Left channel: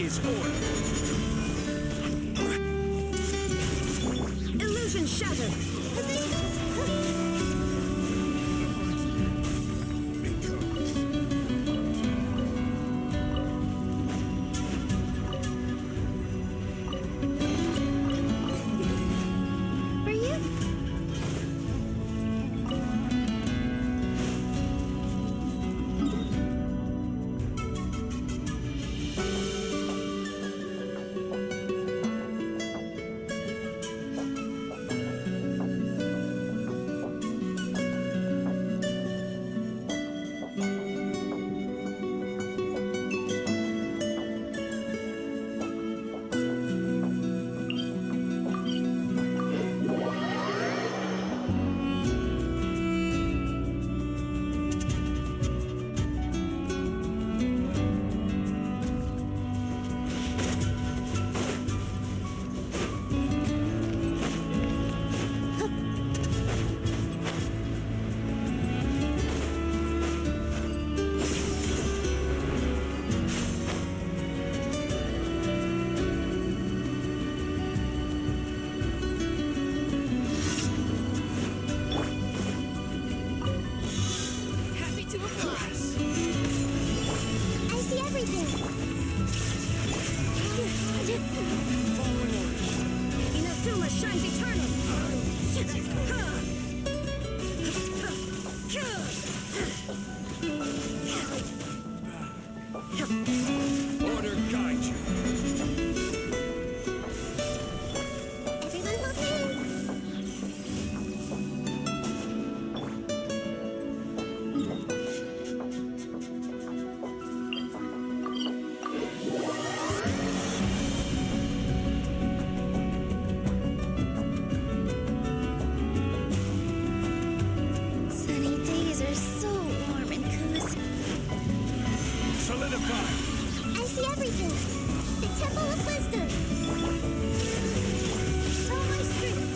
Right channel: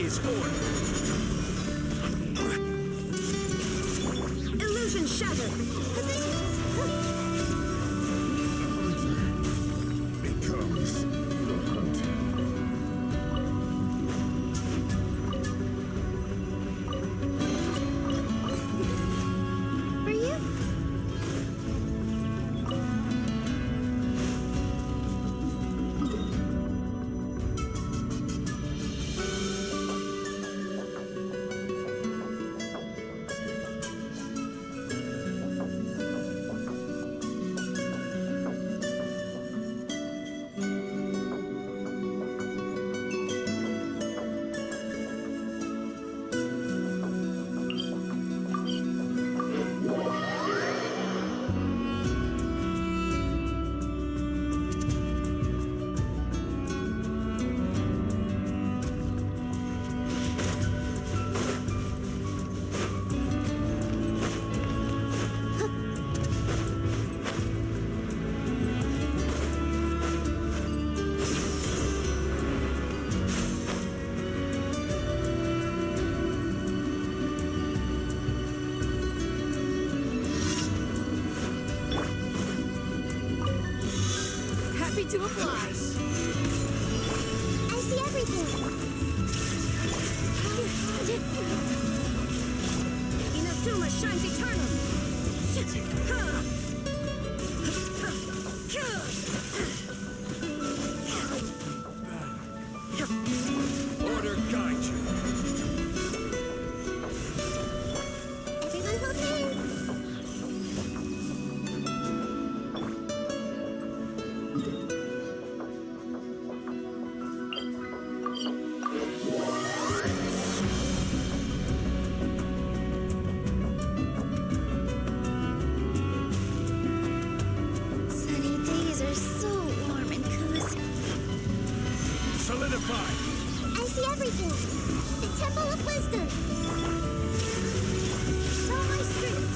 is order. Illusion shattered. Positions. Becomes. For you. To oblige. I see everything. Inazuma shines eternal. Order guide you. Everyone hold hands. Sunny days are so warm and cozy. Solidify. I see everything. The Temple of Wisdom. Follow my strength.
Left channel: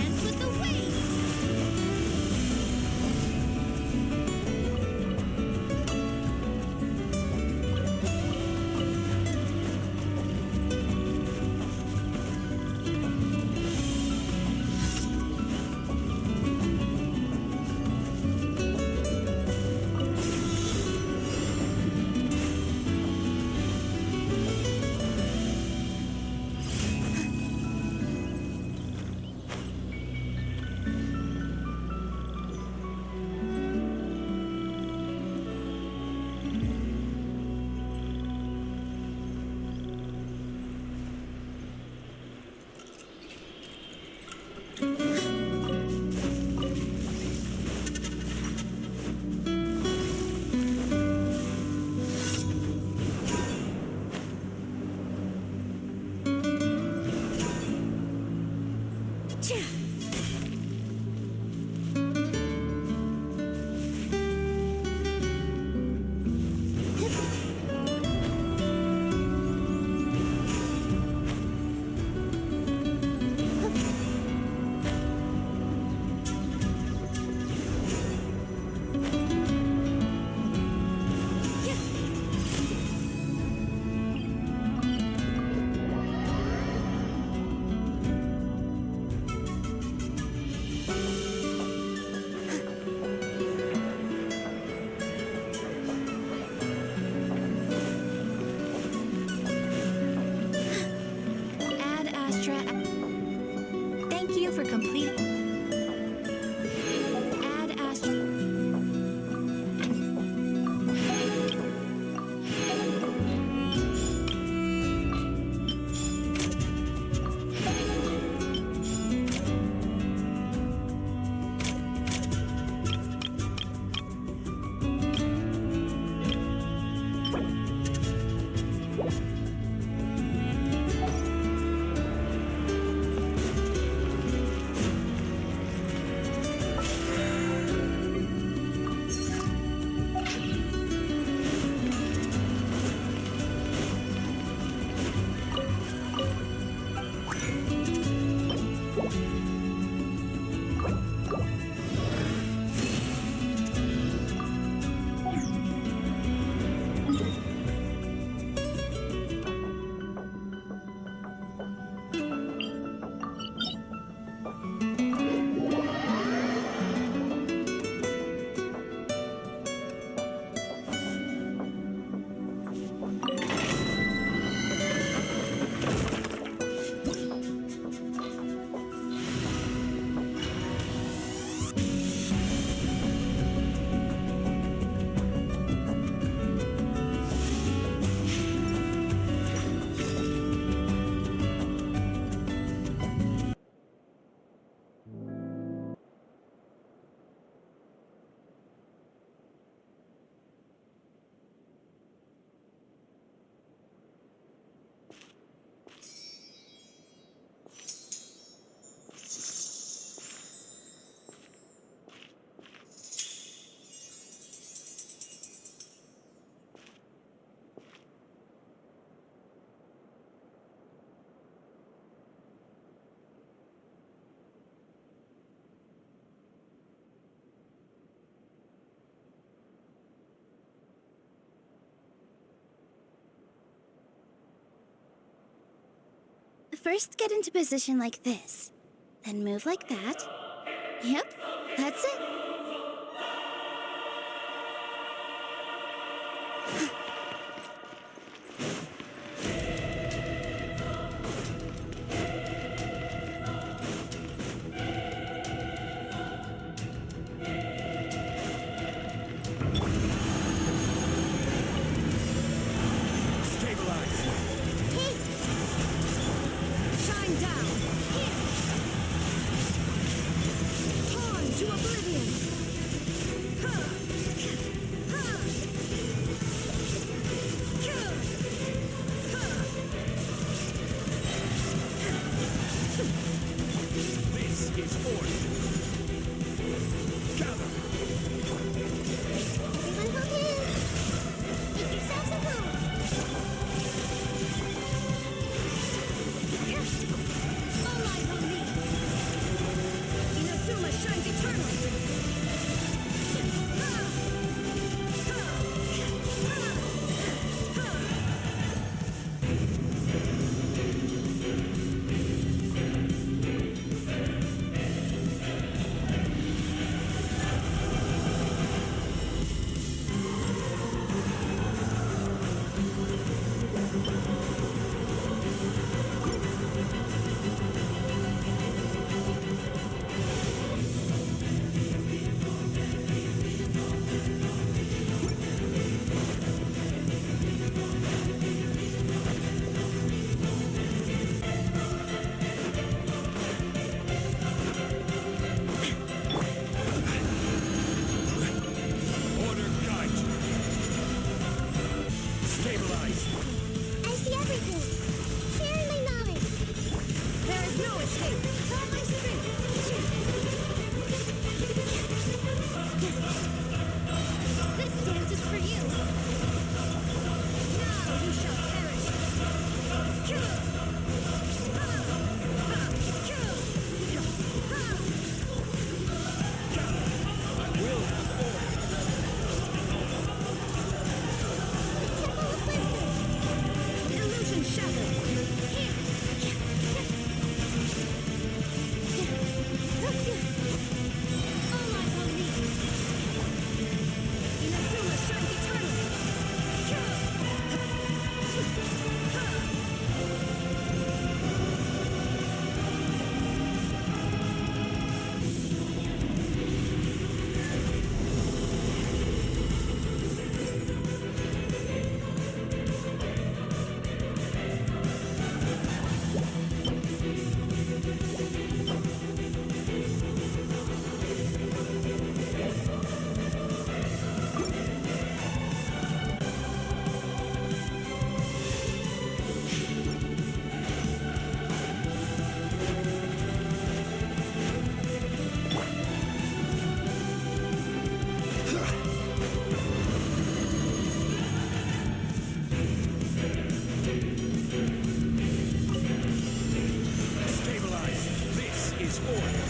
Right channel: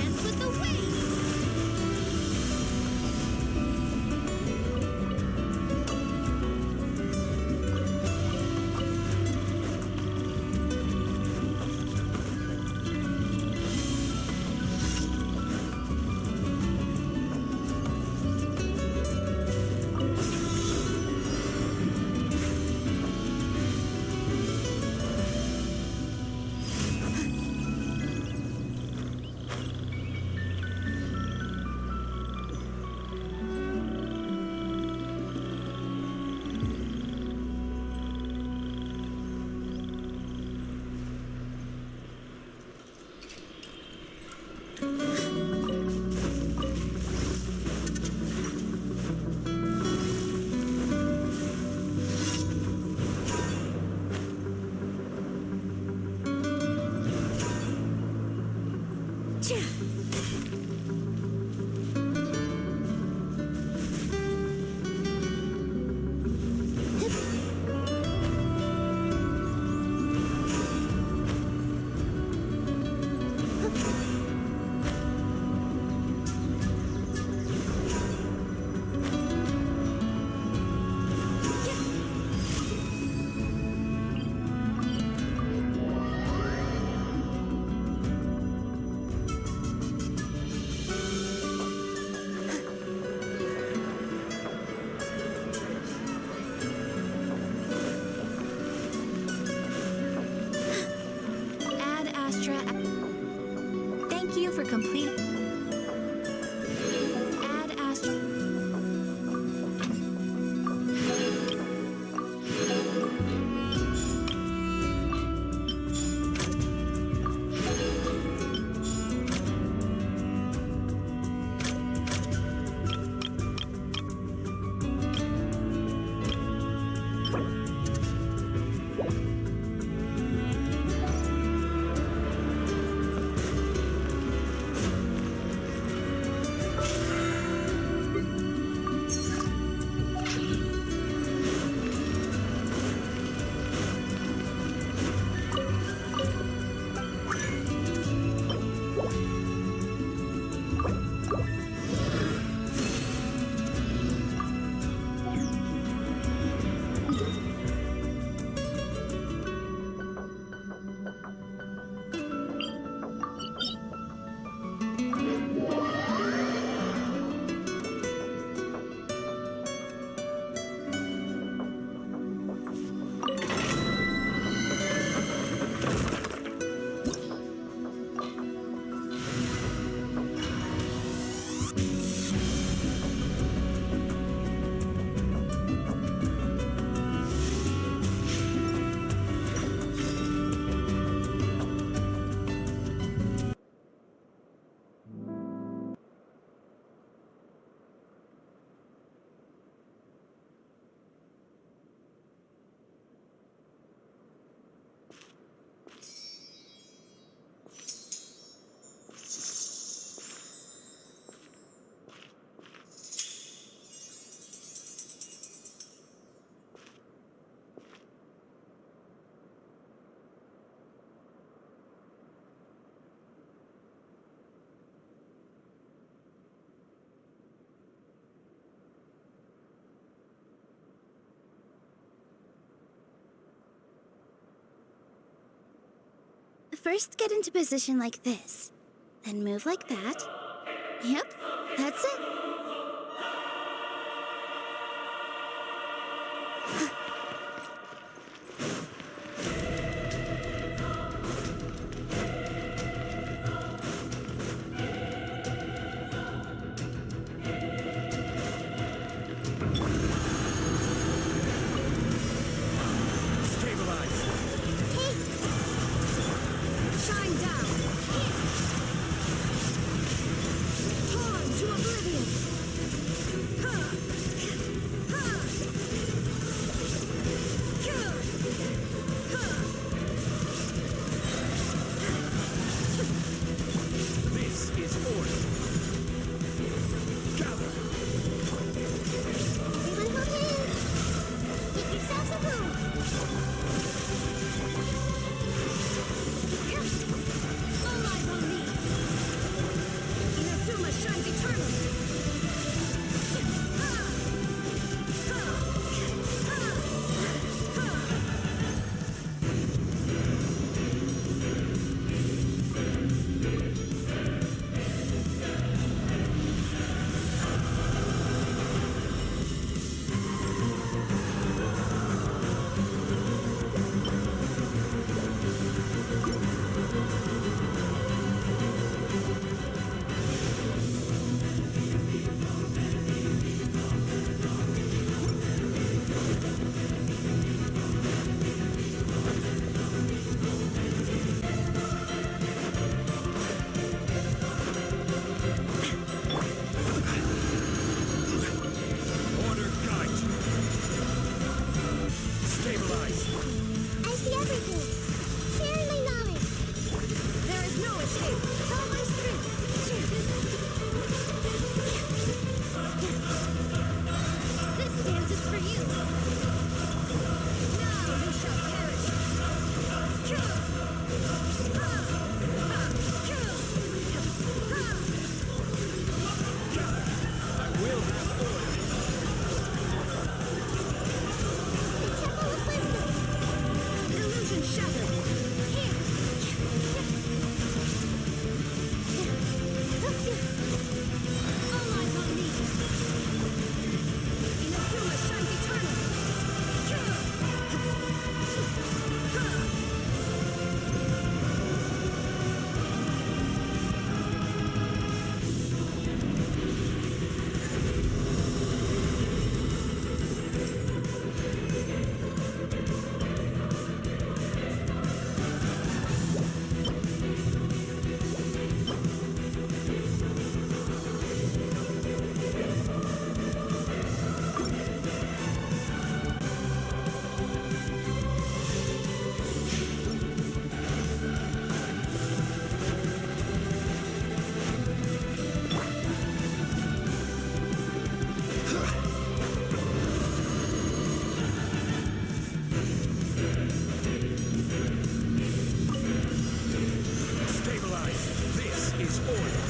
Dance with the waves. first get into position like this, then move like that. Yep, that's it. Stabilize. Hey! Shine down. Here. Torn to oblivion. Huh. Huh. Good. Huh. This is order. Gather. Everyone hold hands! Make yourselves at home! All eyes on me. Inazuma shines eternally. Ha! Ha! Ha! Ha! Order guide you. Stabilize. I see everything! Sharing my knowledge! There is no escape. All my strength! This dance is for you. Now you shall perish. Kill. Ha! Ha! Kill. Ha! Gather. I will have order. The Temple of Wisdom! Illusion shattered. Here. All eyes on me. Inazuma shines eternal. Kill. Ha! Stabilize. This is order.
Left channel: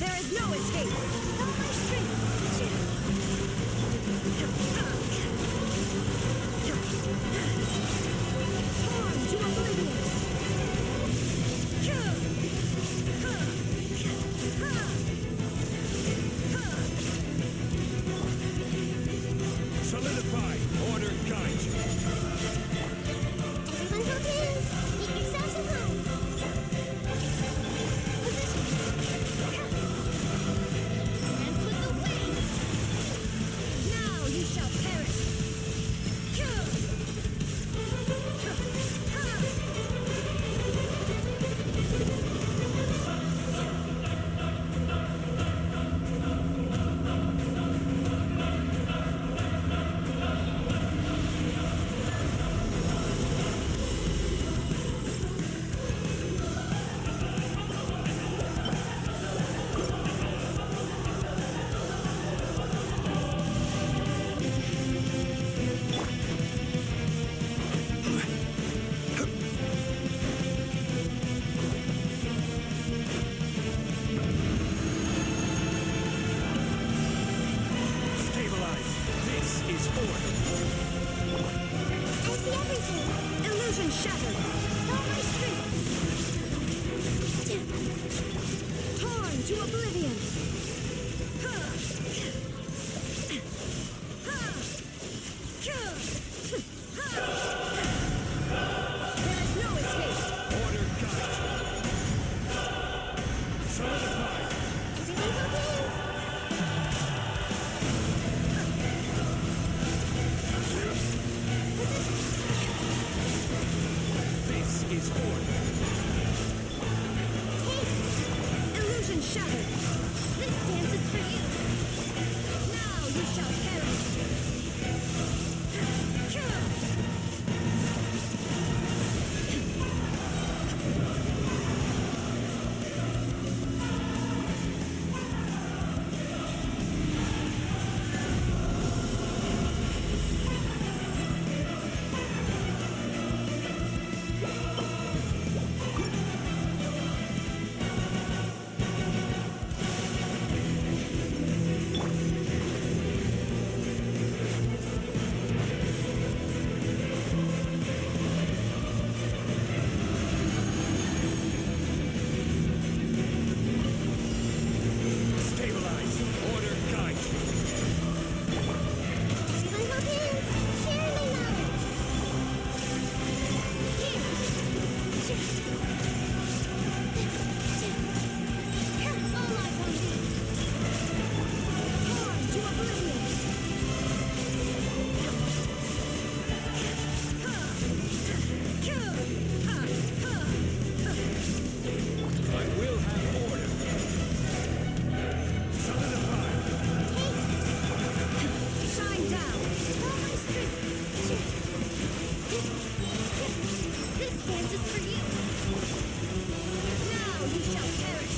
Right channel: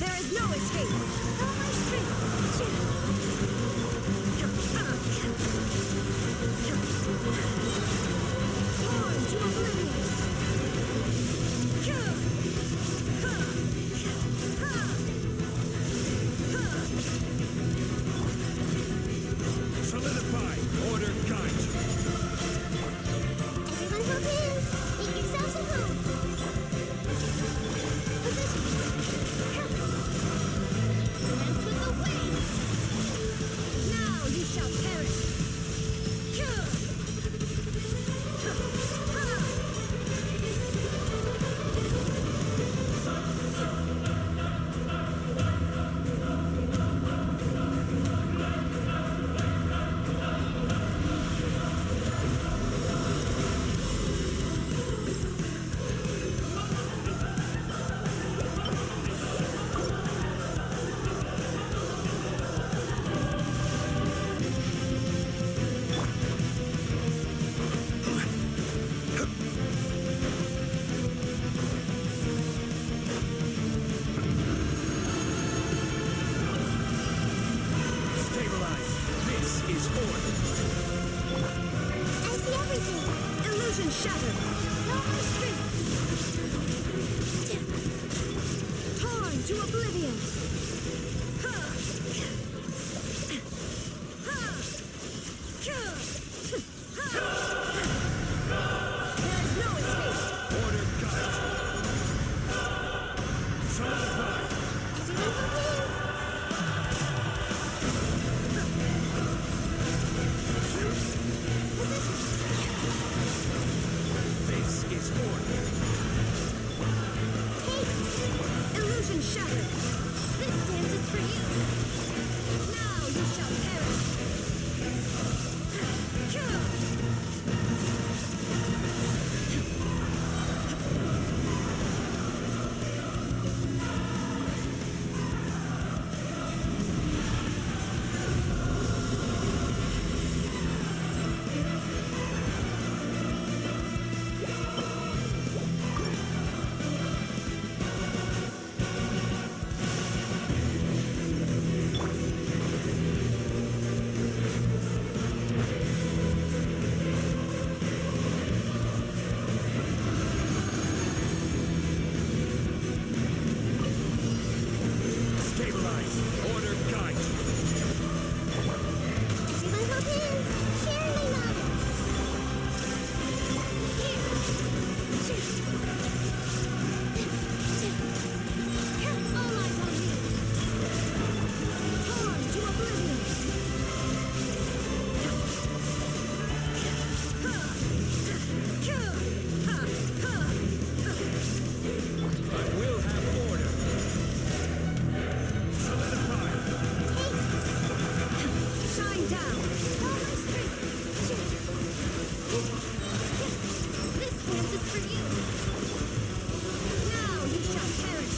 There is no escape. All my strength! Torn to oblivion. Kill. Ha! Ha! Ha! Solidify. Order guide you. Everyone hold hands! Make yourselves at home! Positions! Dance with the waves. Now you shall perish. Kill. Ha! Ha! Stabilize. This is order. I see everything! Illusion Illusion shattered. All my strength. Torn to oblivion. There is no escape. Order guide you. Solidify. Everyone hold hands. Positions. This is order. Take. Illusion shattered. This dance is for you. Now you shall perish. Stabilize. Order guide you. Everyone hold hands. Share my knowledge. Here. All eyes on me. Torn to oblivion. I will have order. Solidify. Take. Shine down. All my strength. This dance is for you. Now you shall perish.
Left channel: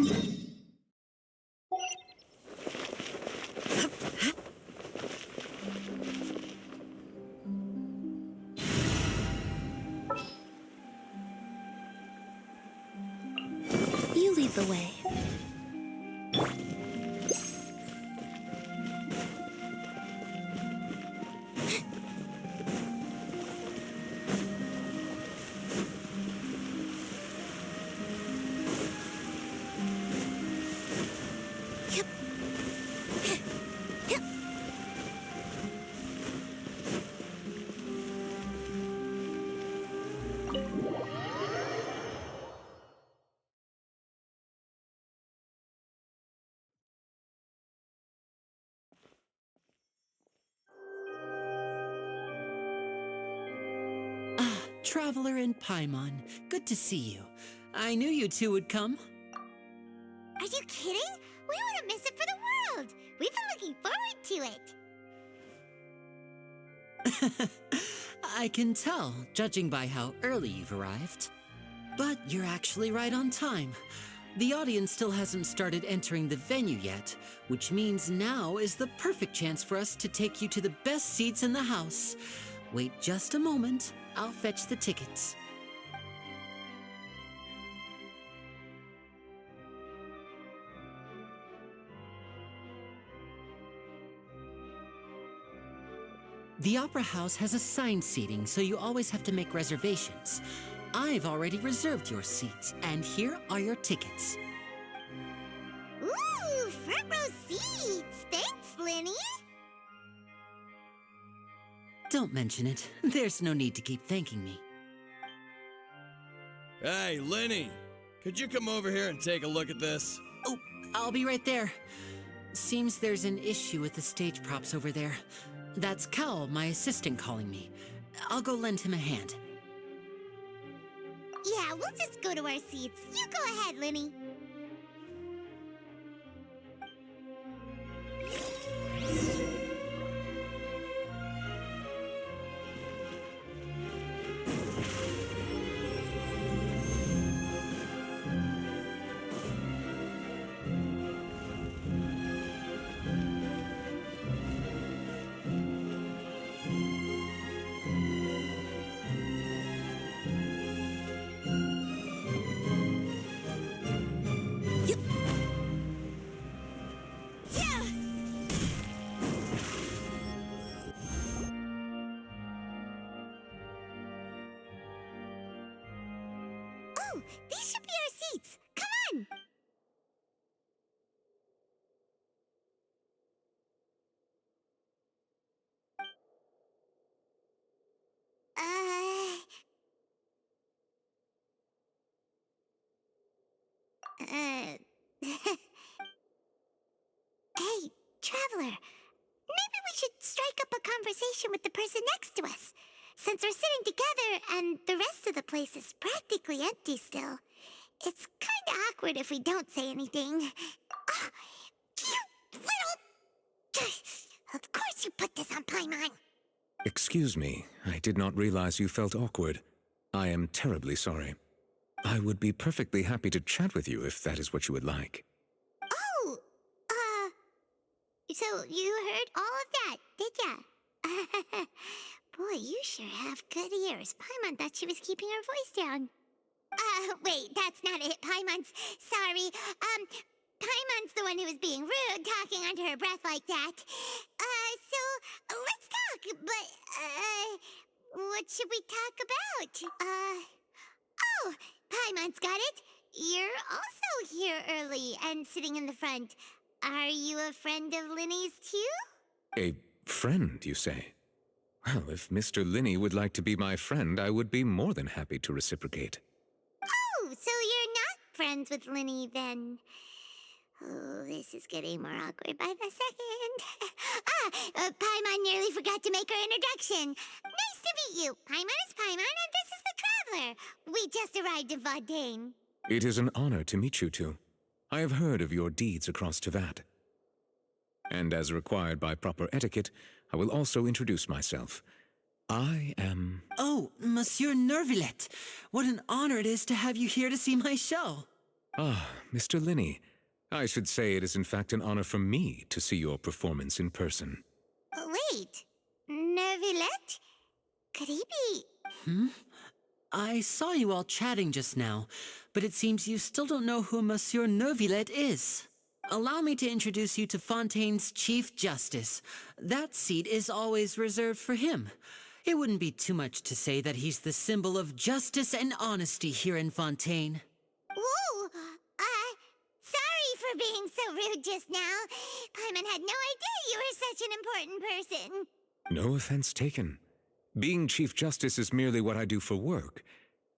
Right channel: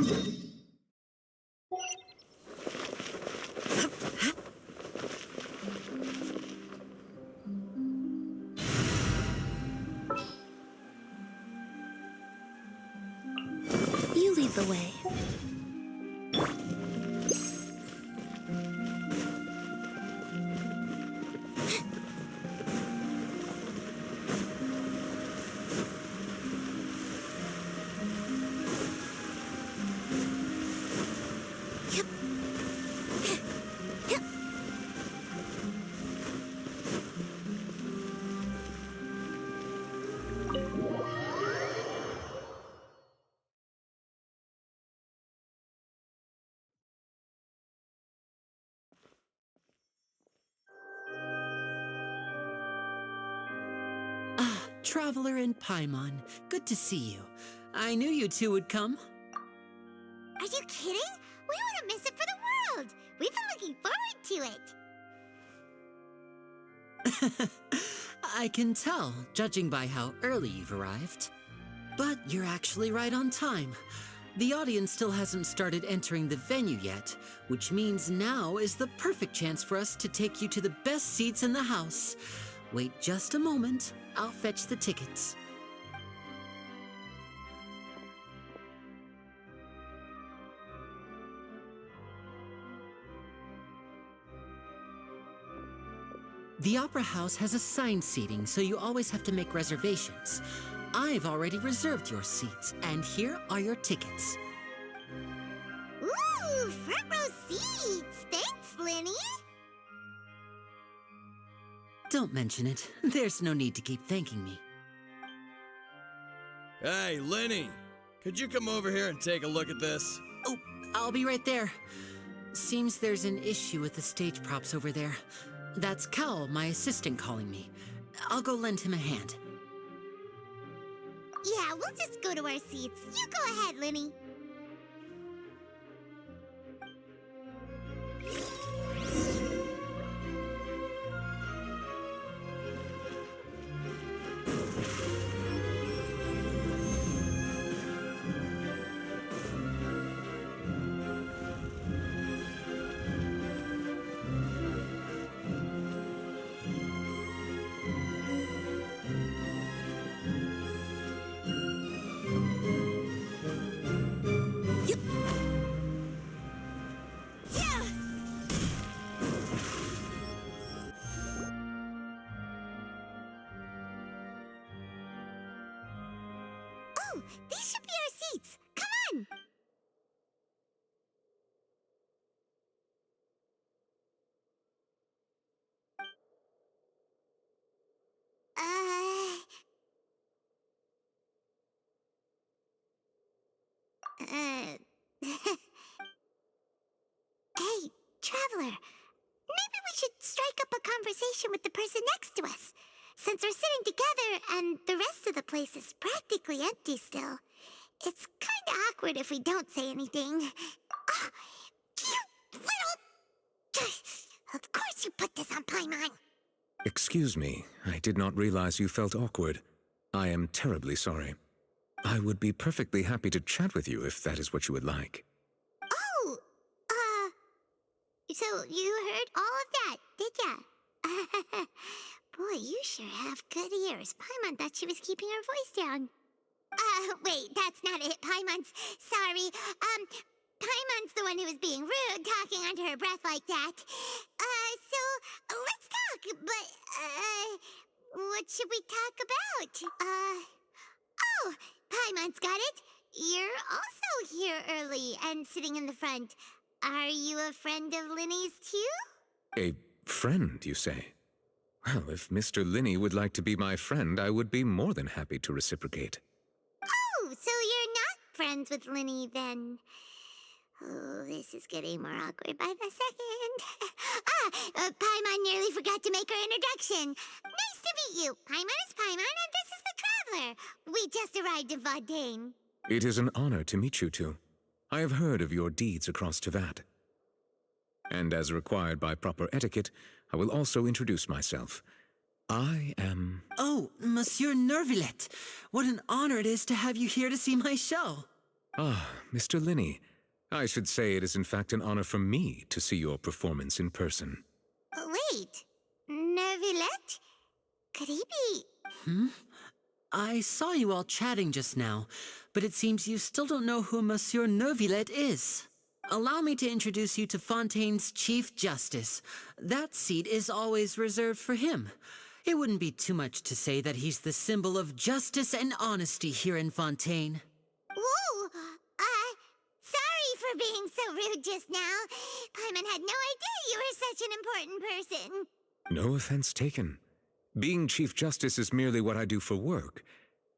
You lead the way. Traveler and Paimon, good to see you. I knew you two would come. Are you kidding? We wouldn't miss it for the world. We've been looking forward to it. I can tell, judging by how early you've arrived. But you're actually right on time. The audience still hasn't started entering the venue yet, which means now is the perfect chance for us to take you to the best seats in the house. Wait just a moment. I'll fetch the tickets. The Opera House has assigned seating, so you always have to make reservations. I've already reserved your seats, and here are your tickets. Ooh, front row seats. Thanks, Linny. Don't mention it. There's no need to keep thanking me. Hey, Lenny! Could you come over here and take a look at this? Oh, I'll be right there. Seems there's an issue with the stage props over there. That's Cal, my assistant, calling me. I'll go lend him a hand. Yeah, we'll just go to our seats. You go ahead, Linny. Oh, these should be our seats. Come on. Uh, Hey, Traveler. Maybe we should strike up a conversation with the person next to us. Since we're sitting together and the rest of the place is practically empty still, it's kind of awkward if we don't say anything. Ah, you little... Of course you put this on Paimon. Excuse me, I did not realize you felt awkward. I am terribly sorry. I would be perfectly happy to chat with you if that is what you would like. Oh, so you heard all of that, did ya? Boy, you sure have good ears. Paimon thought she was keeping her voice down. Wait, that's not it. Paimon's sorry. Paimon's the one who was being rude, talking under her breath like that. So let's talk, but, what should we talk about? Oh, Paimon's got it. You're also here early and sitting in the front. Are you a friend of Linny's too? A friend, you say? Well, if Mr. Linney would like to be my friend, I would be more than happy to reciprocate. Oh, so you're not friends with Linny then? Oh, this is getting more awkward by the second. Paimon nearly forgot to make her introduction. Nice to meet you. Paimon is Paimon, and this is the Traveler. We just arrived in Fontaine. It is an honor to meet you two. I have heard of your deeds across Tevat. And as required by proper etiquette, I will also introduce myself. I am... Oh, Monsieur Nervillet. What an honor it is to have you here to see my show. Ah, Mr. Linney. I should say it is in fact an honor for me to see your performance in person. Wait, Nervillette? Could he be... I saw you all chatting just now, but it seems you still don't know who Monsieur Neuvillette is. Allow me to introduce you to Fontaine's Chief Justice. That seat is always reserved for him. It wouldn't be too much to say that he's the symbol of justice and honesty here in Fontaine. Whoa! Sorry for being so rude just now. Paimon had no idea you were such an important person. No offense taken. Being Chief Justice is merely what I do for work.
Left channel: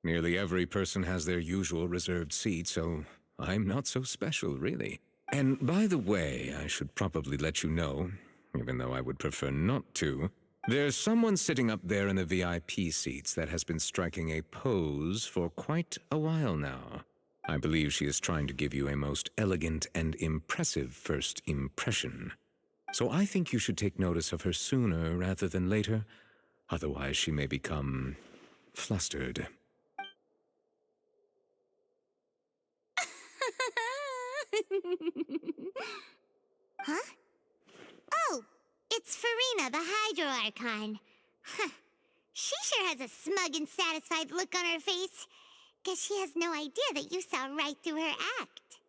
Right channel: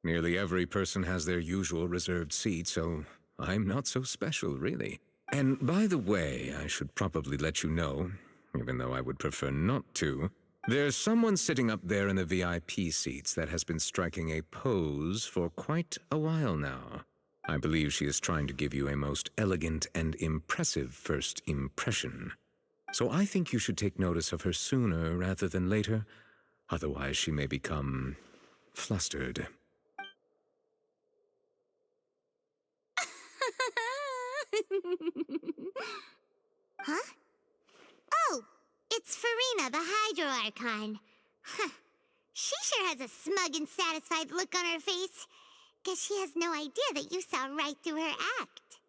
Nearly every person has their usual reserved seat, so I'm not so special, really. And by the way, I should probably let you know, even though I would prefer not to, there's someone sitting up there in the VIP seats that has been striking a pose for quite a while now. I believe she is trying to give you a most elegant and impressive first impression. So I think you should take notice of her sooner rather than later. Otherwise, she may become flustered. Huh? Oh, it's Farina, the Hydro Archon. Huh. She sure has a smug and satisfied look on her face. Guess she has no idea that you saw right through her act.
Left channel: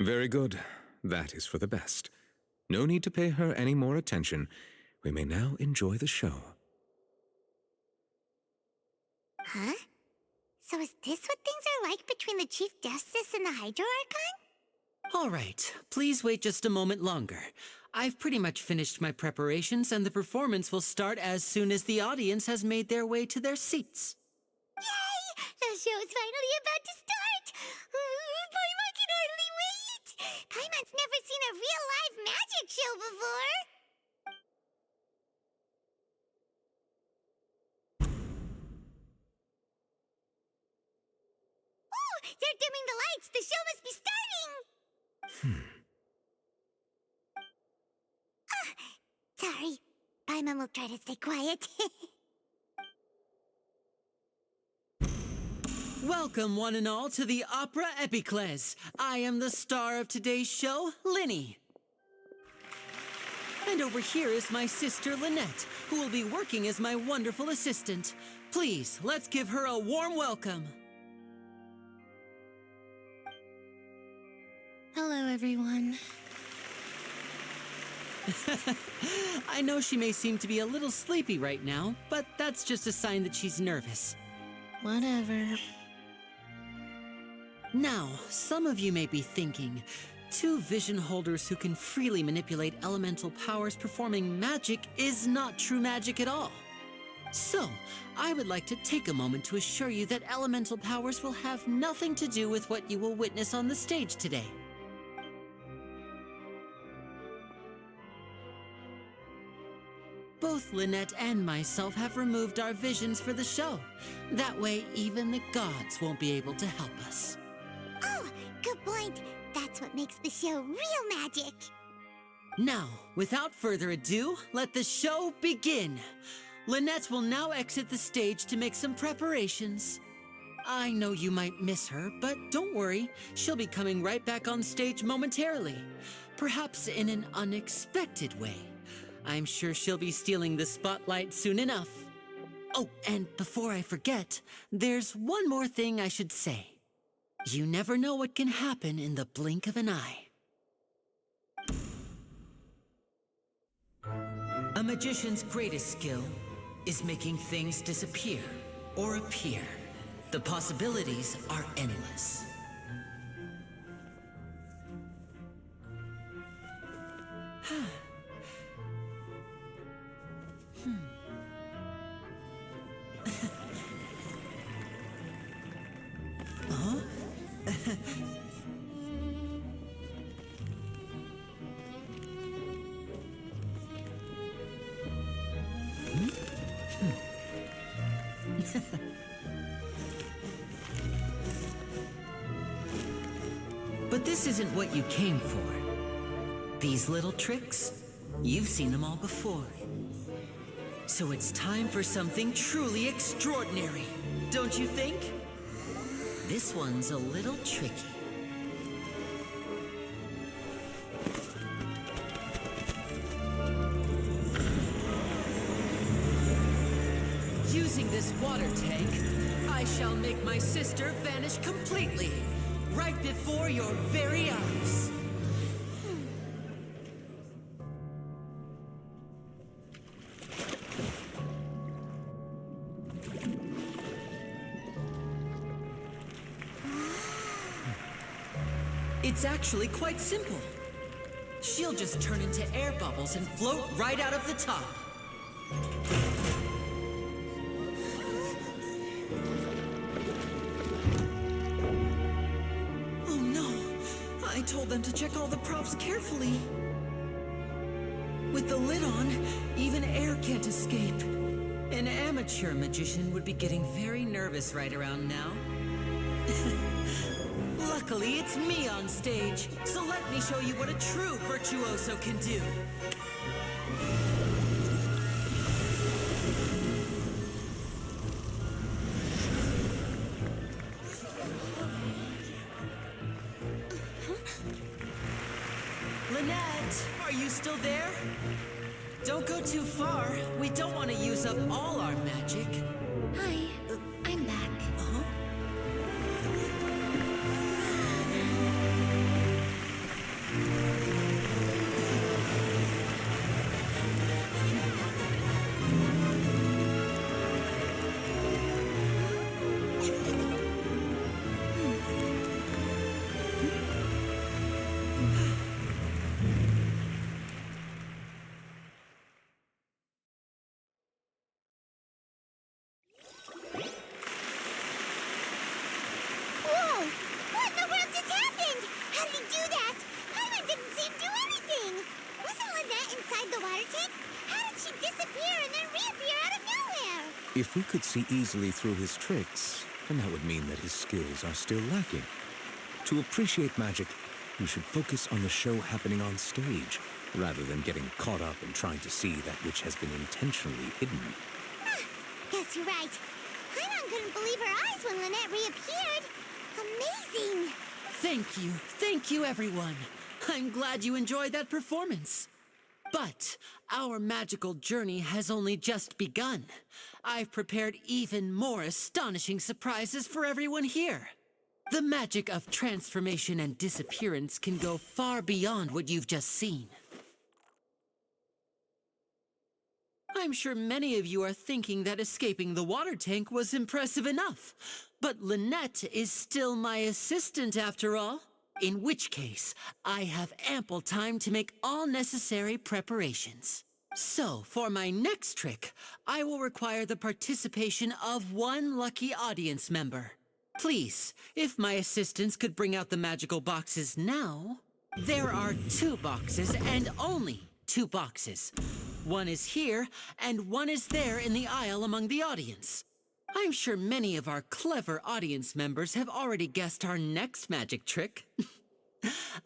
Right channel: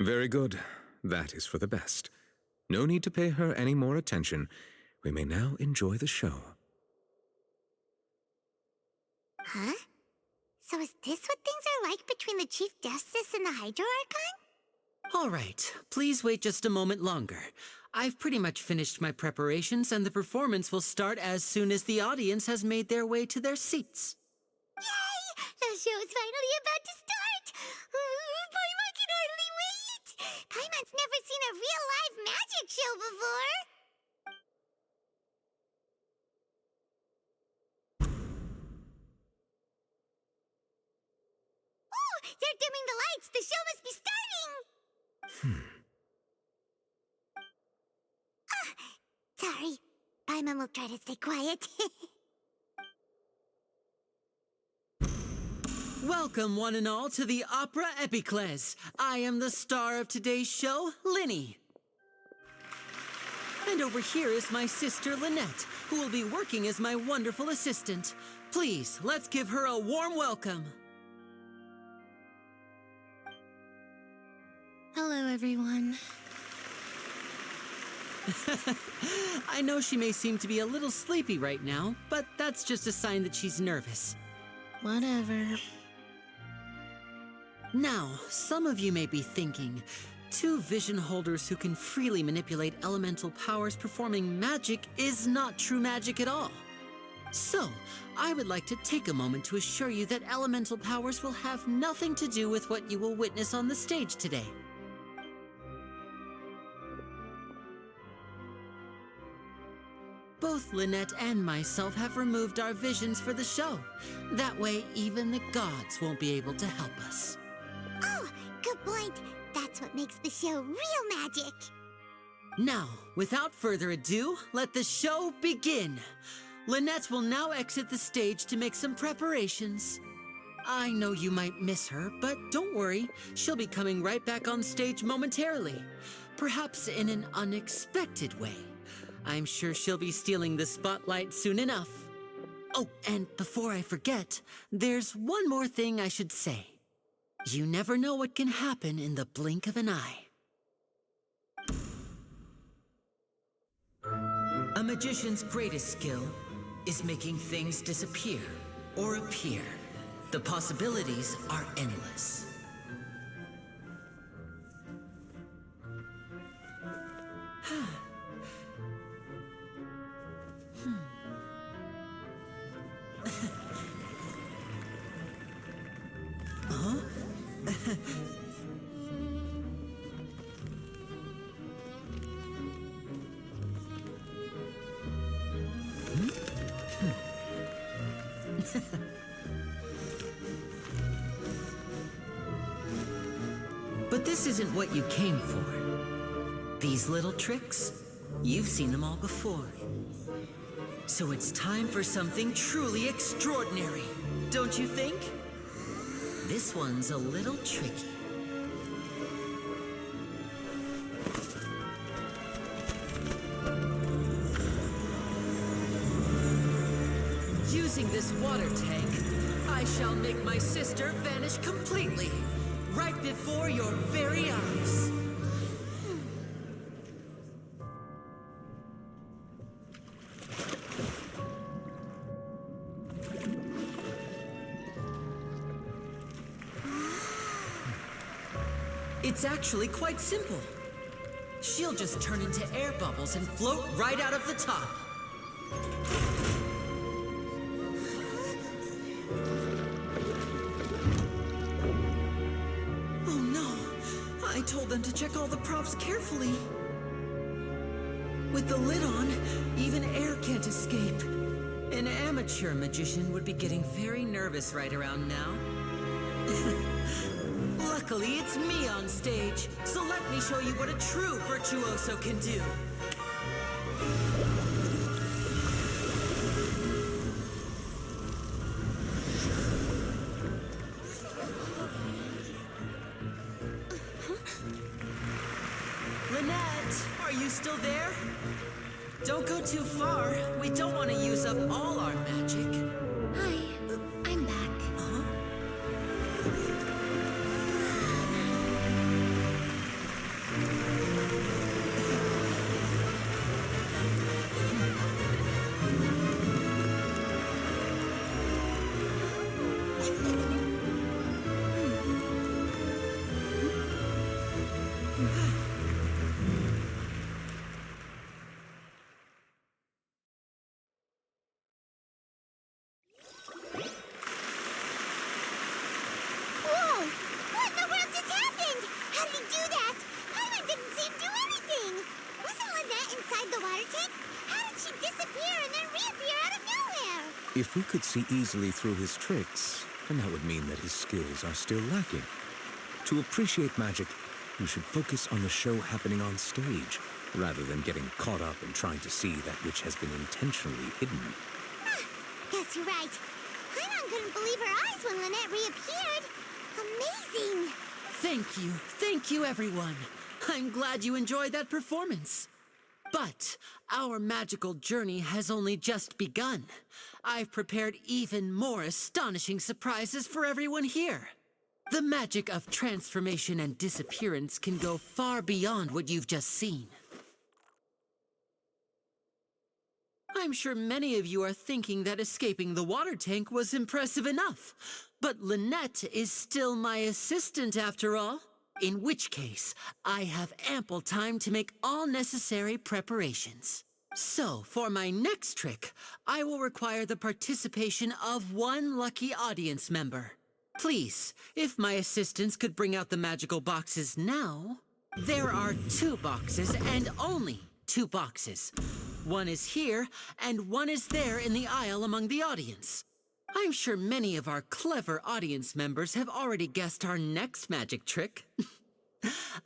Very good. That is for the best. No need to pay her any more attention. We may now enjoy the show. Huh? So is this what things are like between the Chief Justice and the Hydro Archon? All right, please wait just a moment longer. I've pretty much finished my preparations, and the performance will start as soon as the audience has made their way to their seats. Yay! The show's finally about to start! Paimon can hardly wait! Paimon's never seen a real live magic show before! Oh! They're dimming the lights! The show must be starting! Sorry. Paimon will try to stay quiet. Welcome, one and all, to the Opera Epiclese. I am the star of today's show, Linny. And over here is my sister, Lynette, who will be working as my wonderful assistant. Please, let's give her a warm welcome. Hello, everyone. I know she may seem to be a little sleepy right now, but that's just a sign that she's nervous. Whatever. Now, some of you may be thinking, two vision holders who can freely manipulate elemental powers performing magic is not true magic at all. So, I would like to take a moment to assure you that elemental powers will have nothing to do with what you will witness on the stage today. Both Lynette and myself have removed our visions for the show. That way, even the gods won't be able to help us. Oh, good point. That's what makes the show real magic. Now, without further ado, let the show begin. Lynette will now exit the stage to make some preparations. I know you might miss her, but don't worry. She'll be coming right back on stage momentarily. Perhaps in an unexpected way. I'm sure she'll be stealing the spotlight soon enough. Oh, and before I forget, there's one more thing I should say. You never know what can happen in the blink of an eye. A magician's greatest skill is making things disappear or appear. The possibilities are endless. But this isn't what you came for. These little tricks, you've seen them all before. So it's time for something truly extraordinary, don't you think? This one's a little tricky. Using this water tank, I shall make my sister vanish completely, right before your very eyes. It's actually quite simple. She'll just turn into air bubbles and float right out of the top. Oh no! I told them to check all the props carefully. With the lid on, even air can't escape. An amateur magician would be getting very nervous right around now. Luckily, it's me on stage, so let me show you what a true virtuoso can do. Lynette, are you still there? Don't go too far. We don't want to use up all our magic. Hi, I'm back. Huh? Whoa! What in the world just happened? How did he do that? Paimon didn't see him do anything. Wasn't Lynette inside the water tank? How did she disappear and then reappear out of nowhere? If we could see easily through his tricks, then that would mean that his skills are still lacking. To appreciate magic, you should focus on the show happening on stage, rather than getting caught up in trying to see that which has been intentionally hidden. Guess you're right. Paimon couldn't believe her eyes when Lynette reappeared. Amazing! Thank you, everyone. I'm glad you enjoyed that performance. But our magical journey has only just begun. I've prepared even more astonishing surprises for everyone here. The magic of transformation and disappearance can go far beyond what you've just seen. I'm sure many of you are thinking that escaping the water tank was impressive enough. But Lynette is still my assistant after all. In which case, I have ample time to make all necessary preparations. So, for my next trick, I will require the participation of one lucky audience member. Please, if my assistants could bring out the magical boxes now. There are 2 boxes and only 2 boxes. One is here, and one is there in the aisle among the audience. I'm sure many of our clever audience members have already guessed our next magic trick.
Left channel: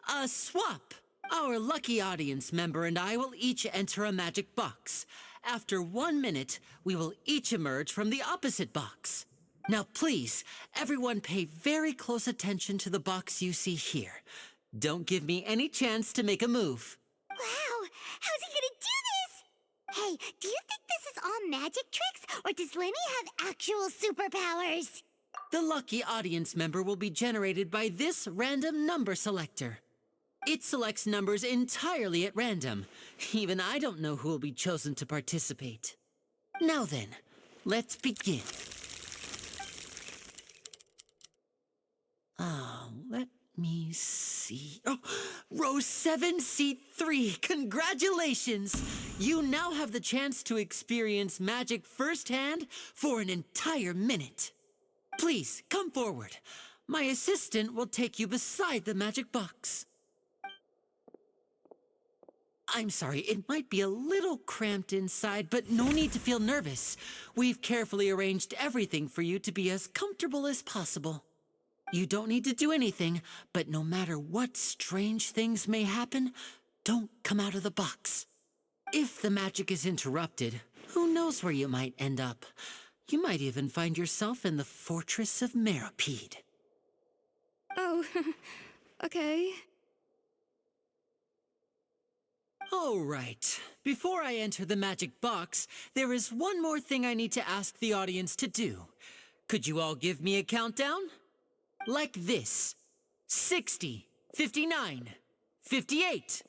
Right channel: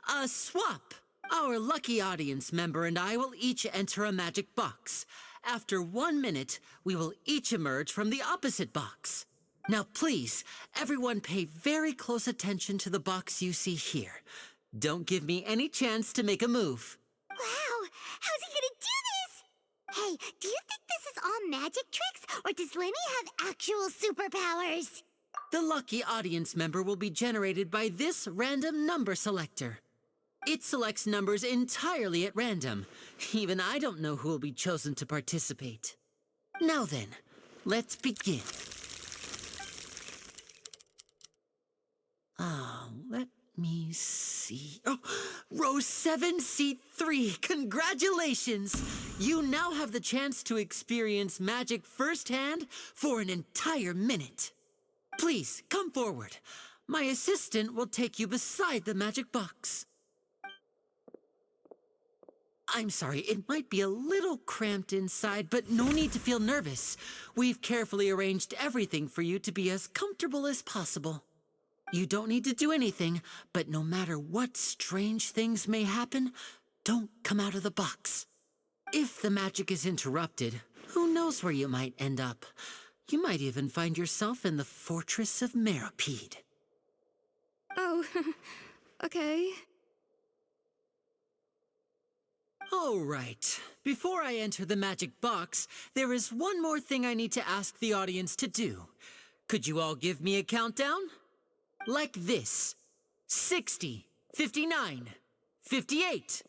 A swap! Our lucky audience member and I will each enter a magic box. After 1 minute, we will each emerge from the opposite box. Now please, everyone pay very close attention to the box you see here. Don't give me any chance to make a move. Wow! How's he gonna do this? Hey, do you think this is all magic tricks, or does Lenny have actual superpowers? The lucky audience member will be generated by this random number selector. It selects numbers entirely at random. Even I don't know who will be chosen to participate. Now then, let's begin. Let me see. Oh, row 7, seat 3. Congratulations! You now have the chance to experience magic firsthand for an entire minute. Please, come forward. My assistant will take you beside the magic box. I'm sorry, it might be a little cramped inside, but no need to feel nervous. We've carefully arranged everything for you to be as comfortable as possible. You don't need to do anything, but no matter what strange things may happen, don't come out of the box. If the magic is interrupted, who knows where you might end up? You might even find yourself in the Fortress of Meropide. Oh, okay. All right. Before I enter the magic box, there is one more thing I need to ask the audience to do. Could you all give me a countdown? Like this. 60, 59, 58.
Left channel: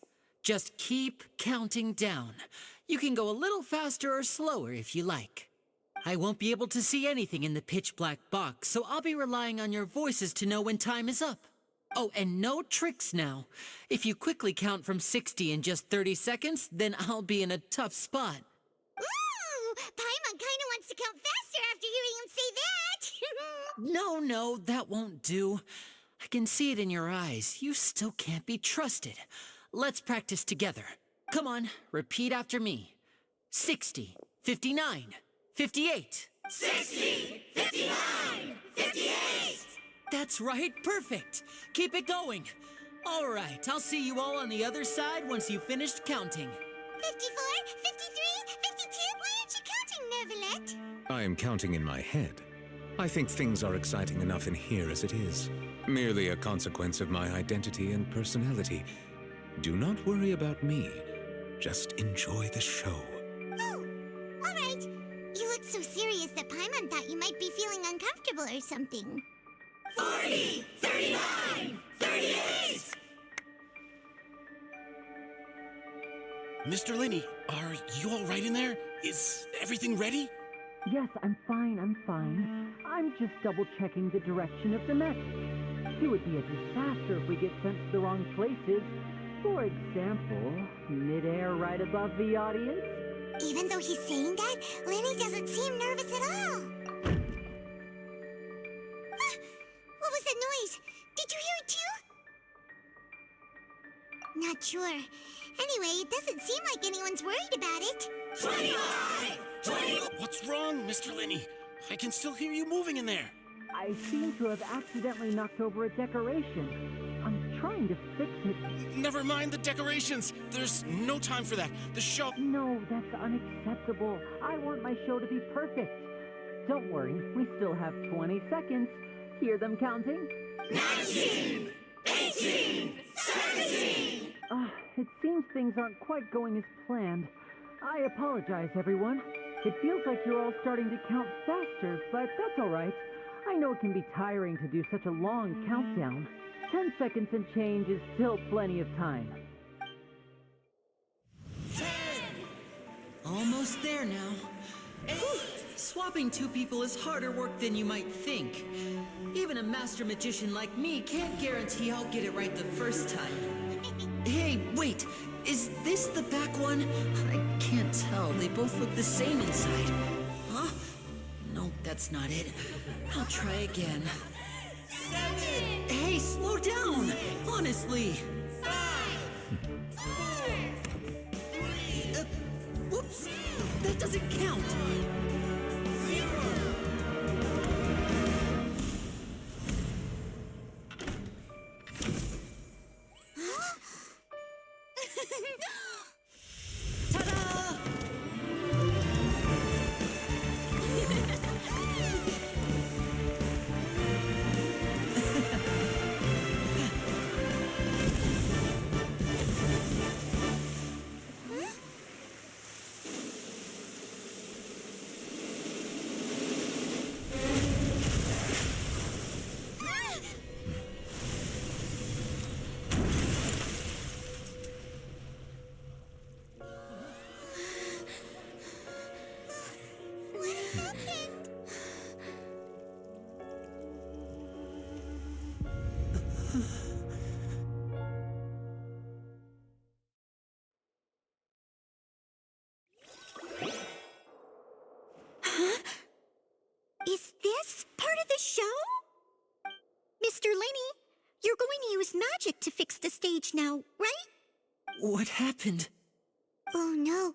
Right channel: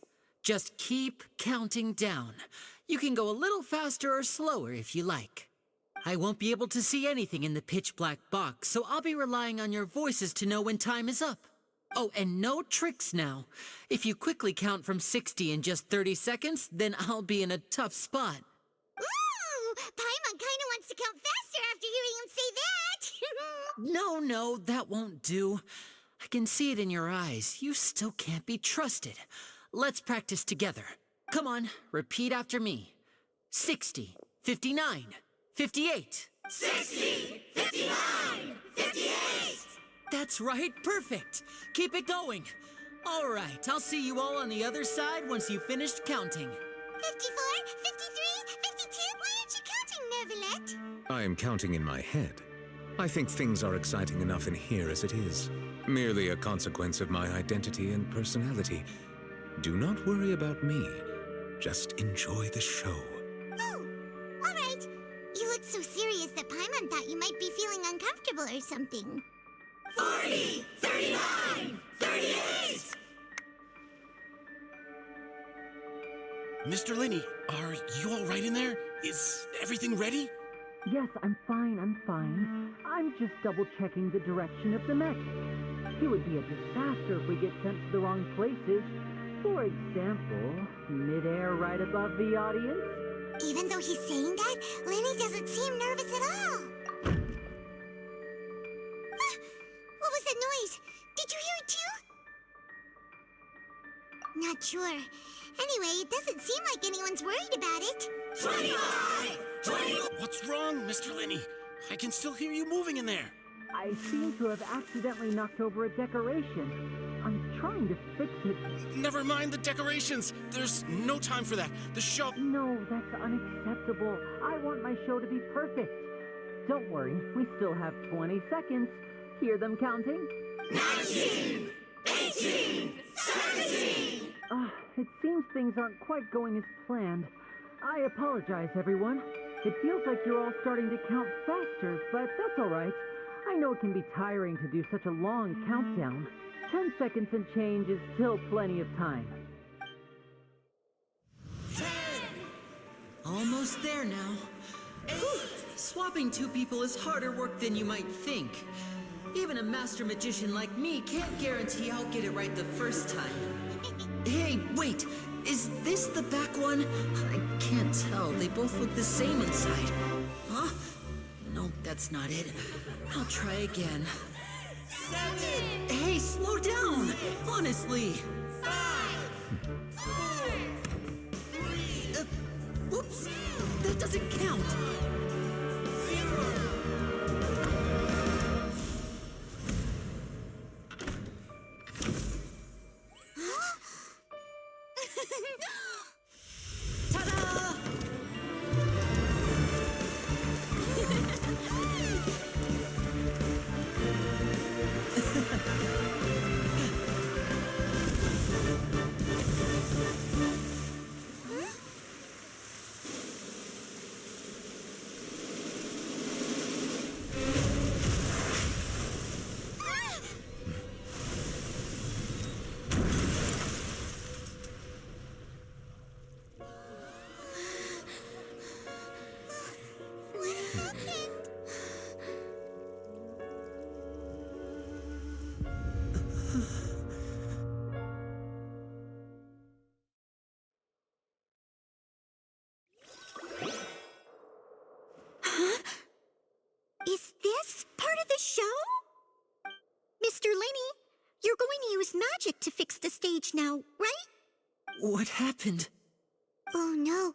Just keep counting down. You can go a little faster or slower if you like. I won't be able to see anything in the pitch black box, so I'll be relying on your voices to know when time is up. Oh, and no tricks now. If you quickly count from 60 in just 30 seconds, then I'll be in a tough spot. Ooh! Paimon kinda wants to count faster after hearing him say that! No, that won't do. I can see it in your eyes. You still can't be trusted. Let's practice together. Come on, repeat after me. 60, 59, 58. 60, 59, 58! That's right, perfect. Keep it going. All right, I'll see you all on the other side once you've finished counting. 54, 53, 52? Why aren't you counting, Nervalet? I am counting in my head. I think things are exciting enough in here as it is. Merely a consequence of my identity and personality. Do not worry about me. Just enjoy the show. Oh, all right. You look so serious that Paimon thought you might be feeling uncomfortable or something. 40, 39, 38! Mr. Linney, are you all right in there? Is everything ready? Yes, I'm fine. I'm just double-checking the direction of the magic. It would be a disaster if we get sent to the wrong places. For example, midair right above the audience. Even though he's saying that, Lenny doesn't seem nervous at all. Ah, what was that noise? Did you hear it too? Not sure. Anyway, it doesn't seem like anyone's worried about it. 25! 20! What's wrong, Mr. Linney? I can still hear you moving in there. I seem to have accidentally knocked over a decoration. I'm trying to fix it. Never mind the decorations. There's no time for that. The show... No, that's unacceptable. I want my show to be perfect. Don't worry, we still have 20 seconds. Hear them counting? 19! 18! 17! It seems things aren't quite going as planned. I apologize, everyone. It feels like you're all starting to count faster, but that's all right. I know it can be tiring to do such a long countdown. 10 seconds and change is still plenty of time. 10! Almost there now. 8! Swapping two people is harder work than you might think. Even a master magician like me can't guarantee I'll get it right the first time. Hey, wait! Is this the back one? I can't tell. They both look the same inside. Huh? No, that's not it. I'll try again. 7! Hey, slow down! Honestly! 5! 4! 3! Whoops! That doesn't count! 0! Ta-da! What happened? Is this part of the show? Mr. Lenny, you're going to use magic to fix the stage now, right? What happened? Oh no.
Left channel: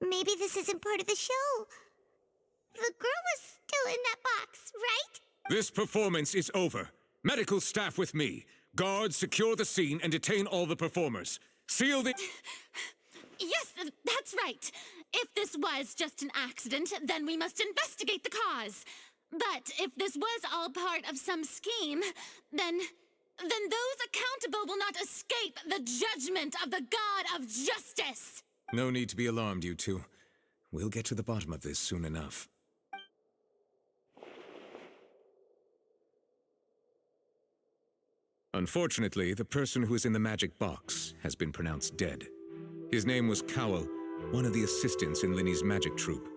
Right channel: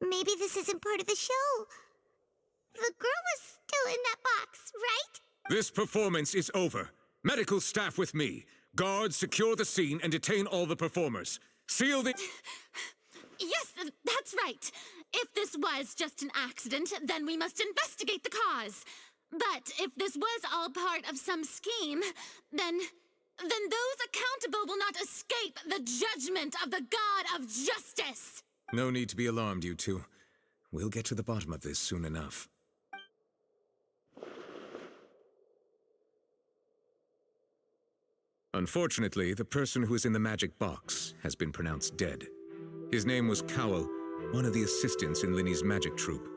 Maybe this isn't part of the show. The girl was still in that box, right? This performance is over. Medical staff with me. Guards, secure the scene and detain all the performers. Seal the... Yes, that's right. If this was just an accident, then we must investigate the cause. But if this was all part of some scheme, then then those accountable will not escape the judgment of the God of Justice! No need to be alarmed, you two. We'll get to the bottom of this soon enough. Unfortunately, the person who is in the magic box has been pronounced dead. His name was Cowell, one of the assistants in Linny's magic troupe.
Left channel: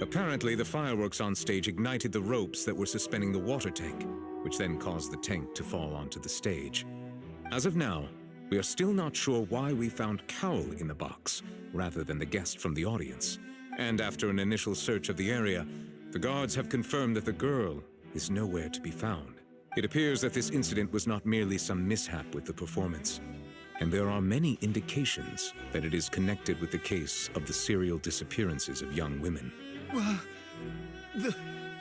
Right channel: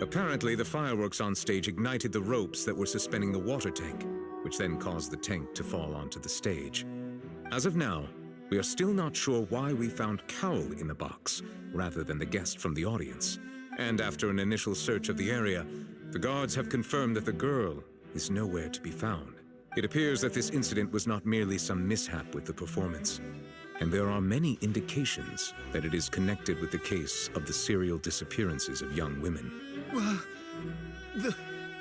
Apparently, the fireworks on stage ignited the ropes that were suspending the water tank, which then caused the tank to fall onto the stage. As of now, we are still not sure why we found Cowell in the box, rather than the guest from the audience. And after an initial search of the area, the guards have confirmed that the girl is nowhere to be found. It appears that this incident was not merely some mishap with the performance, and there are many indications that it is connected with the case of the serial disappearances of young women.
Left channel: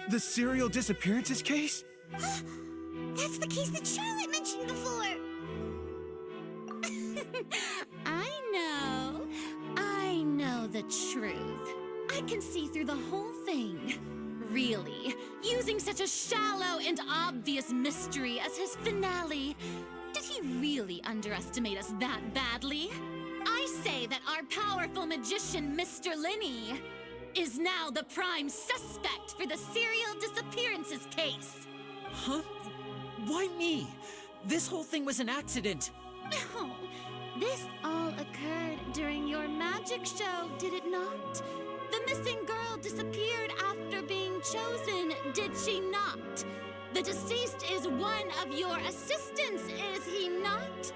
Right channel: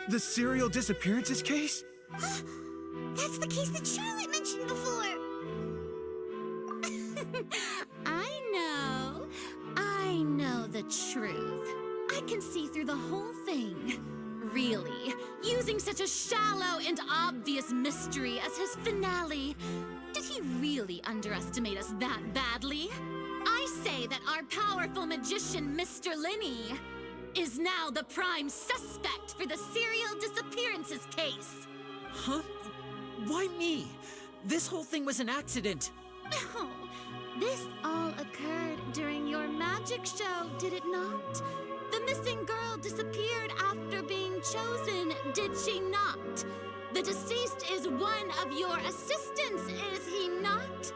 The serial disappearances case? That's the case that Charlotte mentioned before. I know the truth. I can see through the whole thing. Really, using such a shallow and obvious mystery as his finale. Did he really underestimate us that badly? I say that our powerful magician, Mr. Linny, is now the prime suspect for the serial disappearances case. Huh? Why me? This whole thing was an accident. Oh, this all occurred during your magic show, did it not? The missing girl disappeared after being chosen, did she not? The deceased is one of your assistants, is he not?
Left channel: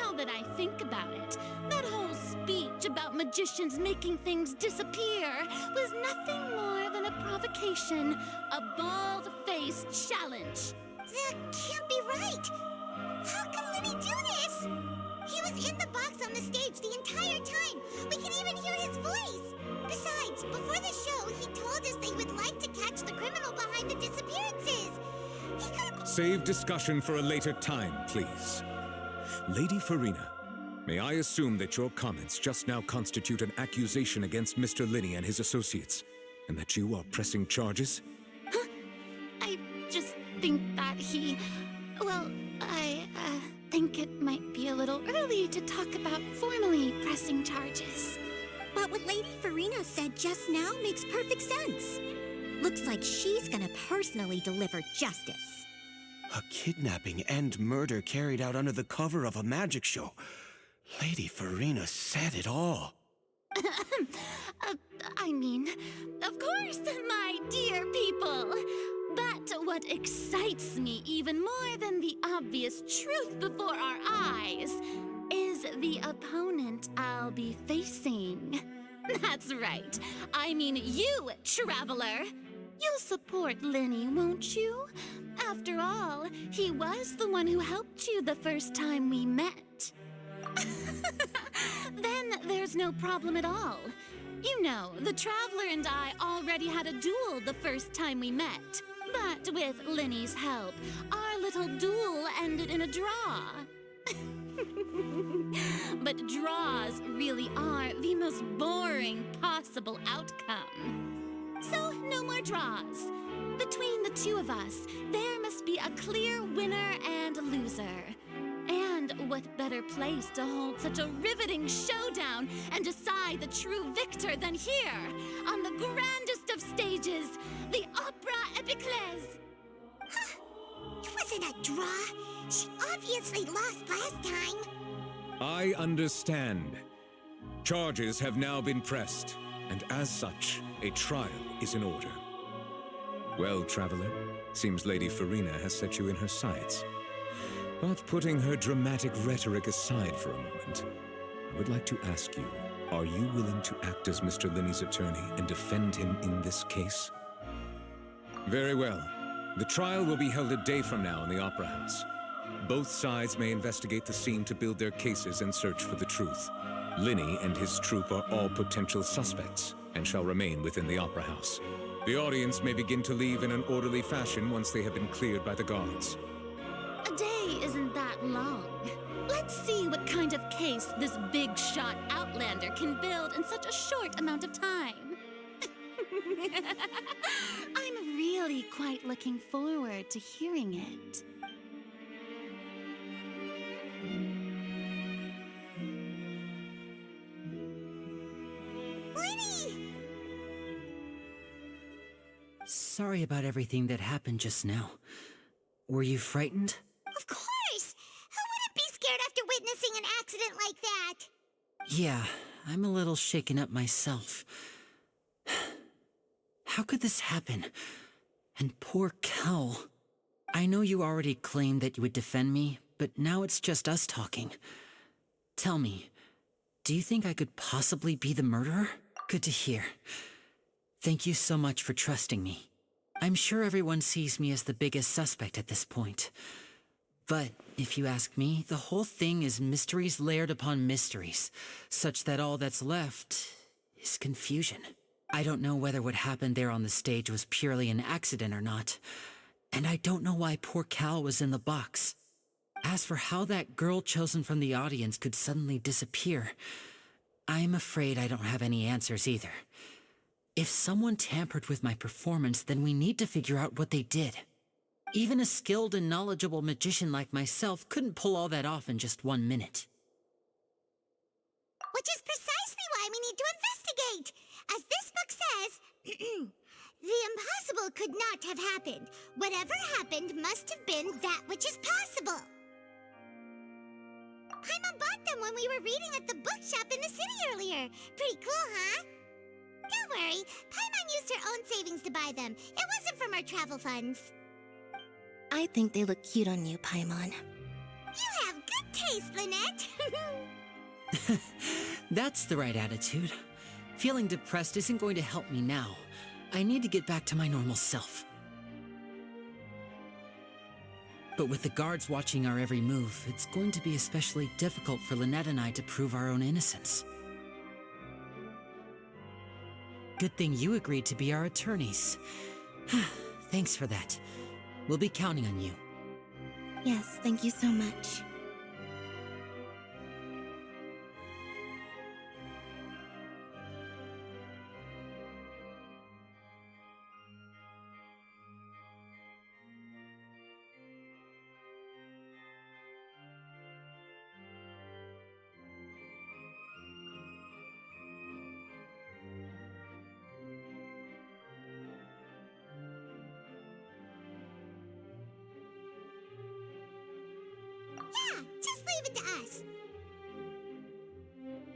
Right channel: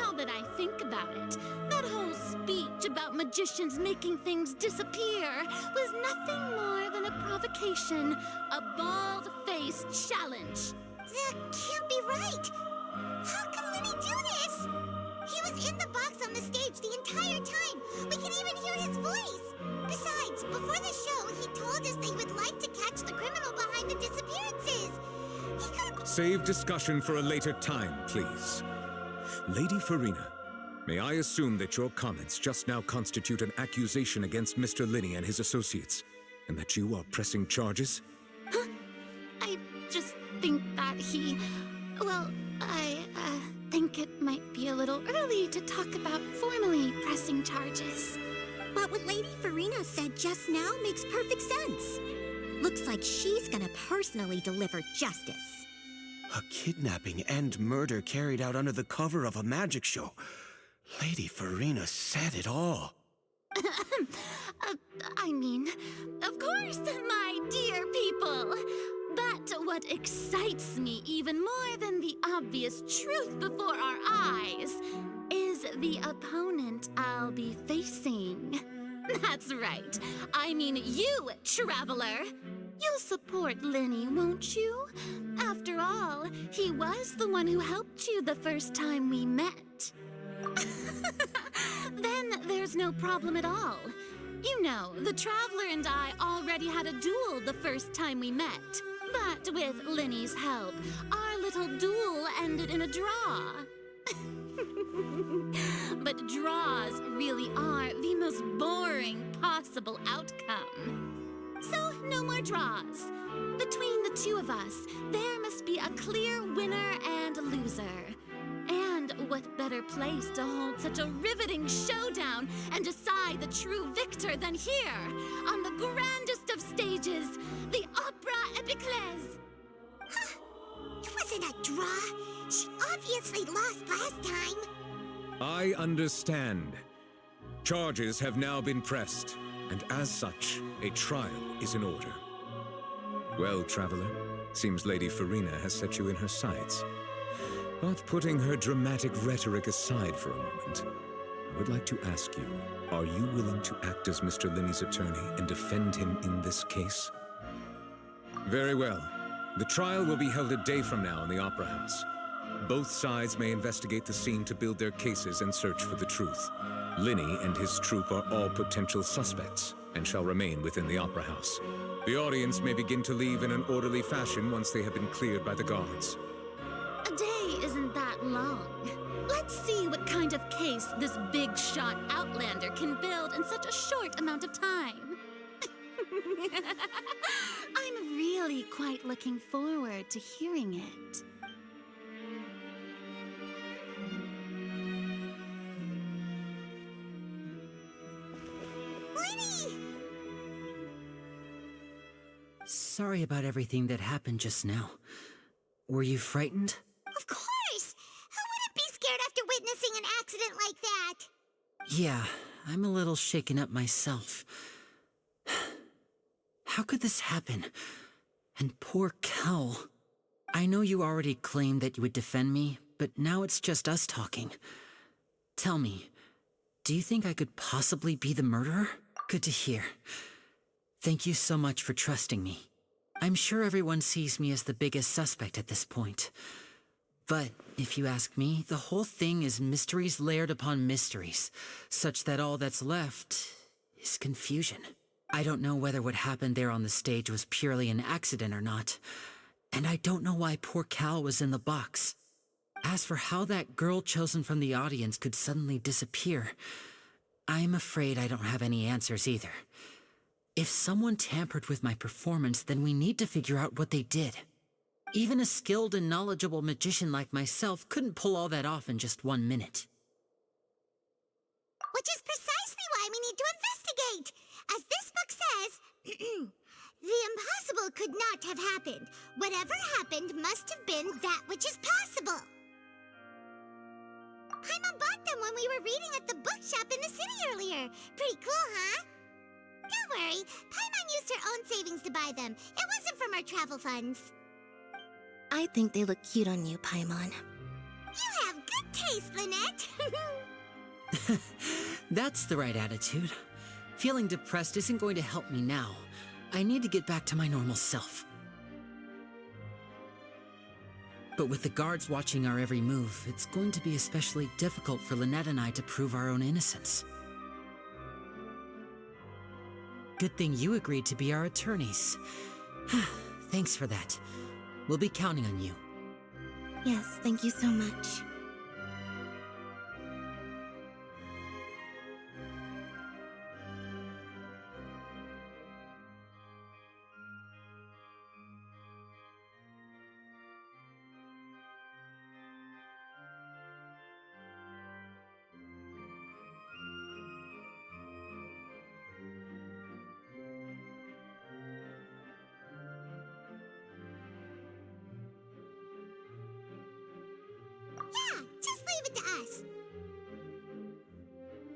Now that I think about it, that whole speech about magicians making things disappear was nothing more than a provocation, a bald-faced challenge. That can't be right. How can Linny do this? He was in the box on the stage the entire time. We can even hear his voice. Besides, before the show, he told us that he would like to catch the criminal behind the disappearances. He could have... Save discussion for a later time, please. Lady Farina, may I assume that your comments just now constitute an accusation against Mr. Linny and his associates, and that you are pressing charges? Huh? I just think that I think it might be a little early to talk about formally pressing charges. But what Lady Farina said just now makes perfect sense. Looks like she's gonna personally deliver justice. A kidnapping and murder carried out under the cover of a magic show. Lady Farina said it all. Of course, my dear people. But what excites me even more than the obvious truth before our eyes is the opponent I'll be facing. That's right. I mean you, Traveler. You'll support Linny, won't you? After all, he was the one who helped you the first time we met. Then there's no problem at all. You know, the Traveler and I already had a duel the first time we met. But with Linny's help, our little duel ended in a draw. But draws really are the most boring possible outcome. So, no more draws. Between the two of us, there must be a clear winner and loser. And what better place to hold such a riveting showdown and decide the true victor than here, on the grandest of stages, the Opera Epiclese. It wasn't a draw. She obviously lost last time. I understand. Charges have now been pressed, and as such, a trial is in order. Well, Traveler, seems Lady Farina has set you in her sights. But putting her dramatic rhetoric aside for a moment, I would like to ask you, are you willing to act as Mr. Linny's attorney and defend him in this case? Very well. The trial will be held a day from now in the Opera House. Both sides may investigate the scene to build their cases and search for the truth. Linny and his troupe are all potential suspects and shall remain within the Opera House. The audience may begin to leave in an orderly fashion once they have been cleared by the guards. A day isn't that long. Let's see what kind of case this big-shot Outlander can build in such a short amount of time. I'm really quite looking forward to hearing it. Lady! Sorry about everything that happened just now. Were you frightened? Of course! Who wouldn't be scared after witnessing an accident like that? Yeah, I'm a little shaken up myself. How could this happen? And poor Cal. I know you already claimed that you would defend me, but now it's just us talking. Tell me, do you think I could possibly be the murderer? Good to hear. Thank you so much for trusting me. I'm sure everyone sees me as the biggest suspect at this point. But if you ask me, the whole thing is mysteries layered upon mysteries, such that all that's left is confusion. I don't know whether what happened there on the stage was purely an accident or not, and I don't know why poor Cal was in the box. As for how that girl chosen from the audience could suddenly disappear, I'm afraid I don't have any answers either. If someone tampered with my performance, then we need to figure out what they did. Even a skilled and knowledgeable magician like myself couldn't pull all that off in just 1 minute. Which is precisely why we need to investigate. As this book says, the impossible could not have happened. Whatever happened must have been that which is possible. Paimon bought them when we were reading at the bookshop in the city earlier. Pretty cool, huh? Don't worry, Paimon used her own savings to buy them. It wasn't from our travel funds. I think they look cute on you, Paimon. You have good taste, Lynette. That's the right attitude. Feeling depressed isn't going to help me now. I need to get back to my normal self. But with the guards watching our every move, it's going to be especially difficult for Lynette and I to prove our own innocence. Good thing you agreed to be our attorneys. Thanks for that. We'll be counting on you. Yes, thank you so much. Yeah, just leave it to us.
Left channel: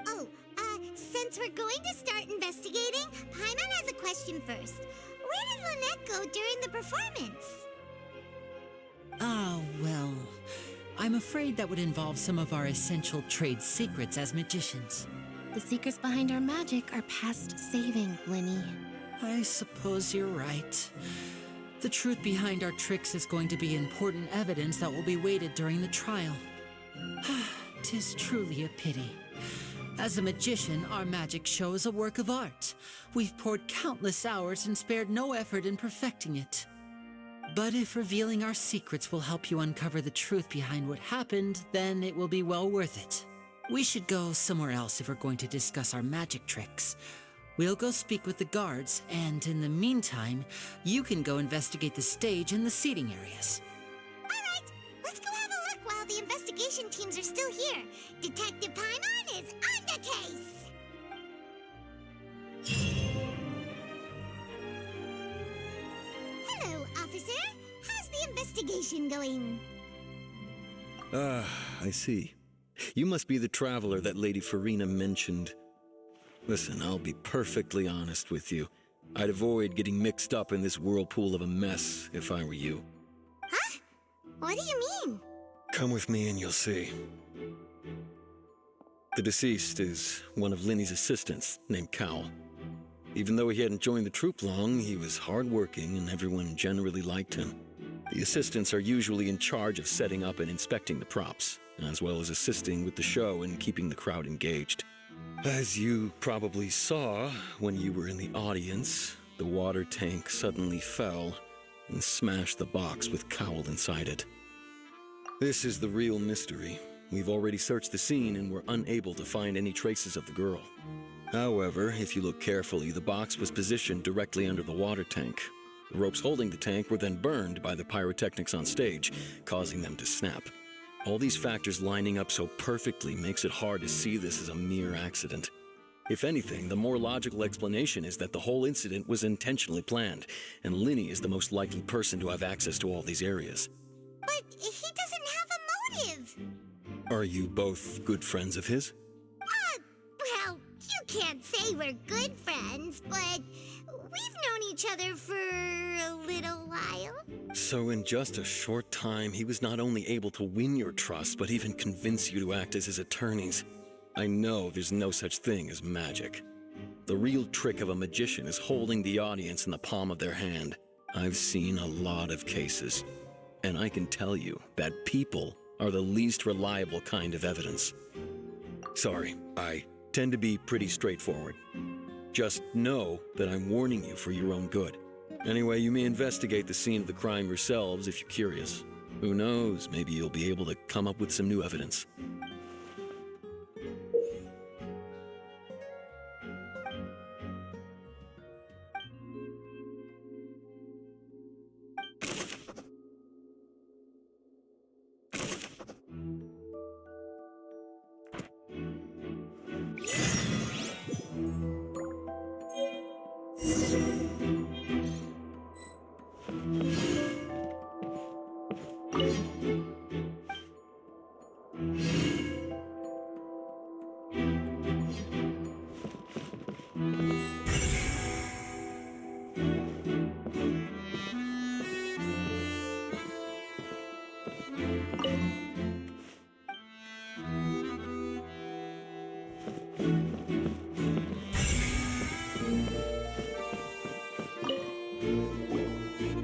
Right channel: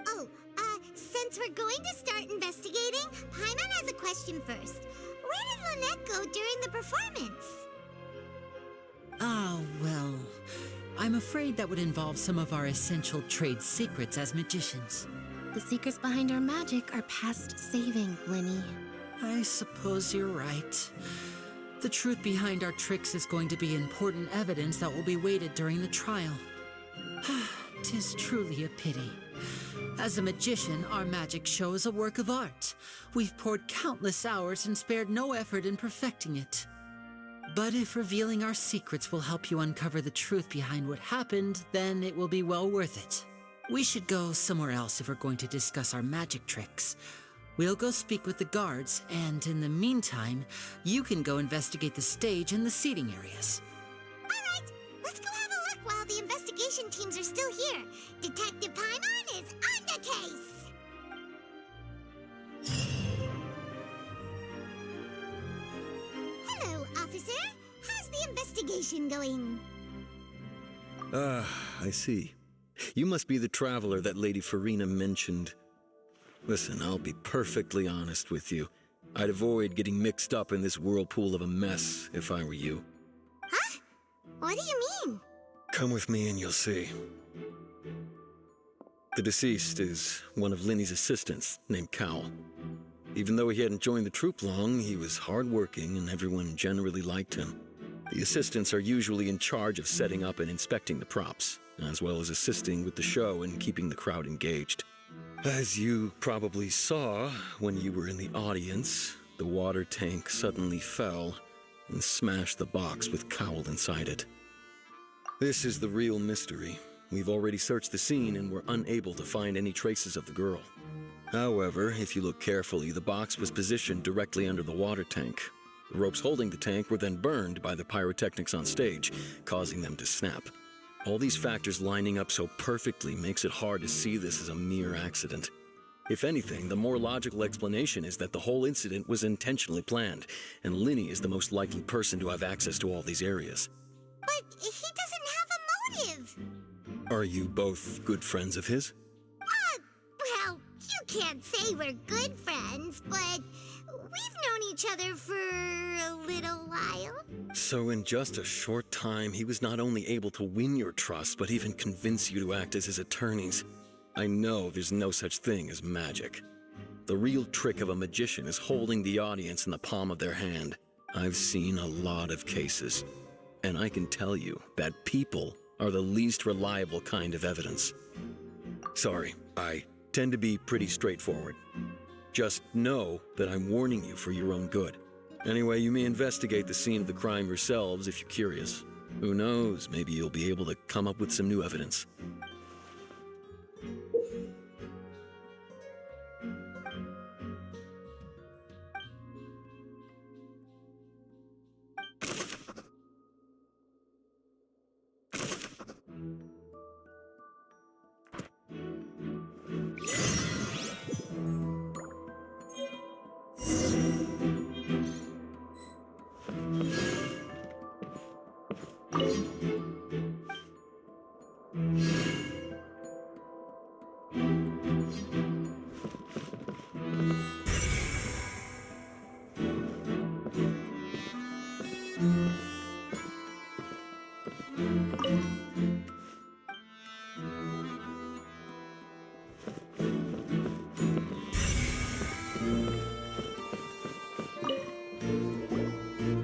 Oh, since we're going to start investigating, Paimon has a question first. Where did Lynette go during the performance? Ah, well, I'm afraid that would involve some of our essential trade secrets as magicians. The secrets behind our magic are past saving, Linny. I suppose you're right. The truth behind our tricks is going to be important evidence that will be weighted during the trial. 'Tis truly a pity. As a magician, our magic show is a work of art. We've poured countless hours and spared no effort in perfecting it. But if revealing our secrets will help you uncover the truth behind what happened, then it will be well worth it. We should go somewhere else if we're going to discuss our magic tricks. We'll go speak with the guards, and in the meantime, you can go investigate the stage and the seating areas. All right, let's go have a look while the investigation teams are still here. Detective Paimon is on the case. Hello, officer. How's the investigation going? I see. You must be the traveler that Lady Farina mentioned. Listen, I'll be perfectly honest with you. I'd avoid getting mixed up in this whirlpool of a mess if I were you. Huh? What do you mean? Come with me and you'll see. The deceased is one of Linny's assistants, named Cal. Even though he hadn't joined the troupe long, he was hardworking and everyone generally liked him. The assistants are usually in charge of setting up and inspecting the props, as well as assisting with the show and keeping the crowd engaged. As you probably saw when you were in the audience, the water tank suddenly fell and smashed the box with Cowl inside it. This is the real mystery. We've already searched the scene and were unable to find any traces of the girl. However, if you look carefully, the box was positioned directly under the water tank. The ropes holding the tank were then burned by the pyrotechnics on stage, causing them to snap. All these factors lining up so perfectly makes it hard to see this as a mere accident. If anything, the more logical explanation is that the whole incident was intentionally planned, and Linny is the most likely person to have access to all these areas. But he doesn't have a motive. Are you both good friends of his? Well, you can't say we're good friends, but we've known each other for a little while. So in just a short time, he was not only able to win your trust, but even convince you to act as his attorneys. I know there's no such thing as magic. The real trick of a magician is holding the audience in the palm of their hand. I've seen a lot of cases, and I can tell you that people are the least reliable kind of evidence. Sorry, I tend to be pretty straightforward. Just know that I'm warning you for your own good. Anyway, you may investigate the scene of the crime yourselves if you're curious. Who knows, maybe you'll be able to come up with some new evidence.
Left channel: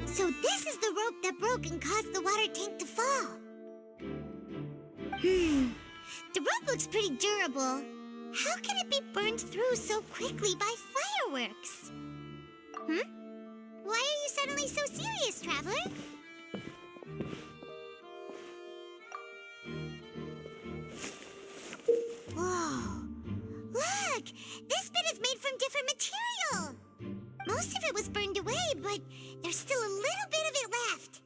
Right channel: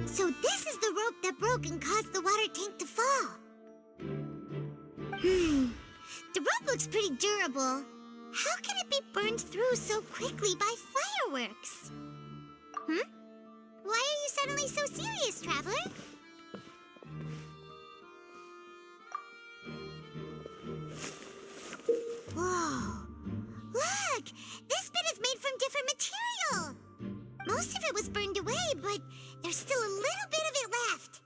So this is the rope that broke and caused the water tank to fall. The rope looks pretty durable. How can it be burned through so quickly by fireworks? Why are you suddenly so serious, Traveler? Whoa! Look! This bit is made from different material! Most of it was burned away, but there's still a little bit of it left.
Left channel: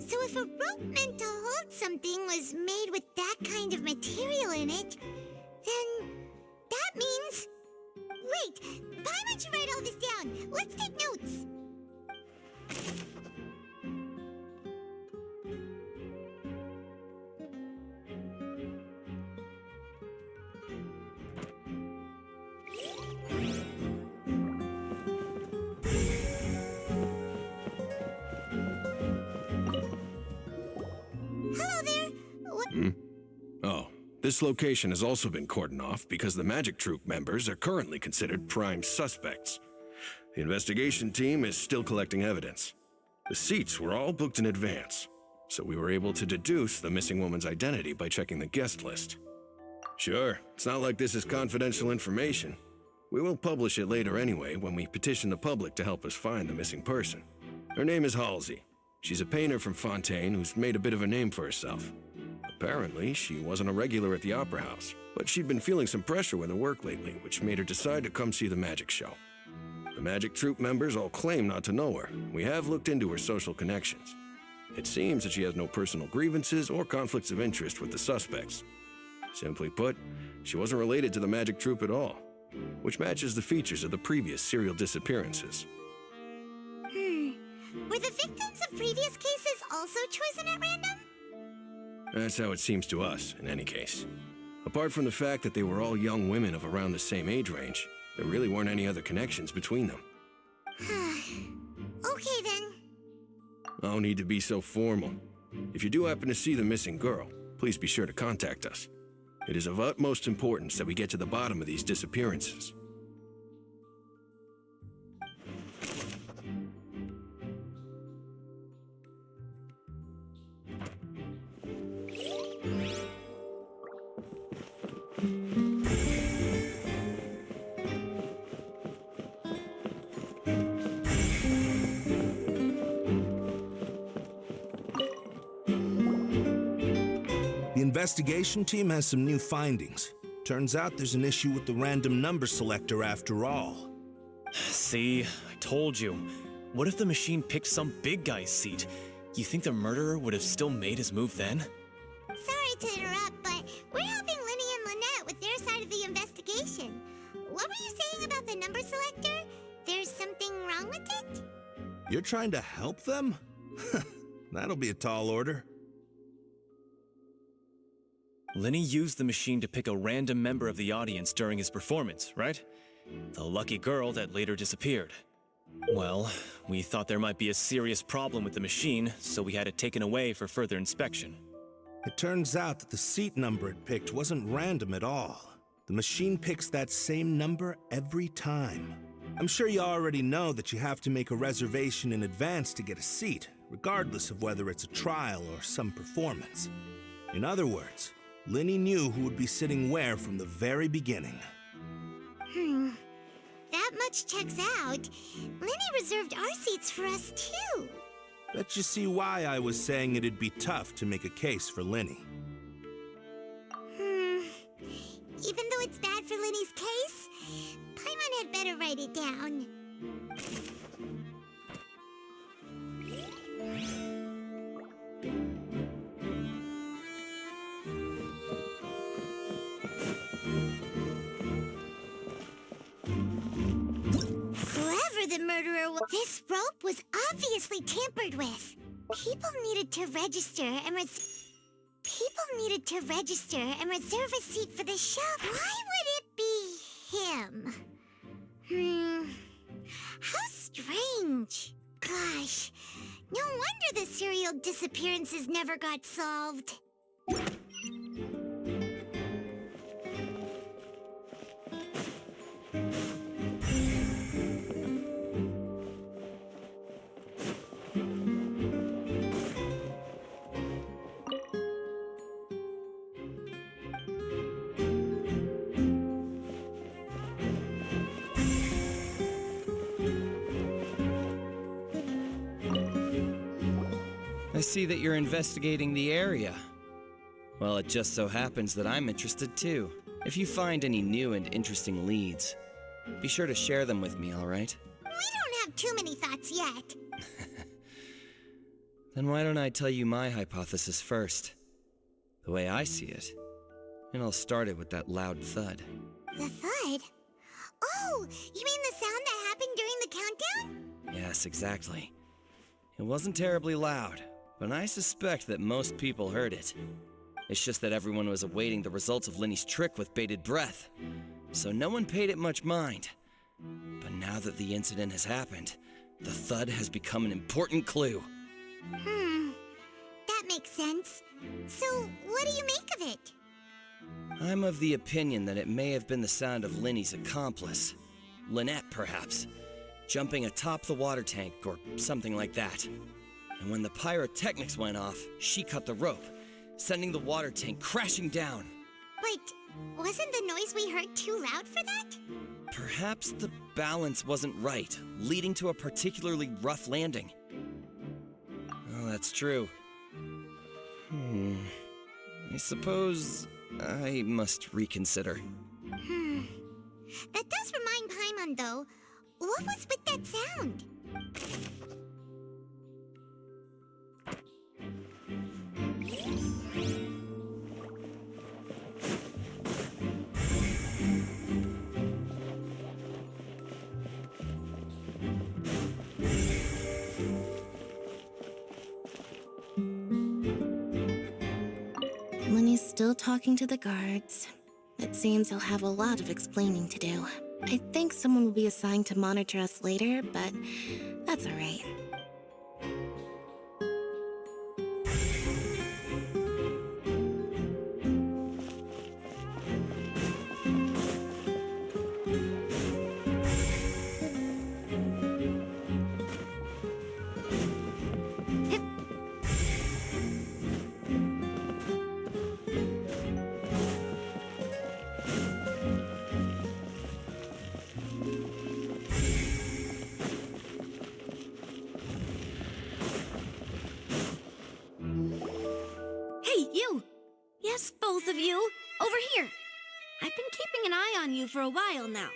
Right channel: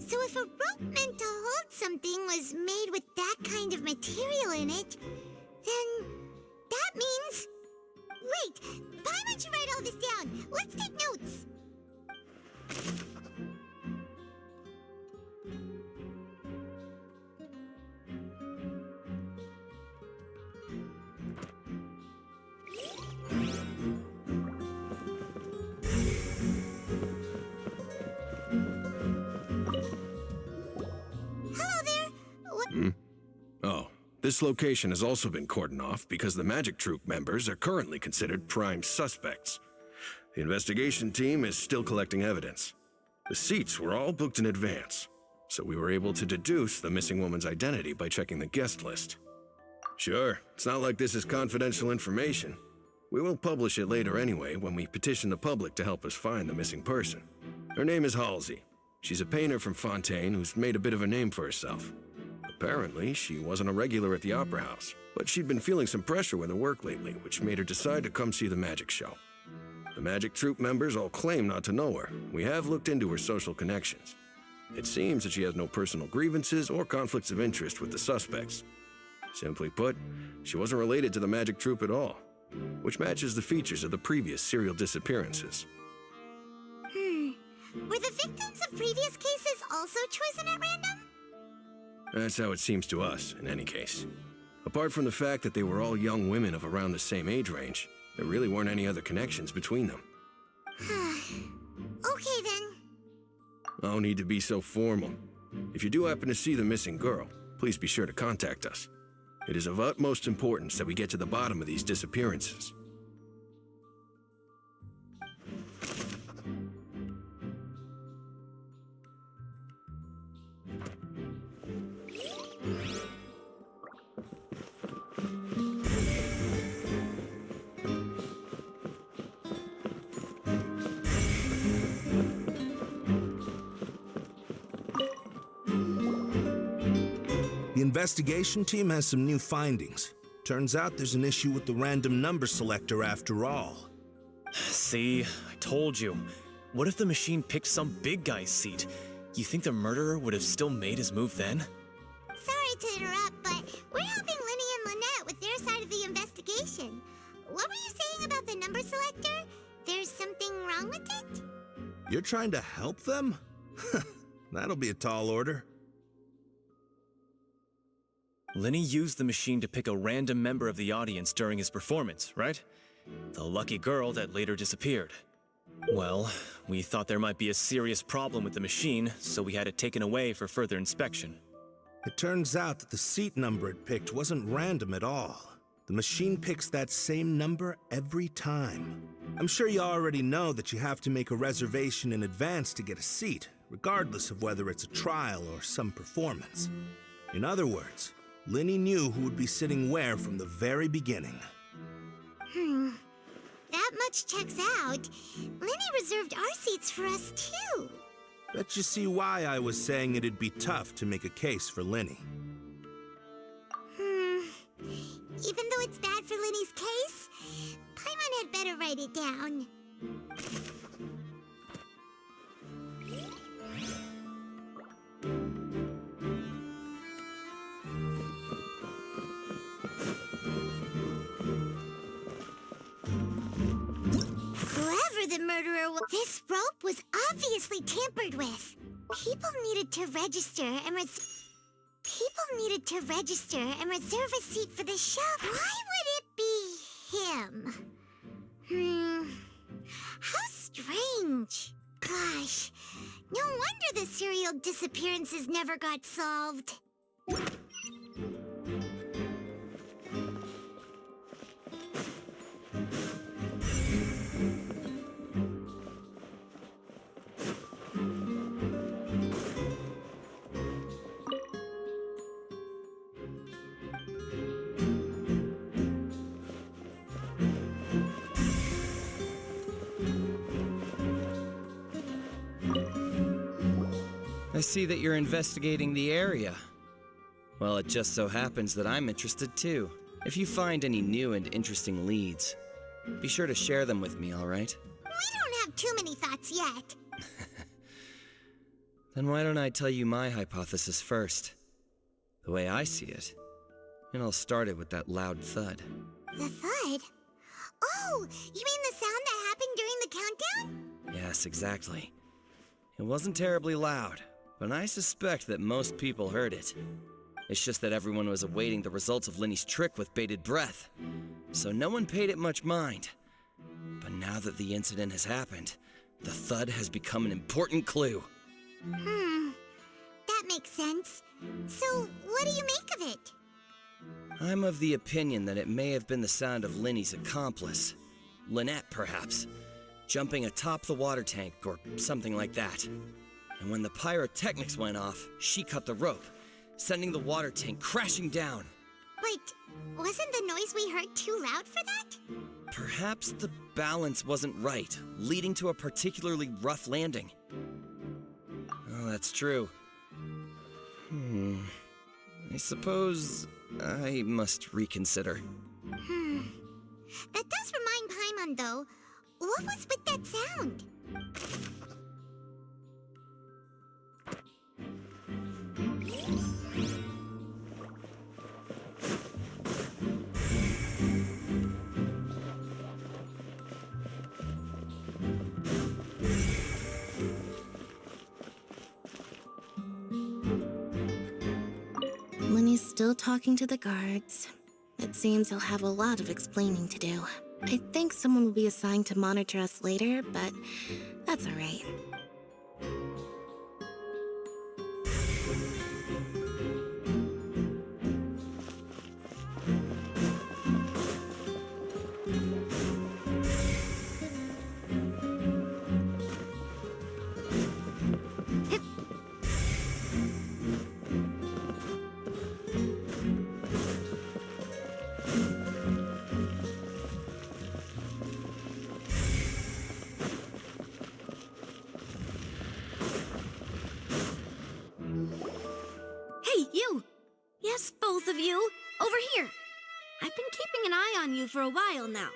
So if a rope meant to hold something was made with that kind of material in it, then that means... Wait, why don't you write all this down? Let's take notes. Hello there. What? Oh, this location has also been cordoned off because the Magic Troupe members are currently considered prime suspects. The investigation team is still collecting evidence. The seats were all booked in advance, so we were able to deduce the missing woman's identity by checking the guest list. Sure, it's not like this is confidential information. We will publish it later anyway when we petition the public to help us find the missing person. Her name is Halsey. She's a painter from Fontaine who's made a bit of a name for herself. Apparently, she wasn't a regular at the Opera House, but she'd been feeling some pressure with her work lately, which made her decide to come see the magic show. The Magic Troupe members all claim not to know her. We have looked into her social connections. It seems that she has no personal grievances or conflicts of interest with the suspects. Simply put, she wasn't related to the Magic Troupe at all, which matches the features of the previous serial disappearances. Were the victims of previous cases also chosen at random? That's how it seems to us, in any case. Apart from the fact that they were all young women of around the same age range, there really weren't any other connections between them. Okay then. No need to be so formal. If you do happen to see the missing girl, please be sure to contact us. It is of utmost importance that we get to the bottom of these disappearances. The investigation team has some new findings. Turns out there's an issue with the random number selector after all. See, I told you. What if the machine picked some big guy's seat? You think the murderer would have still made his move then? Sorry to interrupt, but we're helping Linny and Lynette with their side of the investigation. What were you saying about the number selector? There's something wrong with it? You're trying to help them? That'll be a tall order. Linny used the machine to pick a random member of the audience during his performance, right? The lucky girl that later disappeared. Well, we thought there might be a serious problem with the machine, so we had it taken away for further inspection. It turns out that the seat number it picked wasn't random at all. The machine picks that same number every time. I'm sure you already know that you have to make a reservation in advance to get a seat, regardless of whether it's a trial or some performance. In other words, Linny knew who would be sitting where from the very beginning. That much checks out. Linny reserved our seats for us, too. Bet you see why I was saying it'd be tough to make a case for Linny. Even though it's bad for Linny's case, Paimon had better write it down. Whoever the murderer was, this rope was obviously tampered with. People needed to register and reserve a seat for the show. Why would it be him? How strange. Gosh, no wonder the serial disappearances never got solved. I see that you're investigating the area. Well, it just so happens that I'm interested too. If you find any new and interesting leads, be sure to share them with me, all right? We don't have too many thoughts yet. Then why don't I tell you my hypothesis first? The way I see it. And I'll start it with that loud thud. The thud? Oh, you mean the sound that happened during the countdown? Yes, exactly. It wasn't terribly loud, but I suspect that most people heard it. It's just that everyone was awaiting the results of Linny's trick with bated breath, so no one paid it much mind. But now that the incident has happened, the thud has become an important clue. That makes sense. So, what do you make of it? I'm of the opinion that it may have been the sound of Linny's accomplice. Lynette, perhaps. Jumping atop the water tank or something like that. And when the pyrotechnics went off, she cut the rope, sending the water tank crashing down. But wasn't the noise we heard too loud for that? Perhaps the balance wasn't right, leading to a particularly rough landing. Oh, that's true. I suppose I must reconsider. That does remind Paimon, though. What was with that sound? Linny's still talking to the guards. It seems he'll have a lot of explaining to do. I think someone will be assigned to monitor us later, but that's all right. both of you. Over here. I've been keeping an eye on you for a while now.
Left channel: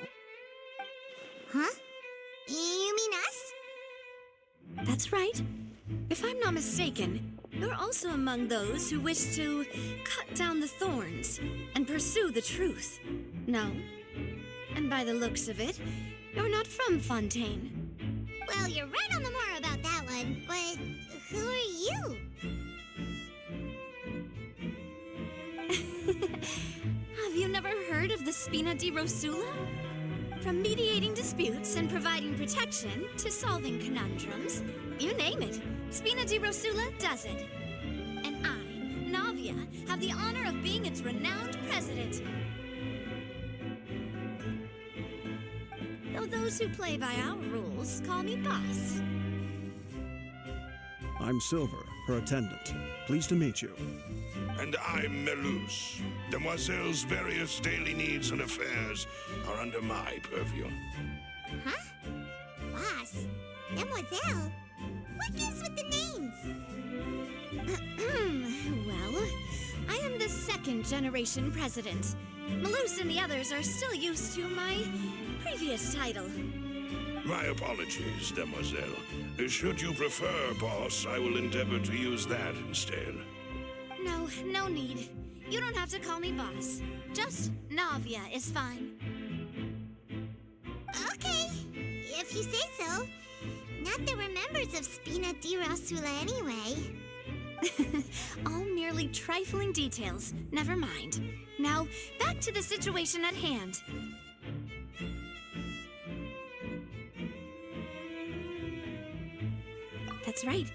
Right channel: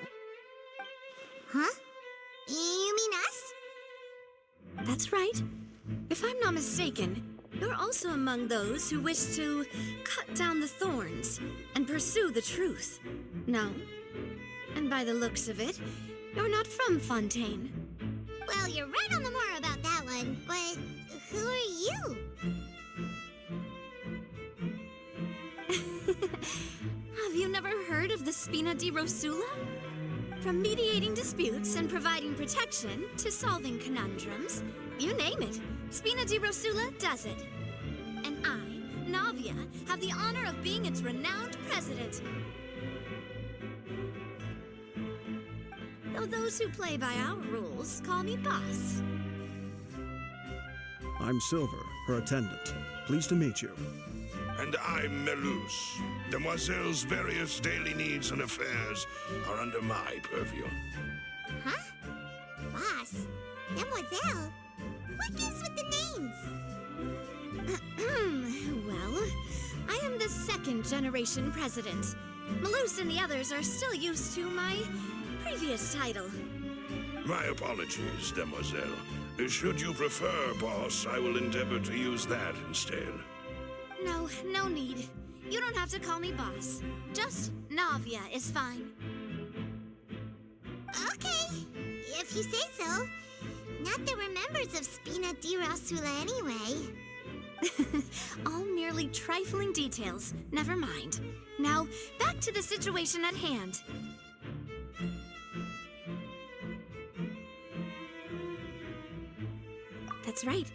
Huh? You mean us? That's right. If I'm not mistaken, you're also among those who wish to cut down the thorns and pursue the truth. No? And by the looks of it, you're not from Fontaine. Well, you're right on the more about that one, but who are you? Have you never heard of the Spina di Rosula? From mediating disputes and providing protection to solving conundrums, you name it, Spina di Rosula does it. And I, Navia, have the honor of being its renowned president. Though those who play by our rules call me boss. I'm Silver, her attendant. Pleased to meet you. And I'm Melus. Demoiselle's various daily needs and affairs are under my purview. Huh? Boss? Demoiselle? What gives with the names? Well, I am the second generation president. Melus and the others are still used to my previous title. My apologies, Demoiselle. Should you prefer, boss, I will endeavor to use that instead. No need. You don't have to call me boss. Just Navia is fine. Okay, if you say so. Not that we're members of Spina di Rosula anyway. All merely trifling details. Never mind. Now, back to the situation at hand. That's right.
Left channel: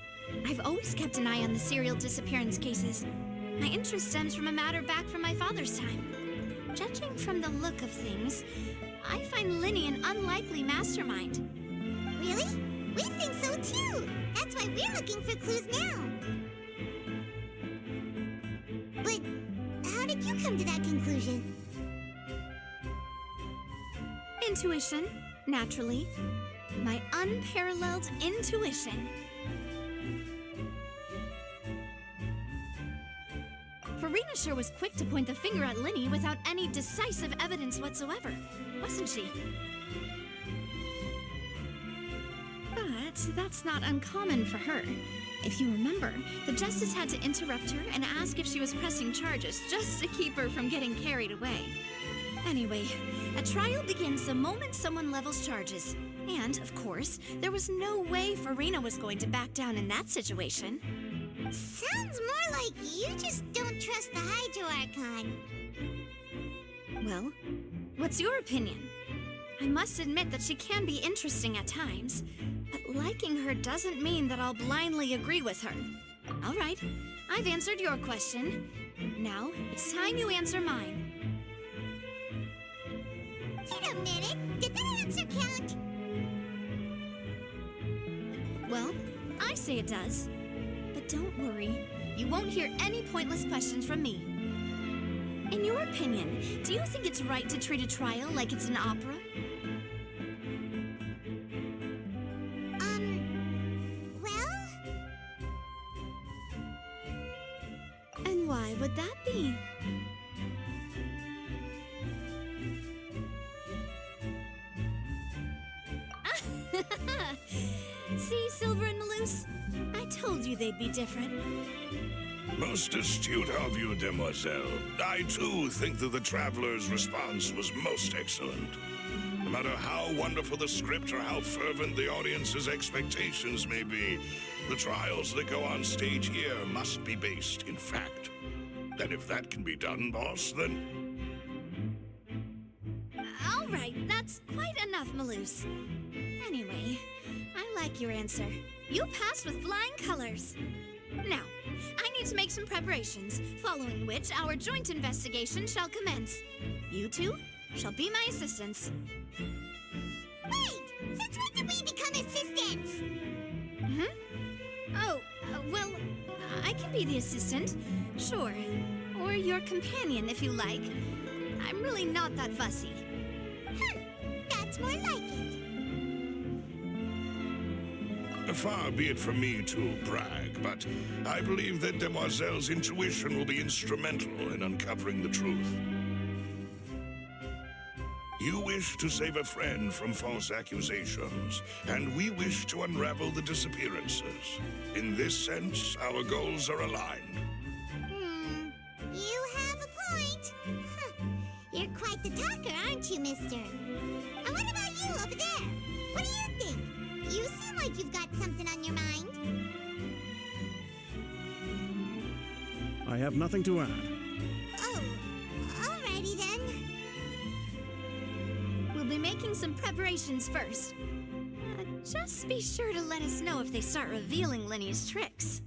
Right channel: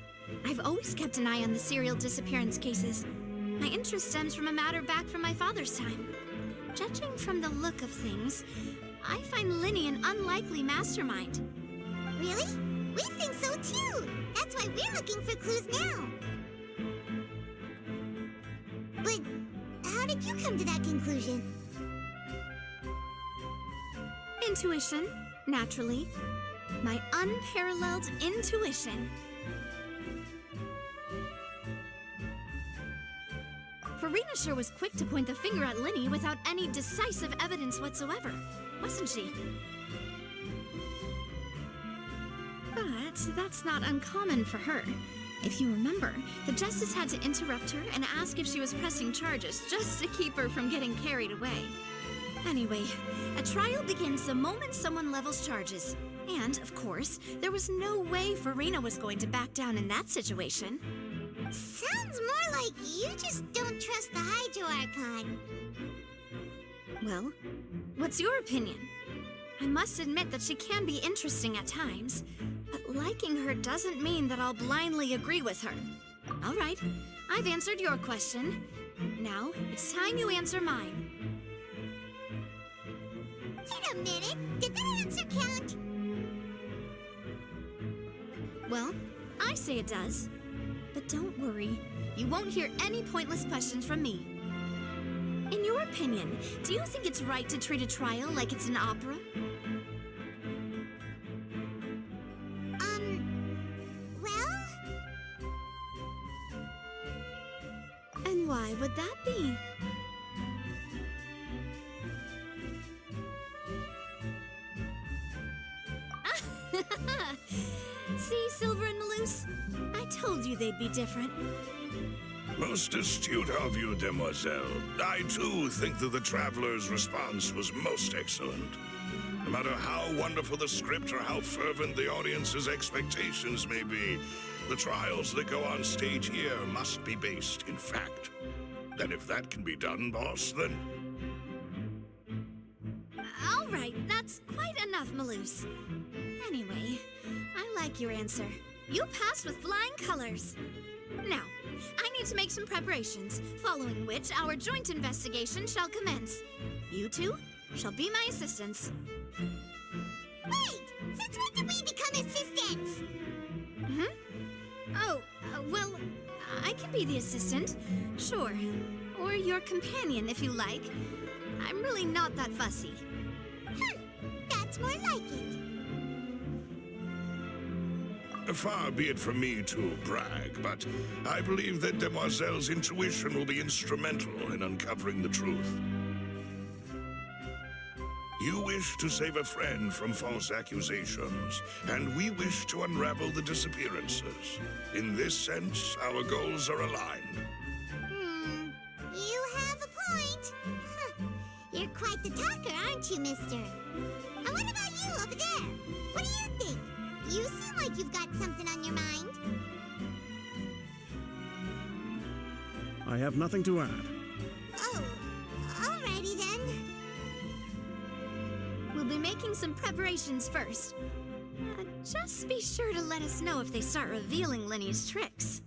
I've always kept an eye on the serial disappearance cases. My interest stems from a matter back from my father's time. Judging from the look of things, I find Linny an unlikely mastermind. Really? We think so too! That's why we're looking for clues now. But how did you come to that conclusion? Intuition, naturally. My unparalleled intuition. Farina sure was quick to point the finger at Linny without any decisive evidence whatsoever, wasn't she? But that's not uncommon for her. If you remember, the Justice had to interrupt her and ask if she was pressing charges just to keep her from getting carried away. Anyway, a trial begins the moment someone levels charges. And, of course, there was no way Farina was going to back down in that situation. Sounds more like you just don't trust the Hydro Archon. Well, what's your opinion? I must admit that she can be interesting at times, but liking her doesn't mean that I'll blindly agree with her. All right, I've answered your question. Now, it's time you answer mine. Wait a minute, did that answer count? Well, I say it does. But don't worry, you won't hear any pointless questions from me. In your opinion, do you think it's right to treat a trial like it's an opera? Well? And why would that be? See, Silver and Melus? I told you they'd be different. Most astute of you, Demoiselle. I, too, think that the Traveler's response was most excellent. No matter how wonderful the script or how fervent the audience's expectations may be, the trials that go on stage here must be based in fact. And if that can be done, boss, then... All right, that's quite enough, Melus. Anyway, I like your answer. You passed with flying colors. Now, I need to make some preparations, following which our joint investigation shall commence. You two shall be my assistants. Wait! Since when did we become assistants? Oh, well, I can be the assistant, sure. Or your companion, if you like. I'm really not that fussy. That's more like it. Far be it from me to brag, but I believe that Demoiselle's intuition will be instrumental in uncovering the truth. You wish to save a friend from false accusations, and we wish to unravel the disappearances. In this sense, our goals are aligned. You have a point. Huh. You're quite the talker, aren't you, mister? And what about you over there? What do you think? You seem like you've got something on your mind. I have nothing to add. Oh, alrighty then. We'll be making some preparations first. Just be sure to let us know if they start revealing Lenny's tricks.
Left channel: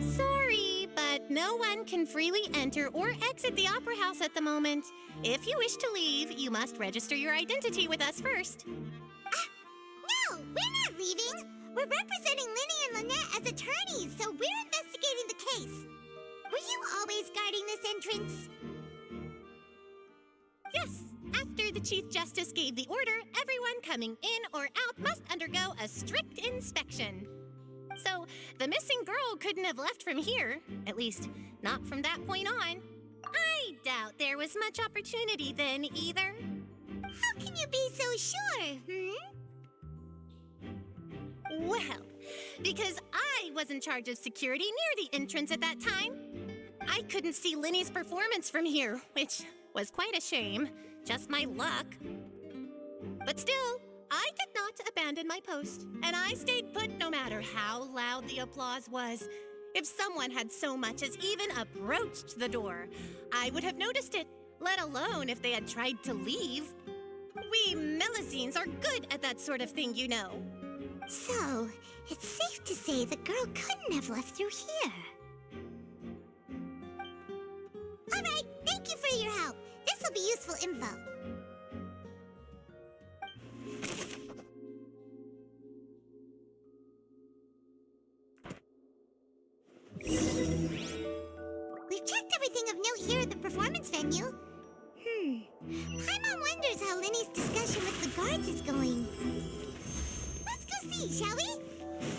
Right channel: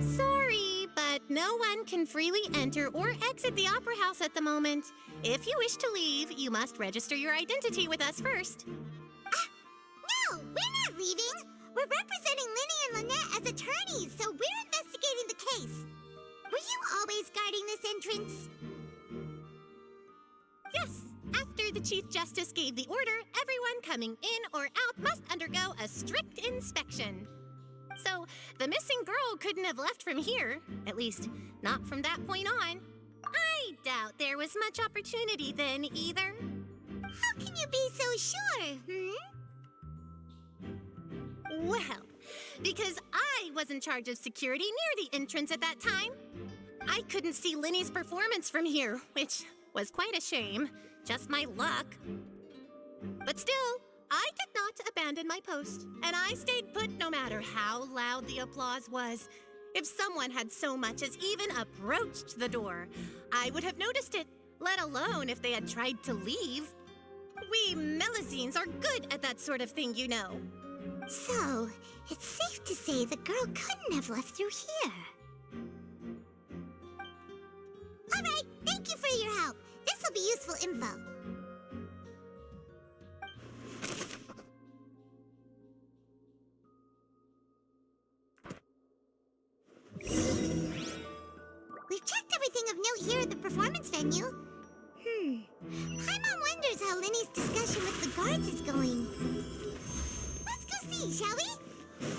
Sorry, but no one can freely enter or exit the Opera House at the moment. If you wish to leave, you must register your identity with us first. No, we're not leaving. We're representing Linny and Lynette as attorneys, so we're investigating the case. Were you always guarding this entrance? Yes, after the Chief Justice gave the order, everyone coming in or out must undergo a strict inspection. So, the missing girl couldn't have left from here, at least not from that point on. I doubt there was much opportunity then either. How can you be so sure, Well, because I was in charge of security near the entrance at that time. I couldn't see Linny's performance from here, which was quite a shame. Just my luck. But still, I did not abandon my post, and I stayed put no matter how loud the applause was. If someone had so much as even approached the door, I would have noticed it, let alone if they had tried to leave. We Melusines are good at that sort of thing, you know. So, it's safe to say the girl couldn't have left through here. All right, thank you for your help. This will be useful info. We've checked everything of note here at the performance venue. Paimon wonders how Linny's discussion with the guards is going. Let's go see, shall we?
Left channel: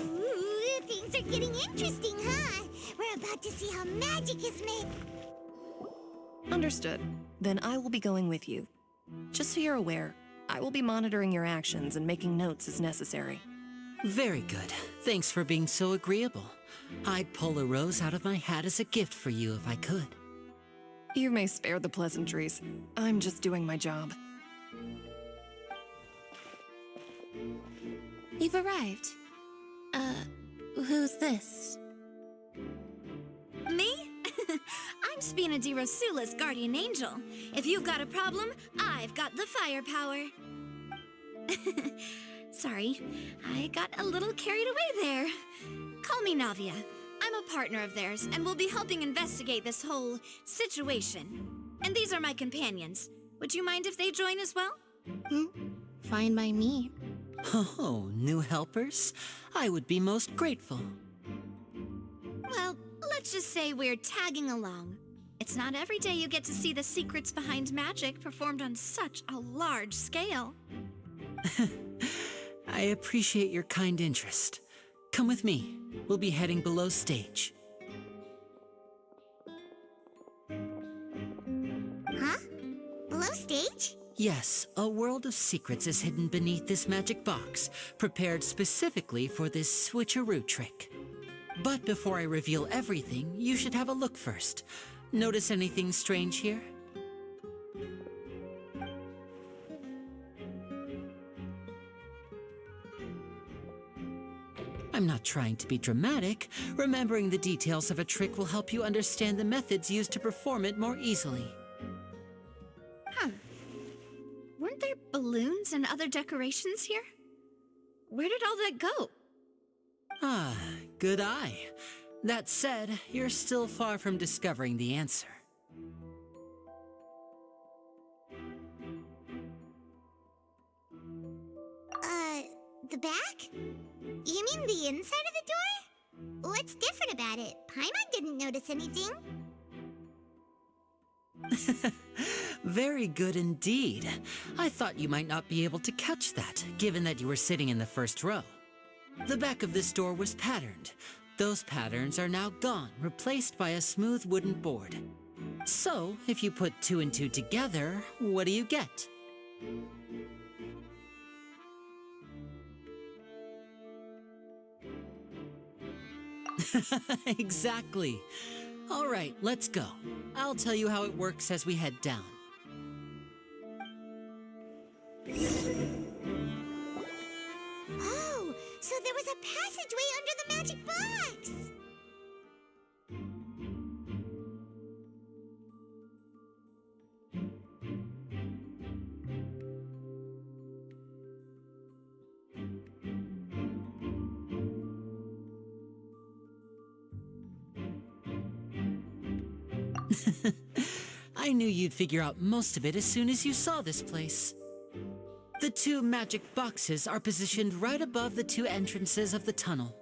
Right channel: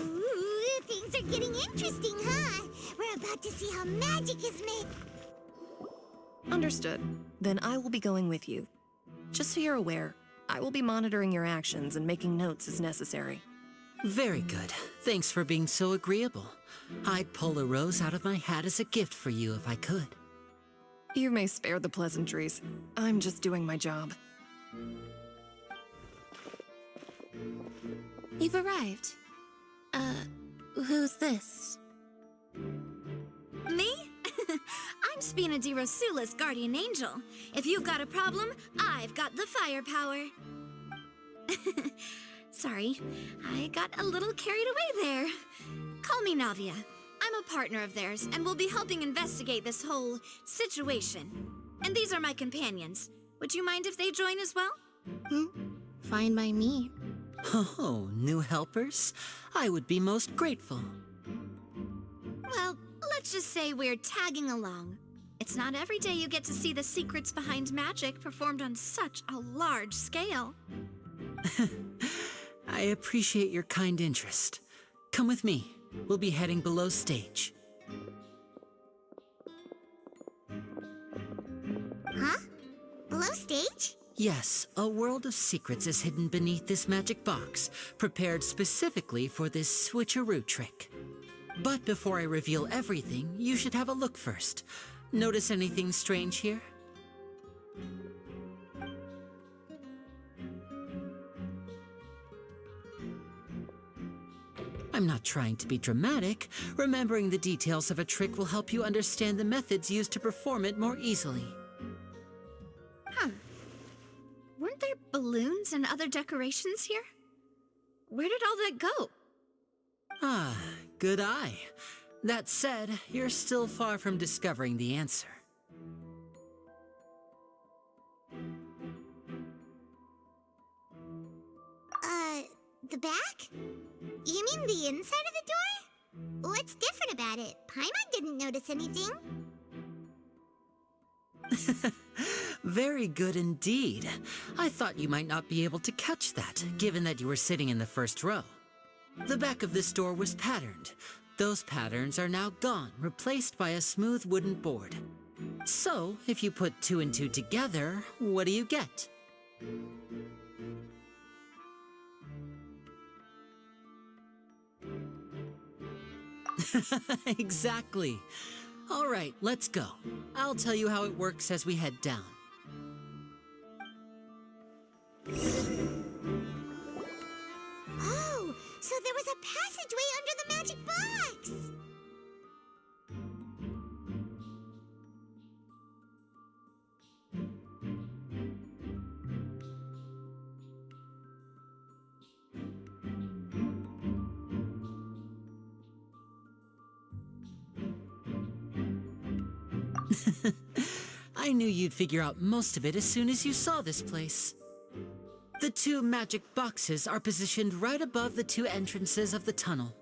Ooh, things are getting interesting, huh? We're about to see how magic is made. Understood. Then I will be going with you. Just so you're aware, I will be monitoring your actions and making notes as necessary. Very good. Thanks for being so agreeable. I'd pull a rose out of my hat as a gift for you if I could. You may spare the pleasantries. I'm just doing my job. You've arrived. Who's this? Me? I'm Spina di Rosula's guardian angel. If you've got a problem, I've got the firepower. Sorry, I got a little carried away there. Call me Navia. I'm a partner of theirs, and we'll be helping investigate this whole situation. And these are my companions. Would you mind if they join as well? Fine by me. Oh, new helpers? I would be most grateful. Well, let's just say we're tagging along. It's not every day you get to see the secrets behind magic performed on such a large scale. I appreciate your kind interest. Come with me. We'll be heading below stage. Huh? Below stage? Yes, a world of secrets is hidden beneath this magic box, prepared specifically for this switcheroo trick. But before I reveal everything, you should have a look first. Notice anything strange here? I'm not trying to be dramatic. Remembering the details of a trick will help you understand the methods used to perform it more easily. Huh. Weren't there balloons and other decorations here? Where did all that go? Ah, good eye. That said, you're still far from discovering the answer. The back? You mean the inside of the door? What's different about it? Paimon didn't notice anything. Very good indeed. I thought you might not be able to catch that, given that you were sitting in the first row. The back of this door was patterned. Those patterns are now gone, replaced by a smooth wooden board. So, if you put 2 and 2 together, what do you get? Exactly. All right, let's go. I'll tell you how it works as we head down. Oh, so there was a passageway under the magic box! I knew you'd figure out most of it as soon as you saw this place. The 2 magic boxes are positioned right above the 2 entrances of the tunnel.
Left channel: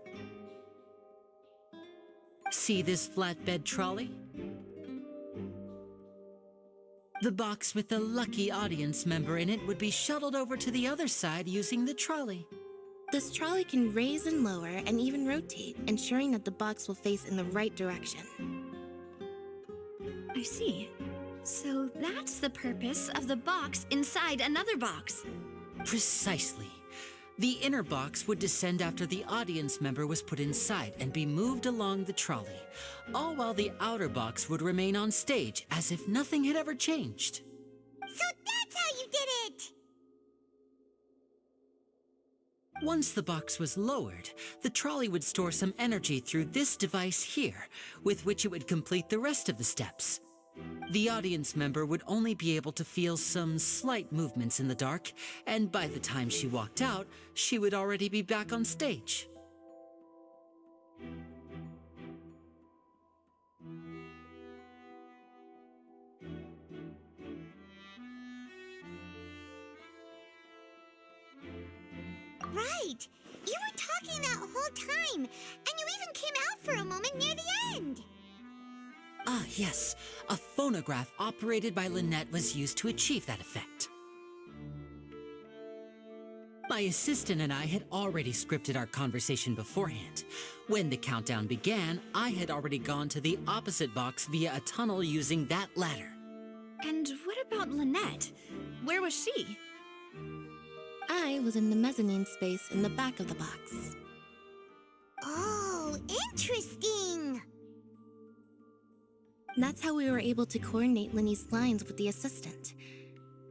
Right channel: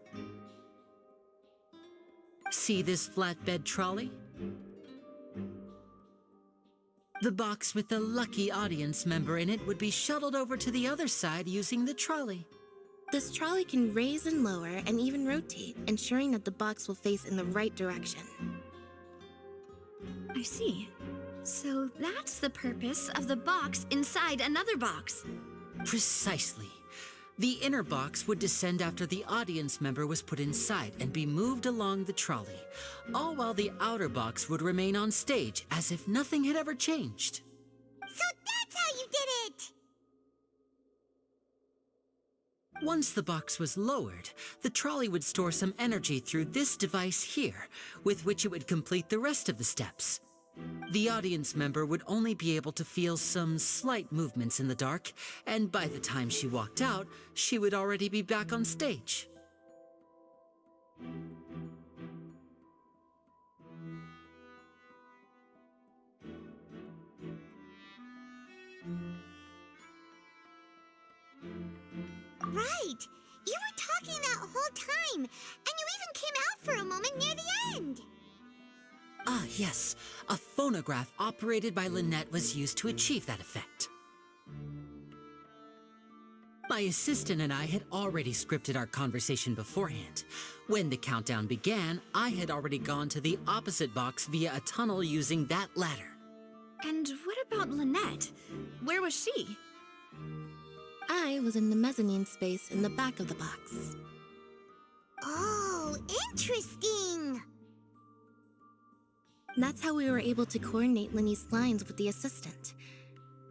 See this flatbed trolley? The box with the lucky audience member in it would be shuttled over to the other side using the trolley. This trolley can raise and lower and even rotate, ensuring that the box will face in the right direction. I see. So that's the purpose of the box inside another box. Precisely. The inner box would descend after the audience member was put inside and be moved along the trolley, all while the outer box would remain on stage as if nothing had ever changed. So that's how you did it! Once the box was lowered, the trolley would store some energy through this device here, with which it would complete the rest of the steps. The audience member would only be able to feel some slight movements in the dark, and by the time she walked out, she would already be back on stage. Right! You were talking that whole time, and you even came out for a moment near the end! Ah, yes. A phonograph operated by Lynette was used to achieve that effect. My assistant and I had already scripted our conversation beforehand. When the countdown began, I had already gone to the opposite box via a tunnel using that ladder. And what about Lynette? Where was she? I was in the mezzanine space in the back of the box. Oh, interesting! That's how we were able to coordinate Linny's lines with the assistant.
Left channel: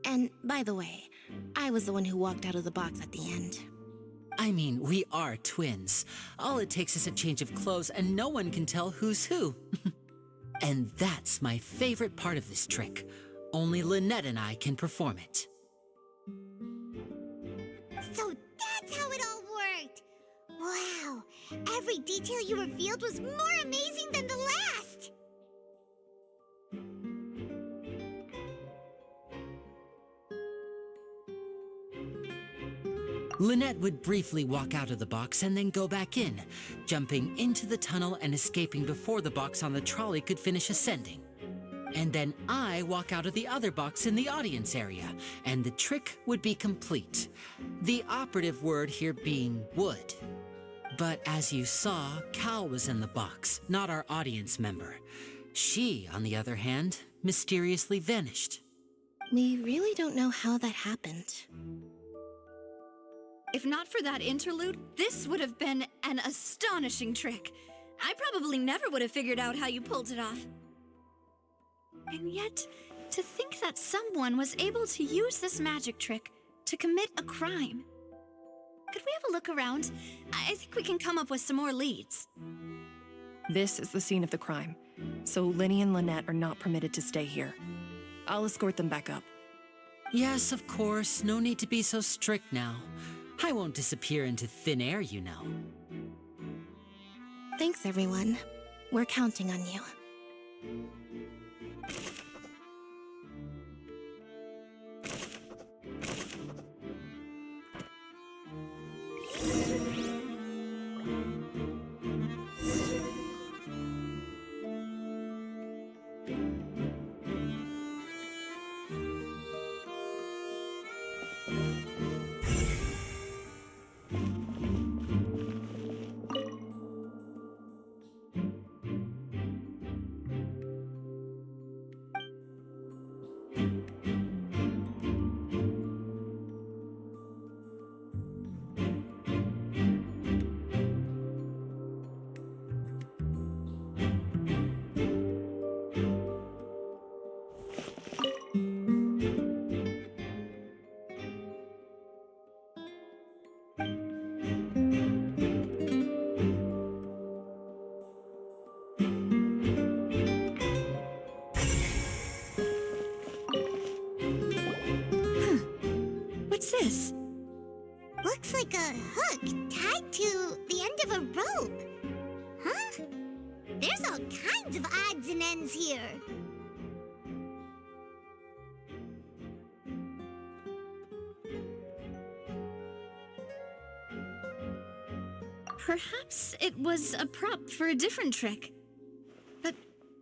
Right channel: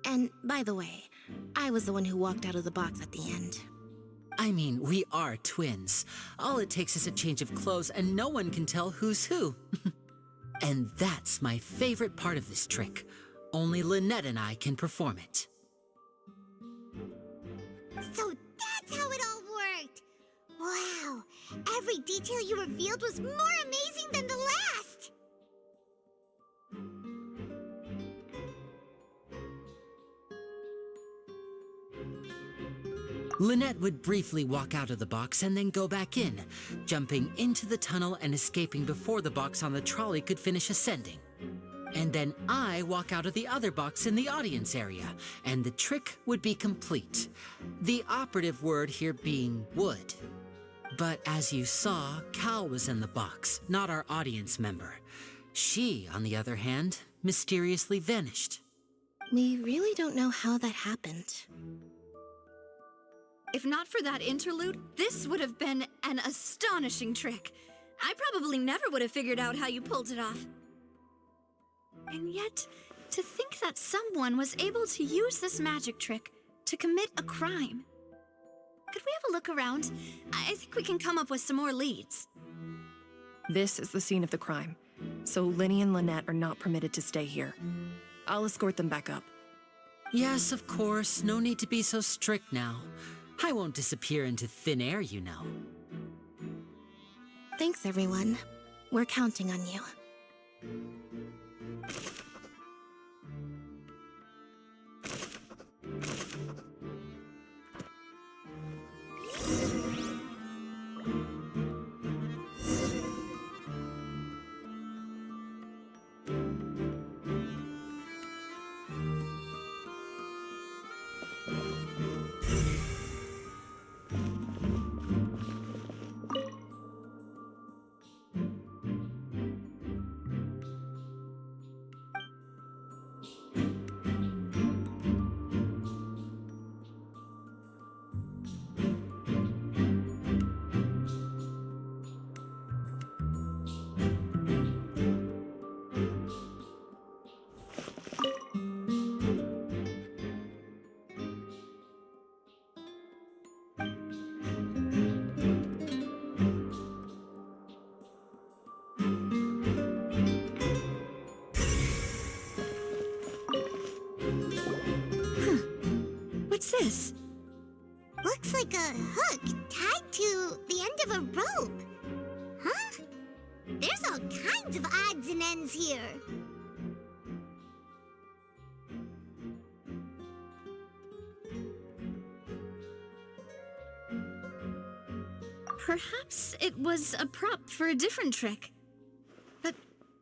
And, by the way, I was the one who walked out of the box at the end. I mean, we are twins. All it takes is a change of clothes and no one can tell who's who. And that's my favorite part of this trick. Only Lynette and I can perform it. So that's how it all worked! Wow! Every detail you revealed was more amazing than the last! Lynette would briefly walk out of the box and then go back in, jumping into the tunnel and escaping before the box on the trolley could finish ascending. And then I walk out of the other box in the audience area, and the trick would be complete. The operative word here being would. But as you saw, Cal was in the box, not our audience member. She, on the other hand, mysteriously vanished. We really don't know how that happened. If not for that interlude, this would have been an astonishing trick. I probably never would have figured out how you pulled it off. And yet, to think that someone was able to use this magic trick to commit a crime. Could we have a look around? I think we can come up with some more leads. This is the scene of the crime, so Linny and Lynette are not permitted to stay here. I'll escort them back up. Yes, of course. No need to be so strict now. I won't disappear into thin air, you know. Thanks, everyone. We're counting on you. What's this? Looks like a hook tied to the end of a rope. Huh? There's all kinds of odds and ends here. Perhaps it was a prop for a different trick. But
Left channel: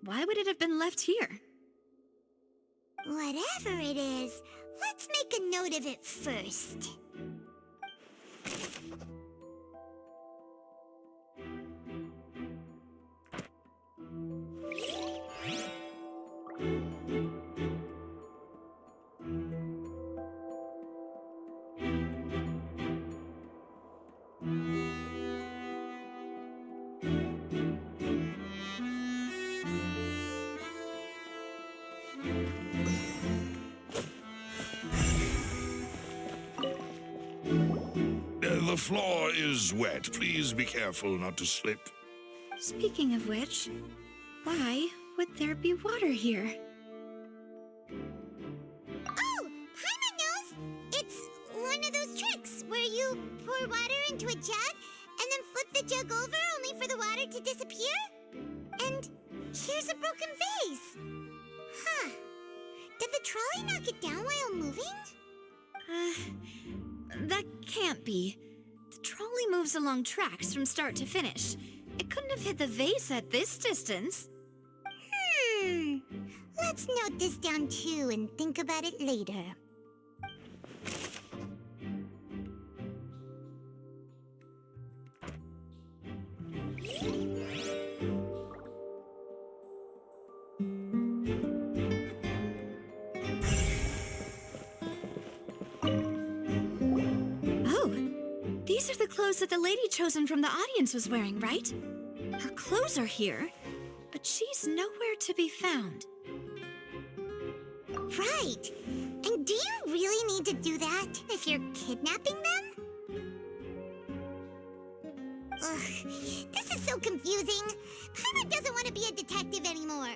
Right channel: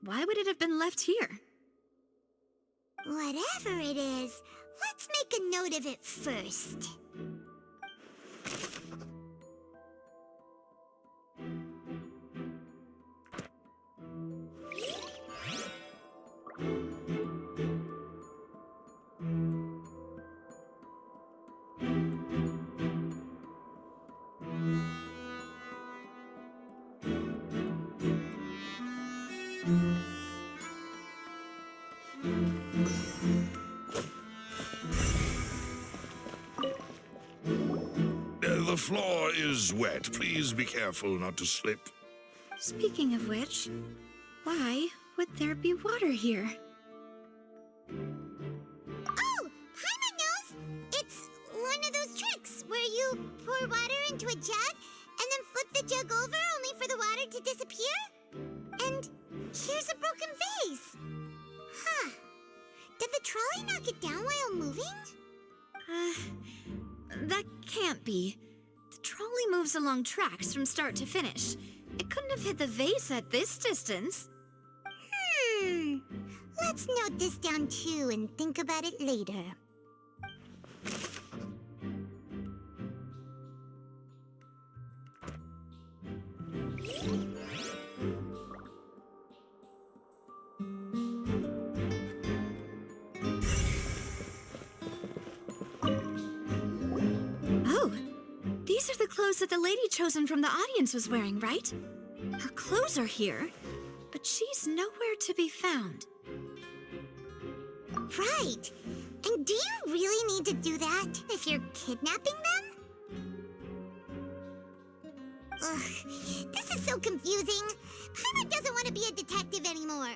why would it have been left here? Whatever it is, let's make a note of it first. The floor is wet. Please be careful not to slip. Speaking of which, why would there be water here? Oh, Paimon knows! It's one of those tricks where you pour water into a jug and then flip the jug over only for the water to disappear? And here's a broken vase. Huh. Did the trolley knock it down while moving? That can't be. The trolley moves along tracks from start to finish. It couldn't have hit the vase at this distance. Let's note this down too and think about it later. These are the clothes that the lady chosen from the audience was wearing, right? Her clothes are here, but she's nowhere to be found. Right. And do you really need to do that if you're kidnapping them? Ugh, this is so confusing. Paimon doesn't want to be a detective anymore.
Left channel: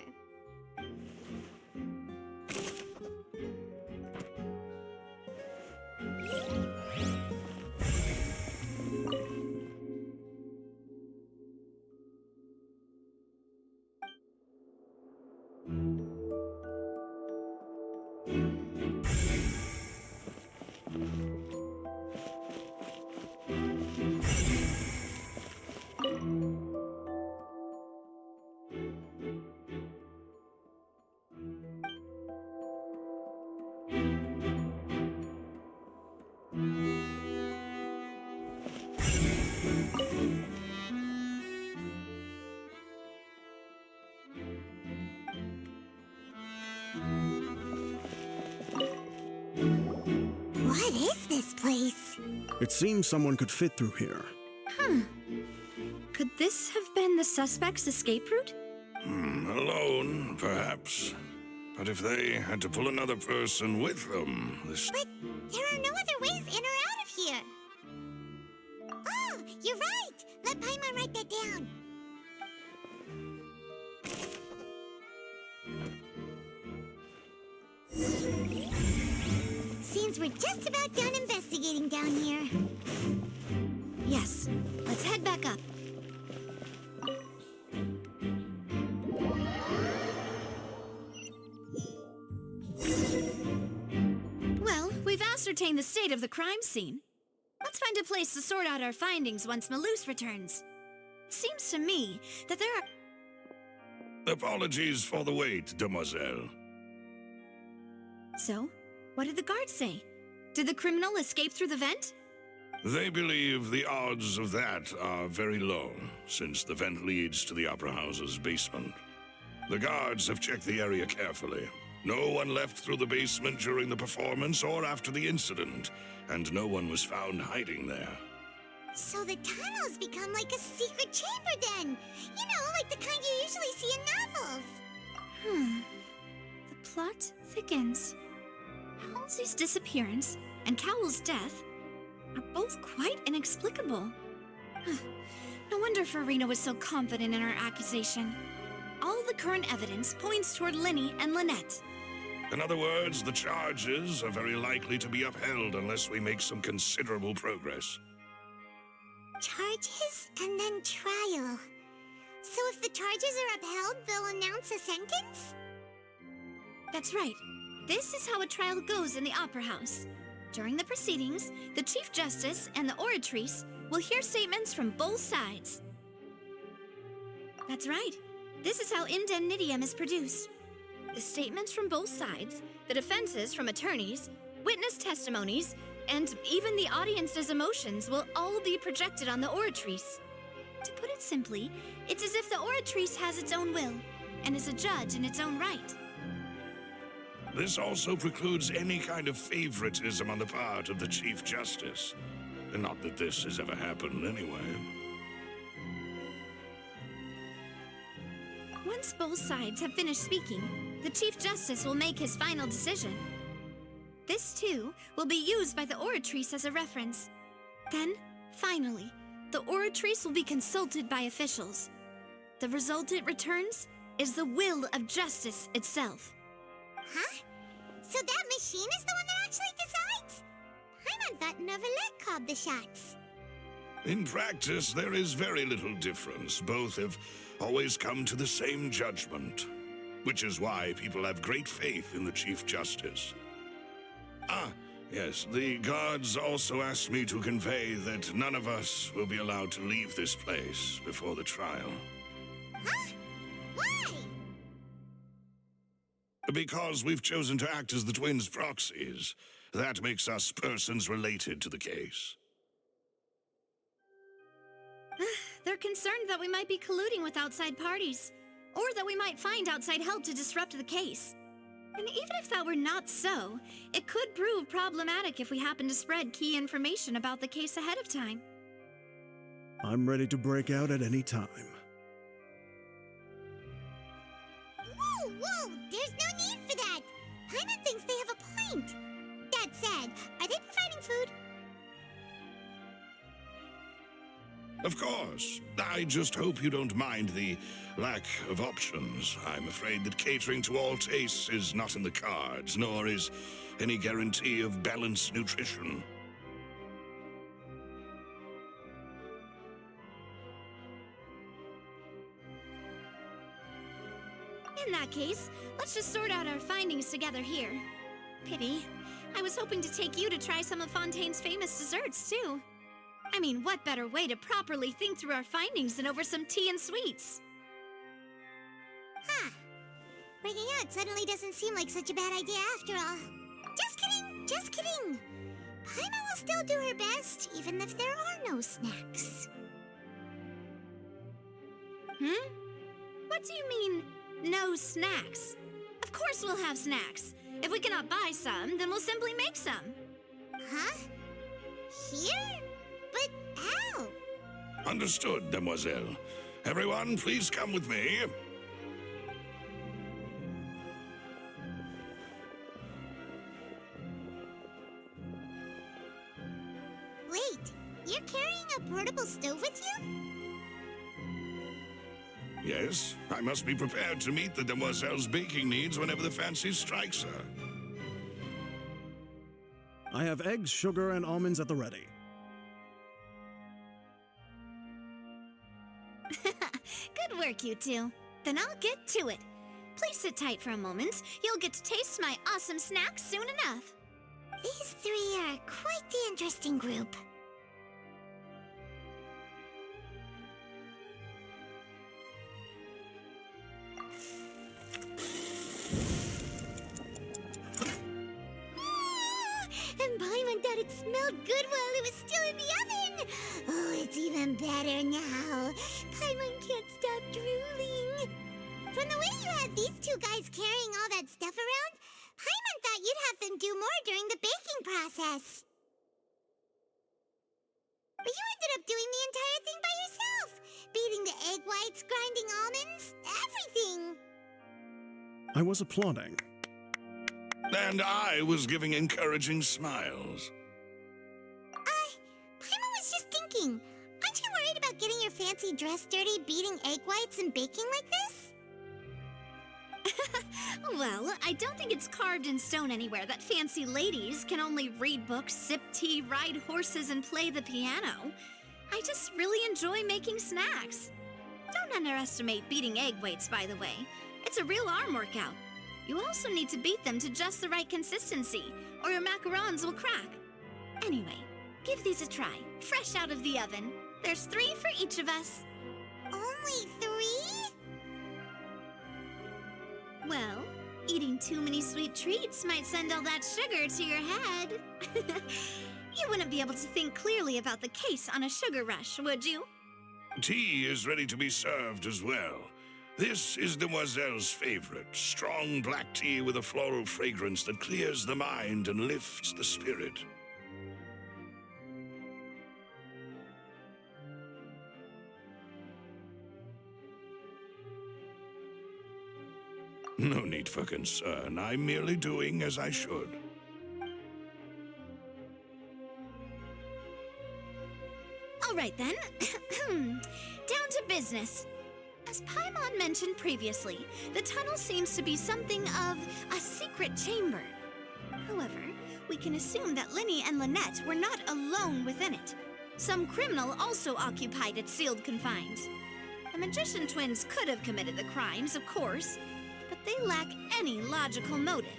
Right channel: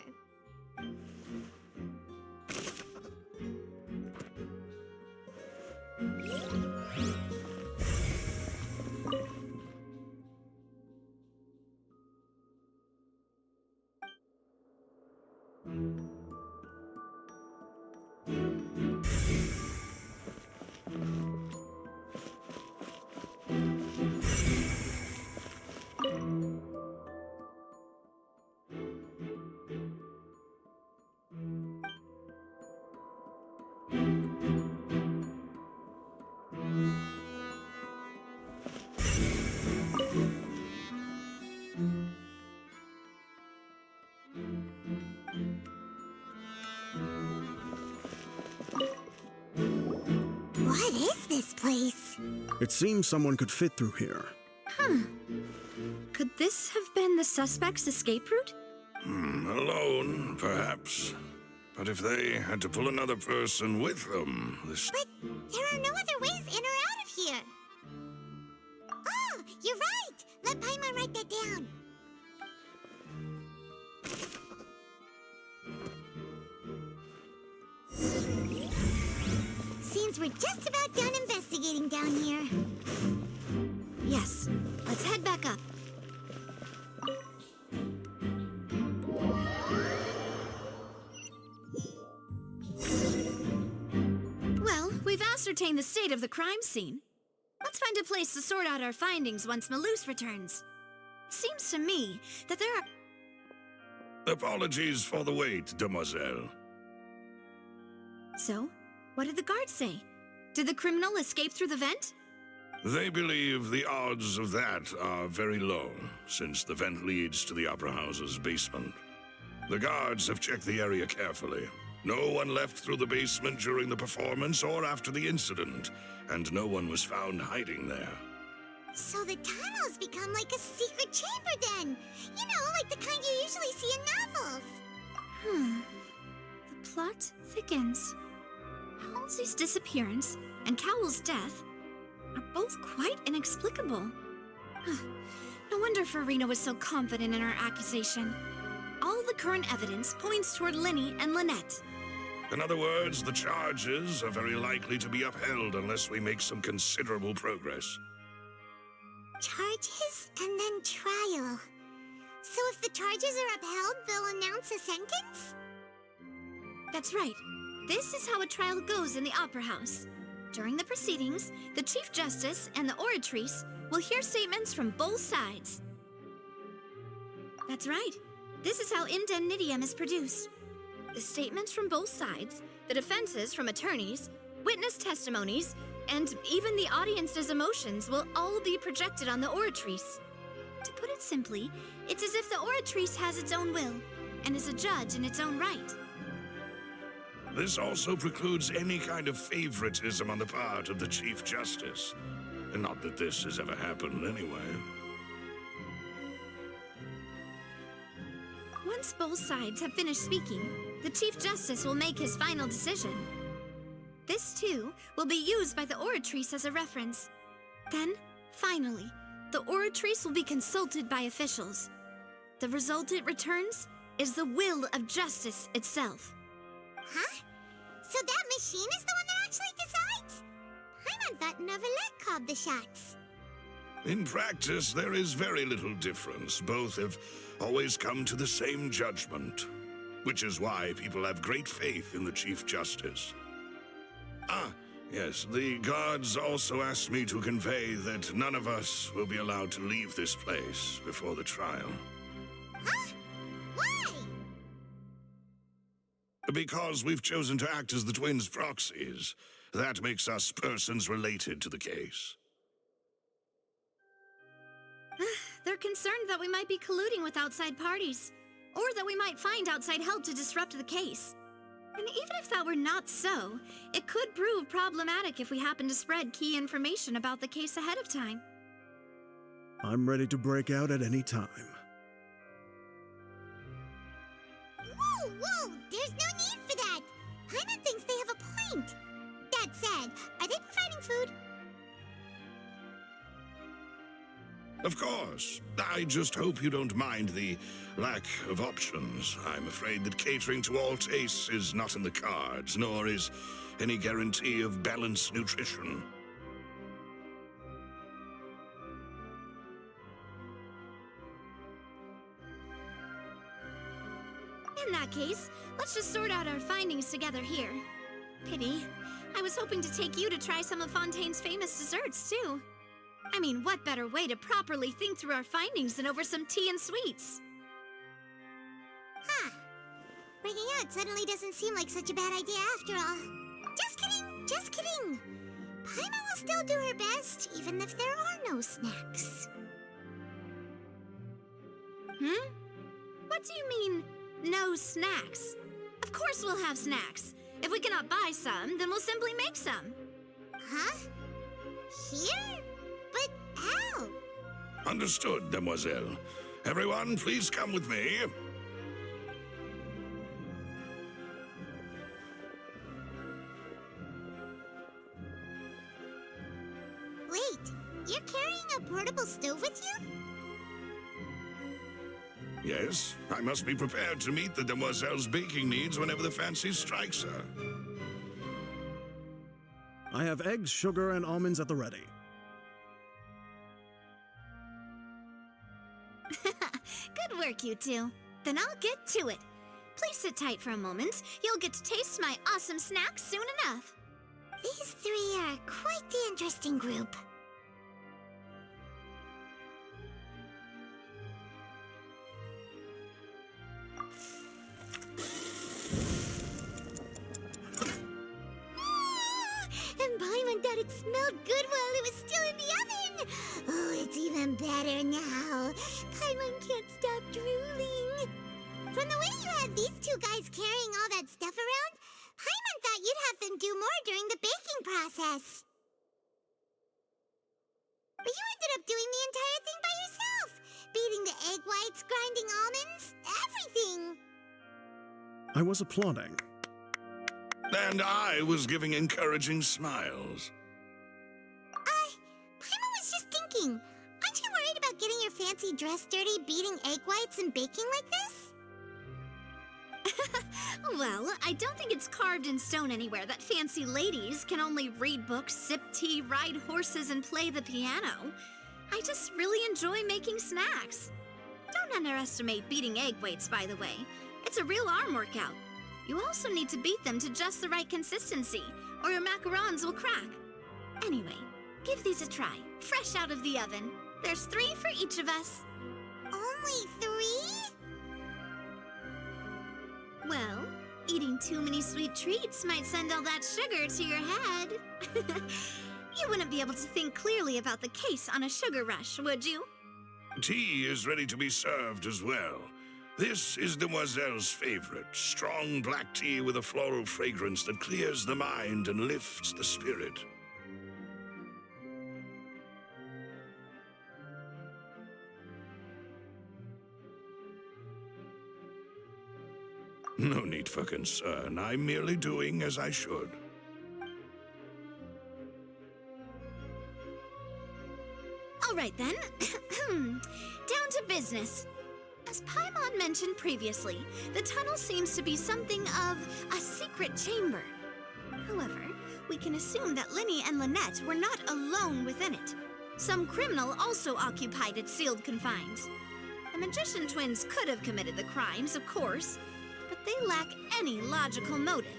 What is this place? It seems someone could fit through here. Could this have been the suspect's escape route? Alone, perhaps. But if they had to pull another person with them, this... But there are no other ways in or out of here. You're right! Let Paimon write that down. Seems we're just about done investigating down here. Yes, let's head back up. Well, we've ascertained the state of the crime scene. Let's find a place to sort out our findings once Malus returns. It seems to me that there are... Apologies for the wait, demoiselle. So, what did the guards say? Did the criminal escape through the vent? They believe the odds of that are very low, since the vent leads to the Opera House's basement. The guards have checked the area carefully. No one left through the basement during the performance or after the incident, and no one was found hiding there. So the tunnels become like a secret chamber then. You know, like the kind you usually see in novels. The plot thickens. Halsey's disappearance and Cowell's death are both quite inexplicable. No wonder Farina was so confident in her accusation. All the current evidence points toward Linny and Lynette. In other words, the charges are very likely to be upheld unless we make some considerable progress. Charges and then trial. So if the charges are upheld, they'll announce a sentence? That's right. This is how a trial goes in the Opera House. During the proceedings, the Chief Justice and the Oratrice will hear statements from both sides. That's right. This is how indemnitium is produced. The statements from both sides, the defenses from attorneys, witness testimonies, and even the audience's emotions will all be projected on the Oratrice. To put it simply, it's as if the Oratrice has its own will and is a judge in its own right. This also precludes any kind of favoritism on the part of the Chief Justice. And not that this has ever happened anyway. Once both sides have finished speaking, the Chief Justice will make his final decision. This, too, will be used by the Oratrice as a reference. Then, finally, the Oratrice will be consulted by officials. The result it returns is the will of justice itself. Huh? So that machine is the one that actually decides? Paimon thought Neuvillette called the shots. In practice, there is very little difference. Both have always come to the same judgment, which is why people have great faith in the Chief Justice. Ah, yes, the guards also asked me to convey that none of us will be allowed to leave this place before the trial. Huh? Why? Because we've chosen to act as the twins' proxies. That makes us persons related to the case. They're concerned that we might be colluding with outside parties, or that we might find outside help to disrupt the case. And even if that were not so, it could prove problematic if we happen to spread key information about the case ahead of time. I'm ready to break out at any time. Whoa, whoa! There's no need for that! Paimon thinks they have a point. That said, are they providing food? Of course. I just hope you don't mind the lack of options. I'm afraid that catering to all tastes is not in the cards, nor is any guarantee of balanced nutrition. In that case, let's just sort out our findings together here. Pity. I was hoping to take you to try some of Fontaine's famous desserts, too. I mean, what better way to properly think through our findings than over some tea and sweets? Huh. Breaking out suddenly doesn't seem like such a bad idea after all. Just kidding, just kidding. Paimon will still do her best, even if there are no snacks. What do you mean, no snacks? Of course we'll have snacks. If we cannot buy some, then we'll simply make some. Huh? Here? But how? Understood, demoiselle. Everyone, please come with me. Wait, you're carrying a portable stove with you? Yes, I must be prepared to meet the demoiselle's baking needs whenever the fancy strikes her. I have eggs, sugar, and almonds at the ready. Good work, you two. Then I'll get to it. Please sit tight for a moment. You'll get to taste my awesome snacks soon enough. These three are quite the interesting group. And Paimon thought it smelled good while it was still in the oven. Oh, it's even better now. Paimon can't stop drooling. From the way you had these two guys carrying all that stuff around, Paimon thought you'd have them do more during the baking process. But you ended up doing the entire thing by yourself. Beating the egg whites, grinding almonds, everything. I was applauding. And I was giving encouraging smiles. Paimon was just thinking, aren't you worried about getting your fancy dress dirty beating egg whites and baking like this? Well, I don't think it's carved in stone anywhere that fancy ladies can only read books, sip tea, ride horses, and play the piano. I just really enjoy making snacks. Don't underestimate beating egg whites, by the way. It's a real arm workout. You also need to beat them to just the right consistency, or your macarons will crack. Anyway, give these a try, fresh out of the oven. There's 3 for each of us. Only 3? Well, eating too many sweet treats might send all that sugar to your head. You wouldn't be able to think clearly about the case on a sugar rush, would you? Tea is ready to be served as well. This is Demoiselle's favorite, strong black tea with a floral fragrance that clears the mind and lifts the spirit. No need for concern. I'm merely doing as I should. All right, then. Down to business. As Paimon mentioned previously, the tunnel seems to be something of a secret chamber. However, we can assume that Linny and Lynette were not alone within it. Some criminal also occupied its sealed confines. The magician twins could have committed the crimes, of course, but they lack any logical motive.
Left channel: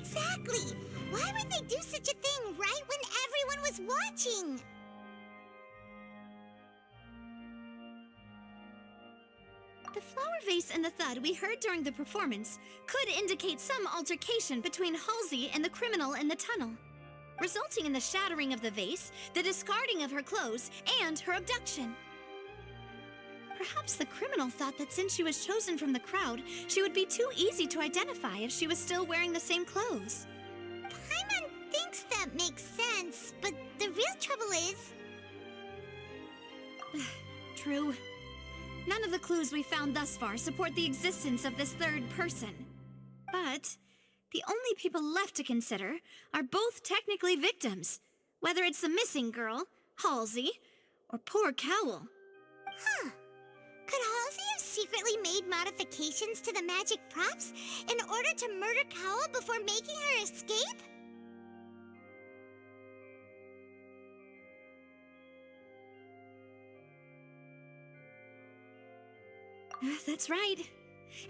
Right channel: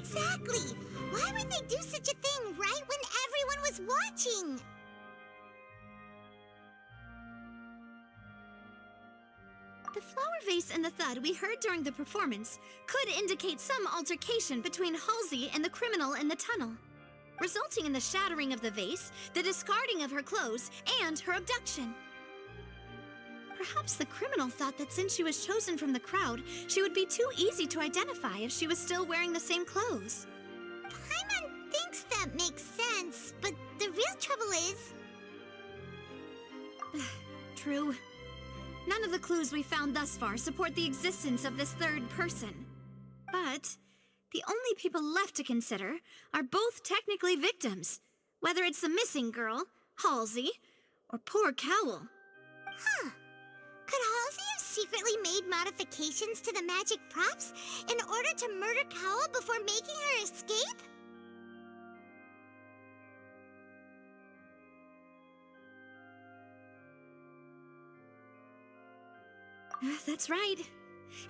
Exactly! Why would they do such a thing right when everyone was watching? The flower vase and the thud we heard during the performance could indicate some altercation between Halsey and the criminal in the tunnel, resulting in the shattering of the vase, the discarding of her clothes, and her abduction. Perhaps the criminal thought that since she was chosen from the crowd, she would be too easy to identify if she was still wearing the same clothes. Paimon thinks that makes sense, but the real trouble is... True. None of the clues we found thus far support the existence of this third person. But the only people left to consider are both technically victims, whether it's the missing girl, Halsey, or poor Cowell. Huh. Could Halsey have secretly made modifications to the magic props in order to murder Cowell before making her escape? That's right.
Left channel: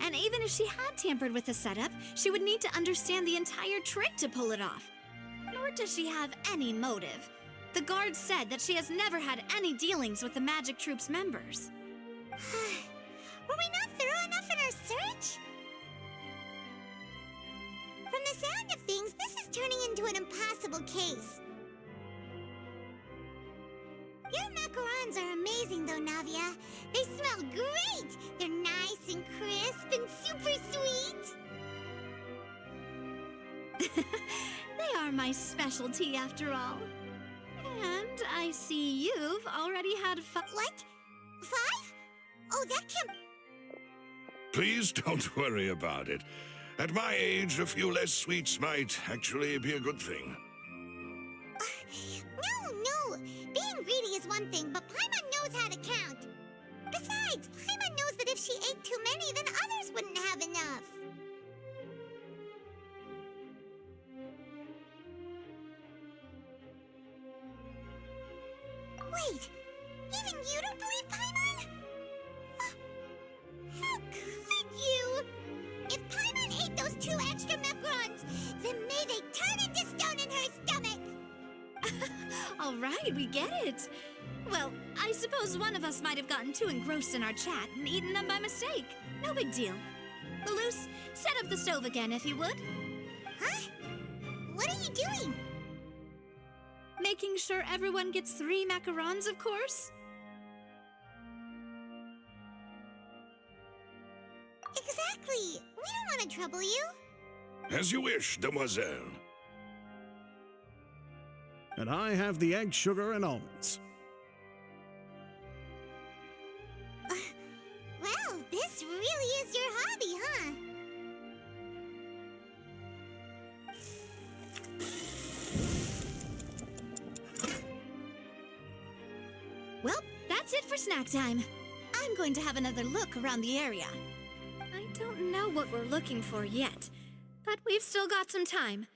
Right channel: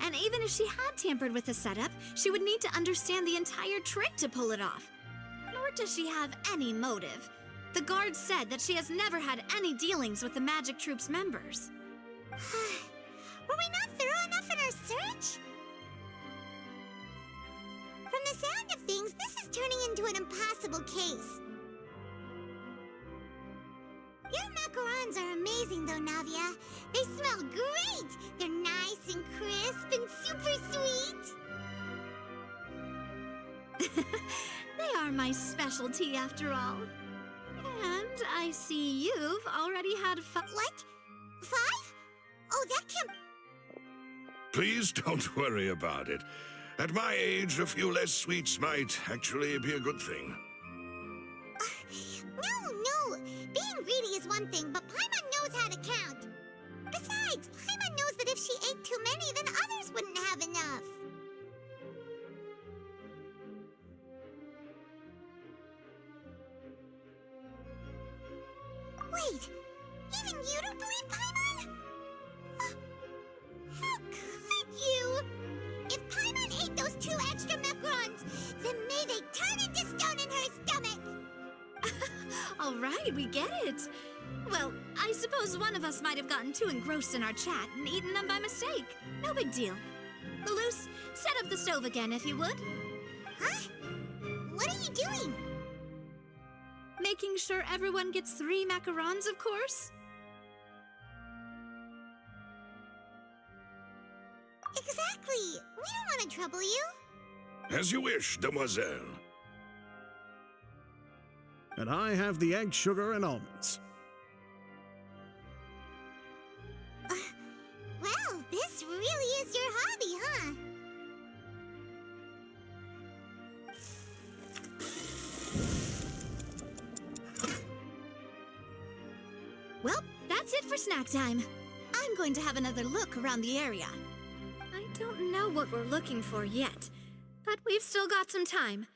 And even if she had tampered with the setup, she would need to understand the entire trick to pull it off. Nor does she have any motive. The guard said that she has never had any dealings with the Magic Troop's members. Were we not thorough enough in our search? From the sound of things, this is turning into an impossible case. Your macarons are amazing, though, Navia. They smell great! They're nice and crisp and super sweet! They are my specialty, after all. And I see you've already had What? 5? Oh, that can't... Please don't worry about it. At my age, a few less sweets might actually be a good thing. No. Being Being greedy is one thing, but Paimon knows how to count. Besides, Paimon knows that if she ate too many, then others wouldn't have enough. Wait, even you don't believe Paimon? How could you? If Paimon ate those 2 extra macarons, then may they turn into stone in her stomach! All right, we get it. Well, I suppose one of us might have gotten too engrossed in our chat and eaten them by mistake. No big deal. Malus, set up the stove again if you would. Huh? What are you doing? Making sure everyone gets 3 macarons, of course. Exactly. We don't want to trouble you. As you wish, demoiselle. And I have the egg, sugar, and almonds. Well, this really is your hobby, huh? Well, that's it for snack time. I'm going to have another look around the area. I don't know what we're looking for yet, but we've still got some time.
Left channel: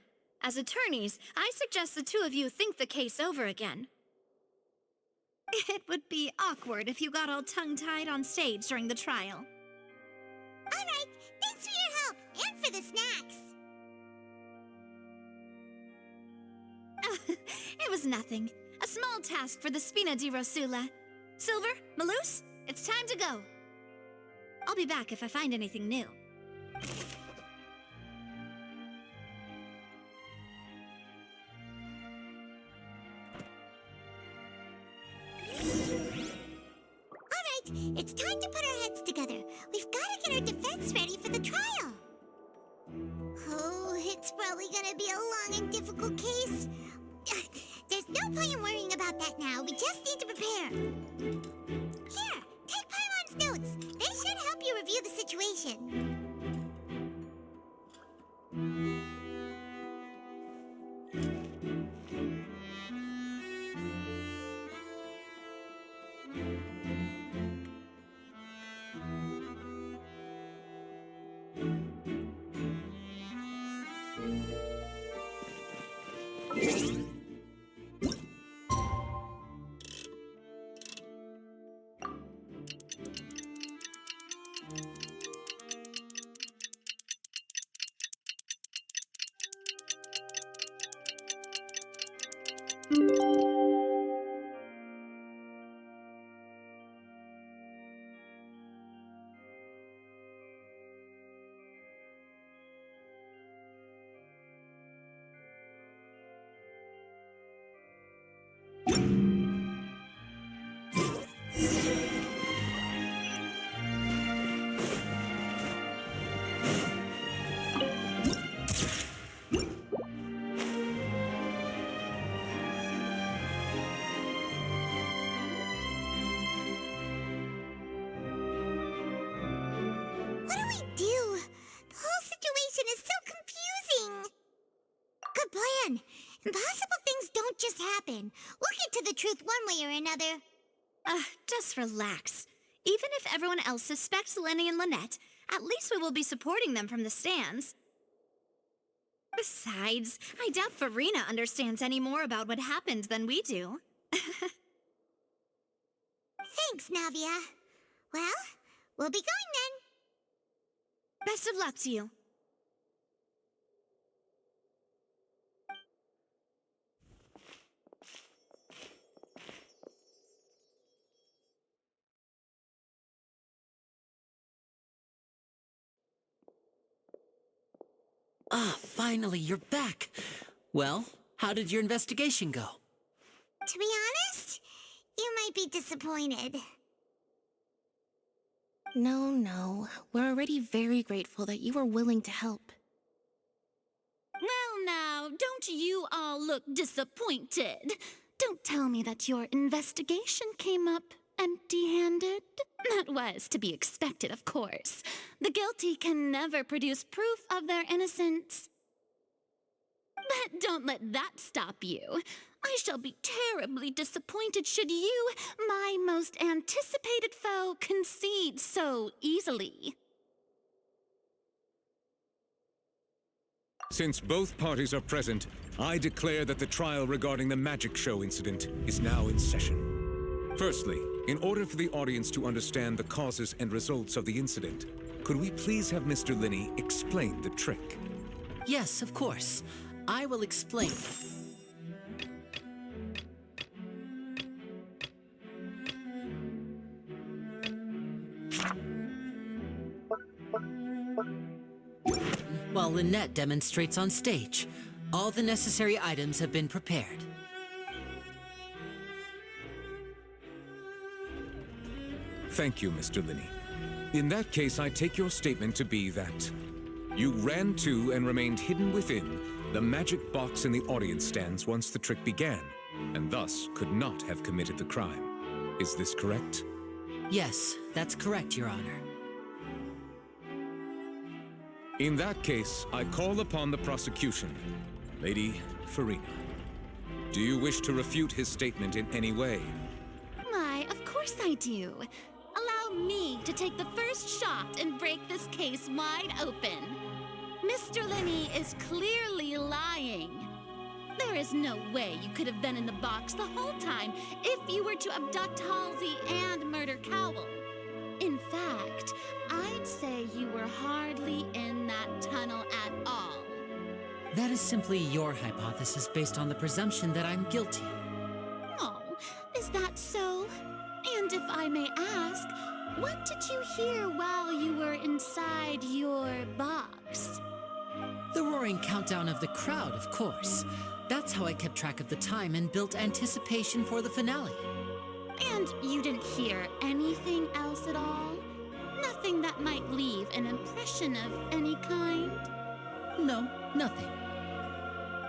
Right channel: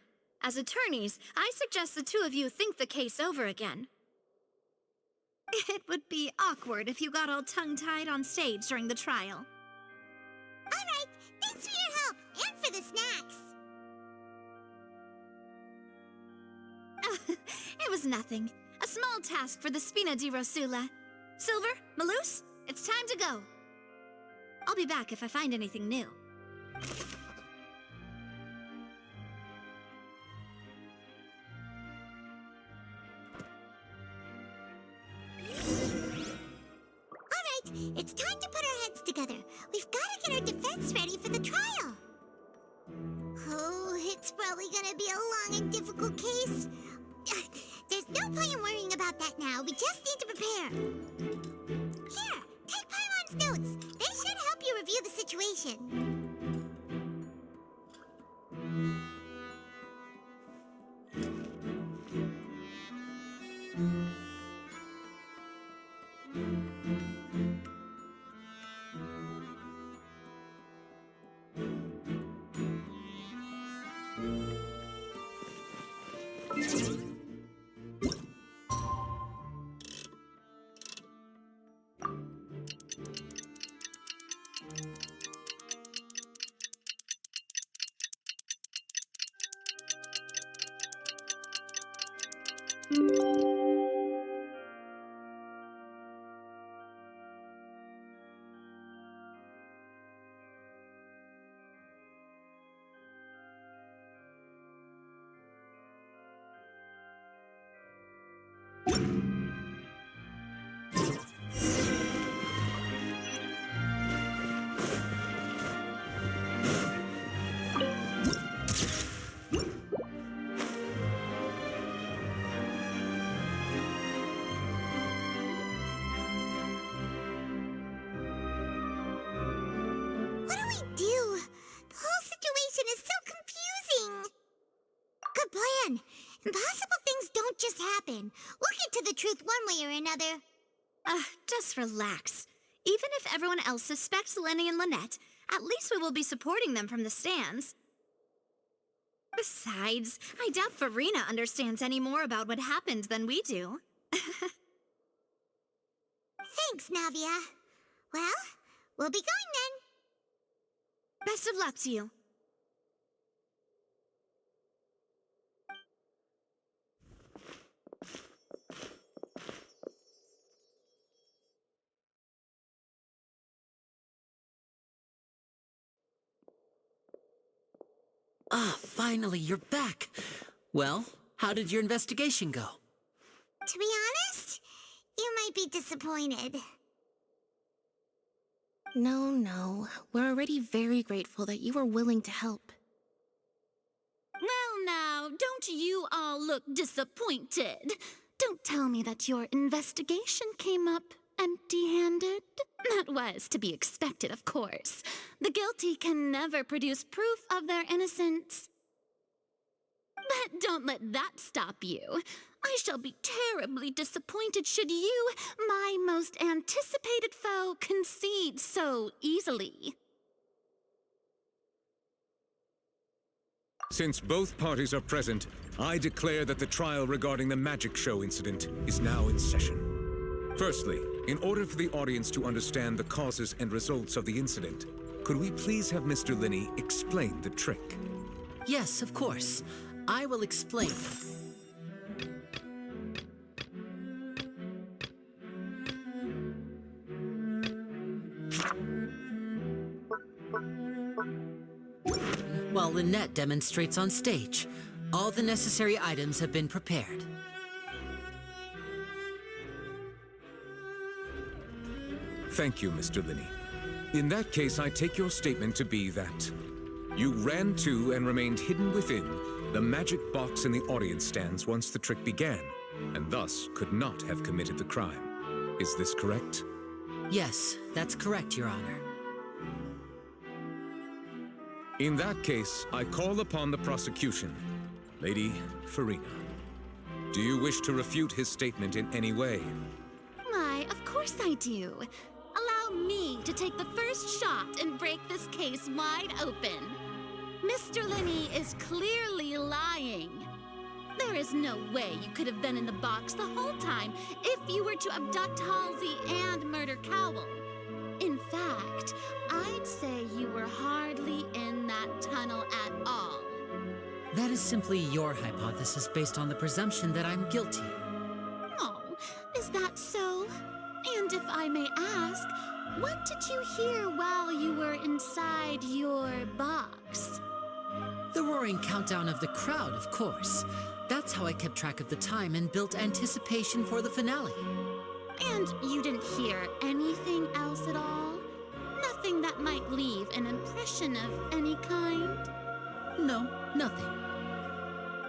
As attorneys, I suggest the 2 of you think the case over again. It would be awkward if you got all tongue-tied on stage during the trial. All right, thanks for your help and for the snacks. It was nothing. A small task for the Spina di Rosula. Silver, Malus, it's time to go. I'll be back if I find anything new. It's time to put our heads together. We've got to get our defense ready for the trial. Oh, it's probably gonna be a long and difficult case. There's no point in worrying about that now. We just need to prepare. Here, take Paimon's notes. They should help you review the situation. Impossible things don't just happen. We'll get to the truth one way or another. Just relax. Even if everyone else suspects Lenny and Lynette, at least we will be supporting them from the stands. Besides, I doubt Farina understands any more about what happened than we do. Thanks, Navia. Well, we'll be going then. Best of luck to you. Ah, finally, you're back. Well, how did your investigation go? To be honest, you might be disappointed. No. We're already very grateful that you were willing to help. Well, now, don't you all look disappointed. Don't tell me that your investigation came up empty-handed. That was to be expected, of course. The guilty can never produce proof of their innocence. But don't let that stop you. I shall be terribly disappointed should you, my most anticipated foe, concede so easily. Since both parties are present, I declare that the trial regarding the magic show incident is now in session. Firstly, in order for the audience to understand the causes and results of the incident, could we please have Mr. Linney explain the trick? Yes, of course. I will explain. While Lynette demonstrates on stage, all the necessary items have been prepared. Thank you, Mr. Linney. In that case, I take your statement to be that you ran to and remained hidden within the magic box in the audience stands once the trick began, and thus could not have committed the crime. Is this correct? Yes, that's correct, Your Honor. In that case, I call upon the prosecution. Lady Farina, do you wish to refute his statement in any way? Why, of course I do. Allow me to take the first shot and break this case wide open. Mr. Linney is clearly lying. There is no way you could have been in the box the whole time if you were to abduct Halsey and murder Cowell. In fact, I'd say you were hardly in that tunnel at all. That is simply your hypothesis based on the presumption that I'm guilty. Oh, is that so? And if I may ask, what did you hear while you were inside your box? The roaring countdown of the crowd, of course. That's how I kept track of the time and built anticipation for the finale. And you didn't hear anything else at all? Nothing that might leave an impression of any kind? No, nothing.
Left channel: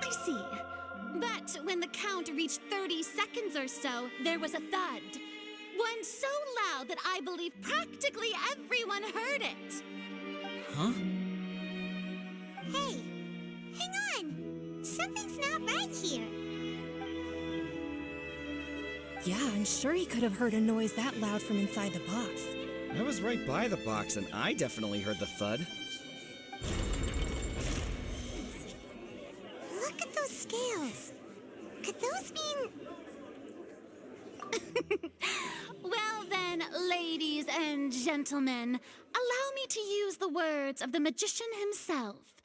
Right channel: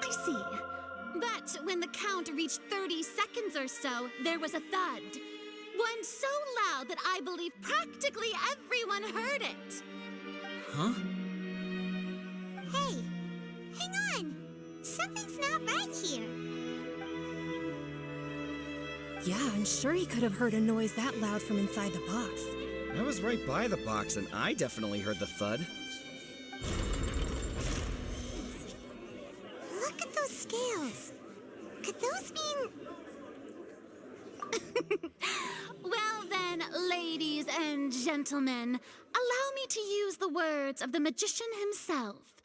I see. But when the count reached 30 seconds or so, there was a thud. One so loud that I believe practically everyone heard it. Huh? Hey, hang on. Something's not right here. Yeah, I'm sure he could have heard a noise that loud from inside the box. I was right by the box, and I definitely heard the thud. Look at those scales. Could those mean... Well then, ladies and gentlemen, allow me to use the words of the magician himself.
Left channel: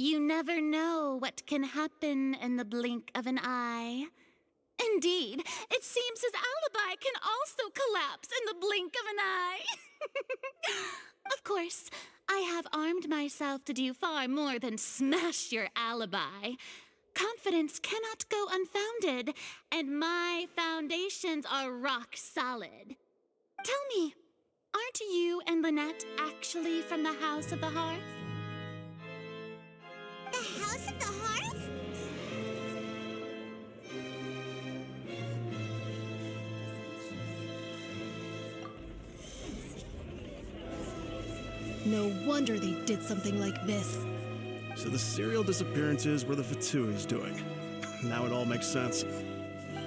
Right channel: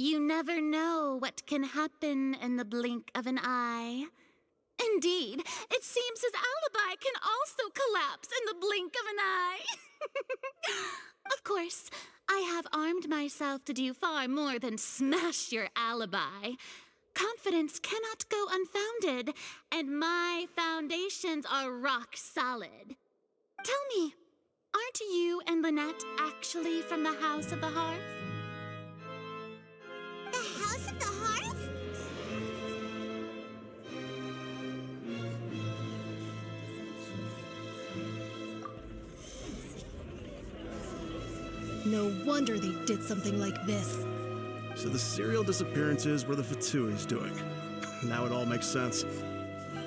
You never know what can happen in the blink of an eye. Indeed, it seems his alibi can also collapse in the blink of an eye. Of course, I have armed myself to do far more than smash your alibi. Confidence cannot go unfounded, and my foundations are rock solid. Tell me, aren't you and Lynette actually from the House of the Hearth? The House of the Hearth? No wonder they did something like this. So the serial disappearances were the Fatui's doing. Now it all makes sense.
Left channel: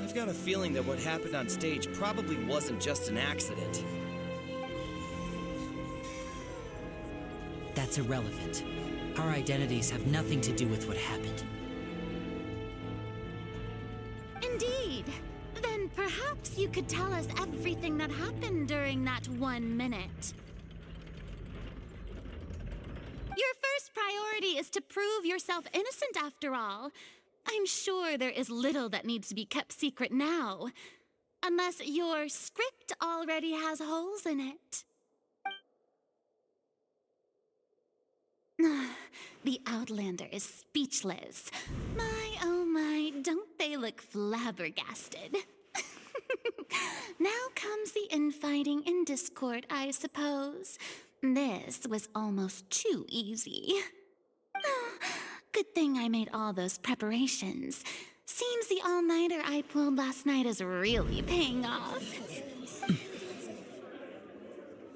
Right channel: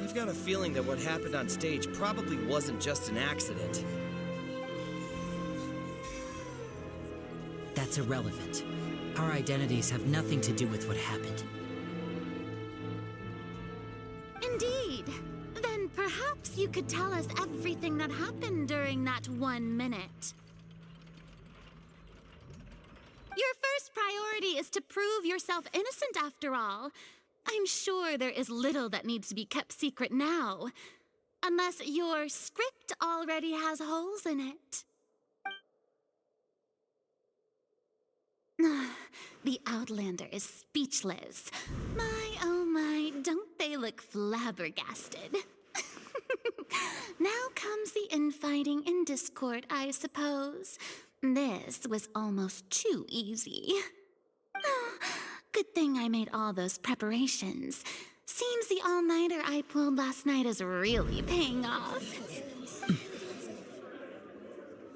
I've got a feeling that what happened on stage probably wasn't just an accident. That's irrelevant. Our identities have nothing to do with what happened. Indeed. Then perhaps you could tell us everything that happened during that 1 minute. Your first priority is to prove yourself innocent, after all. I'm sure there is little that needs to be kept secret now. Unless your script already has holes in it. The Outlander is speechless. My, oh my, don't they look flabbergasted? Now comes the infighting and discord, I suppose. This was almost too easy. Good thing I made all those preparations. Seems the all-nighter I pulled last night is really paying off.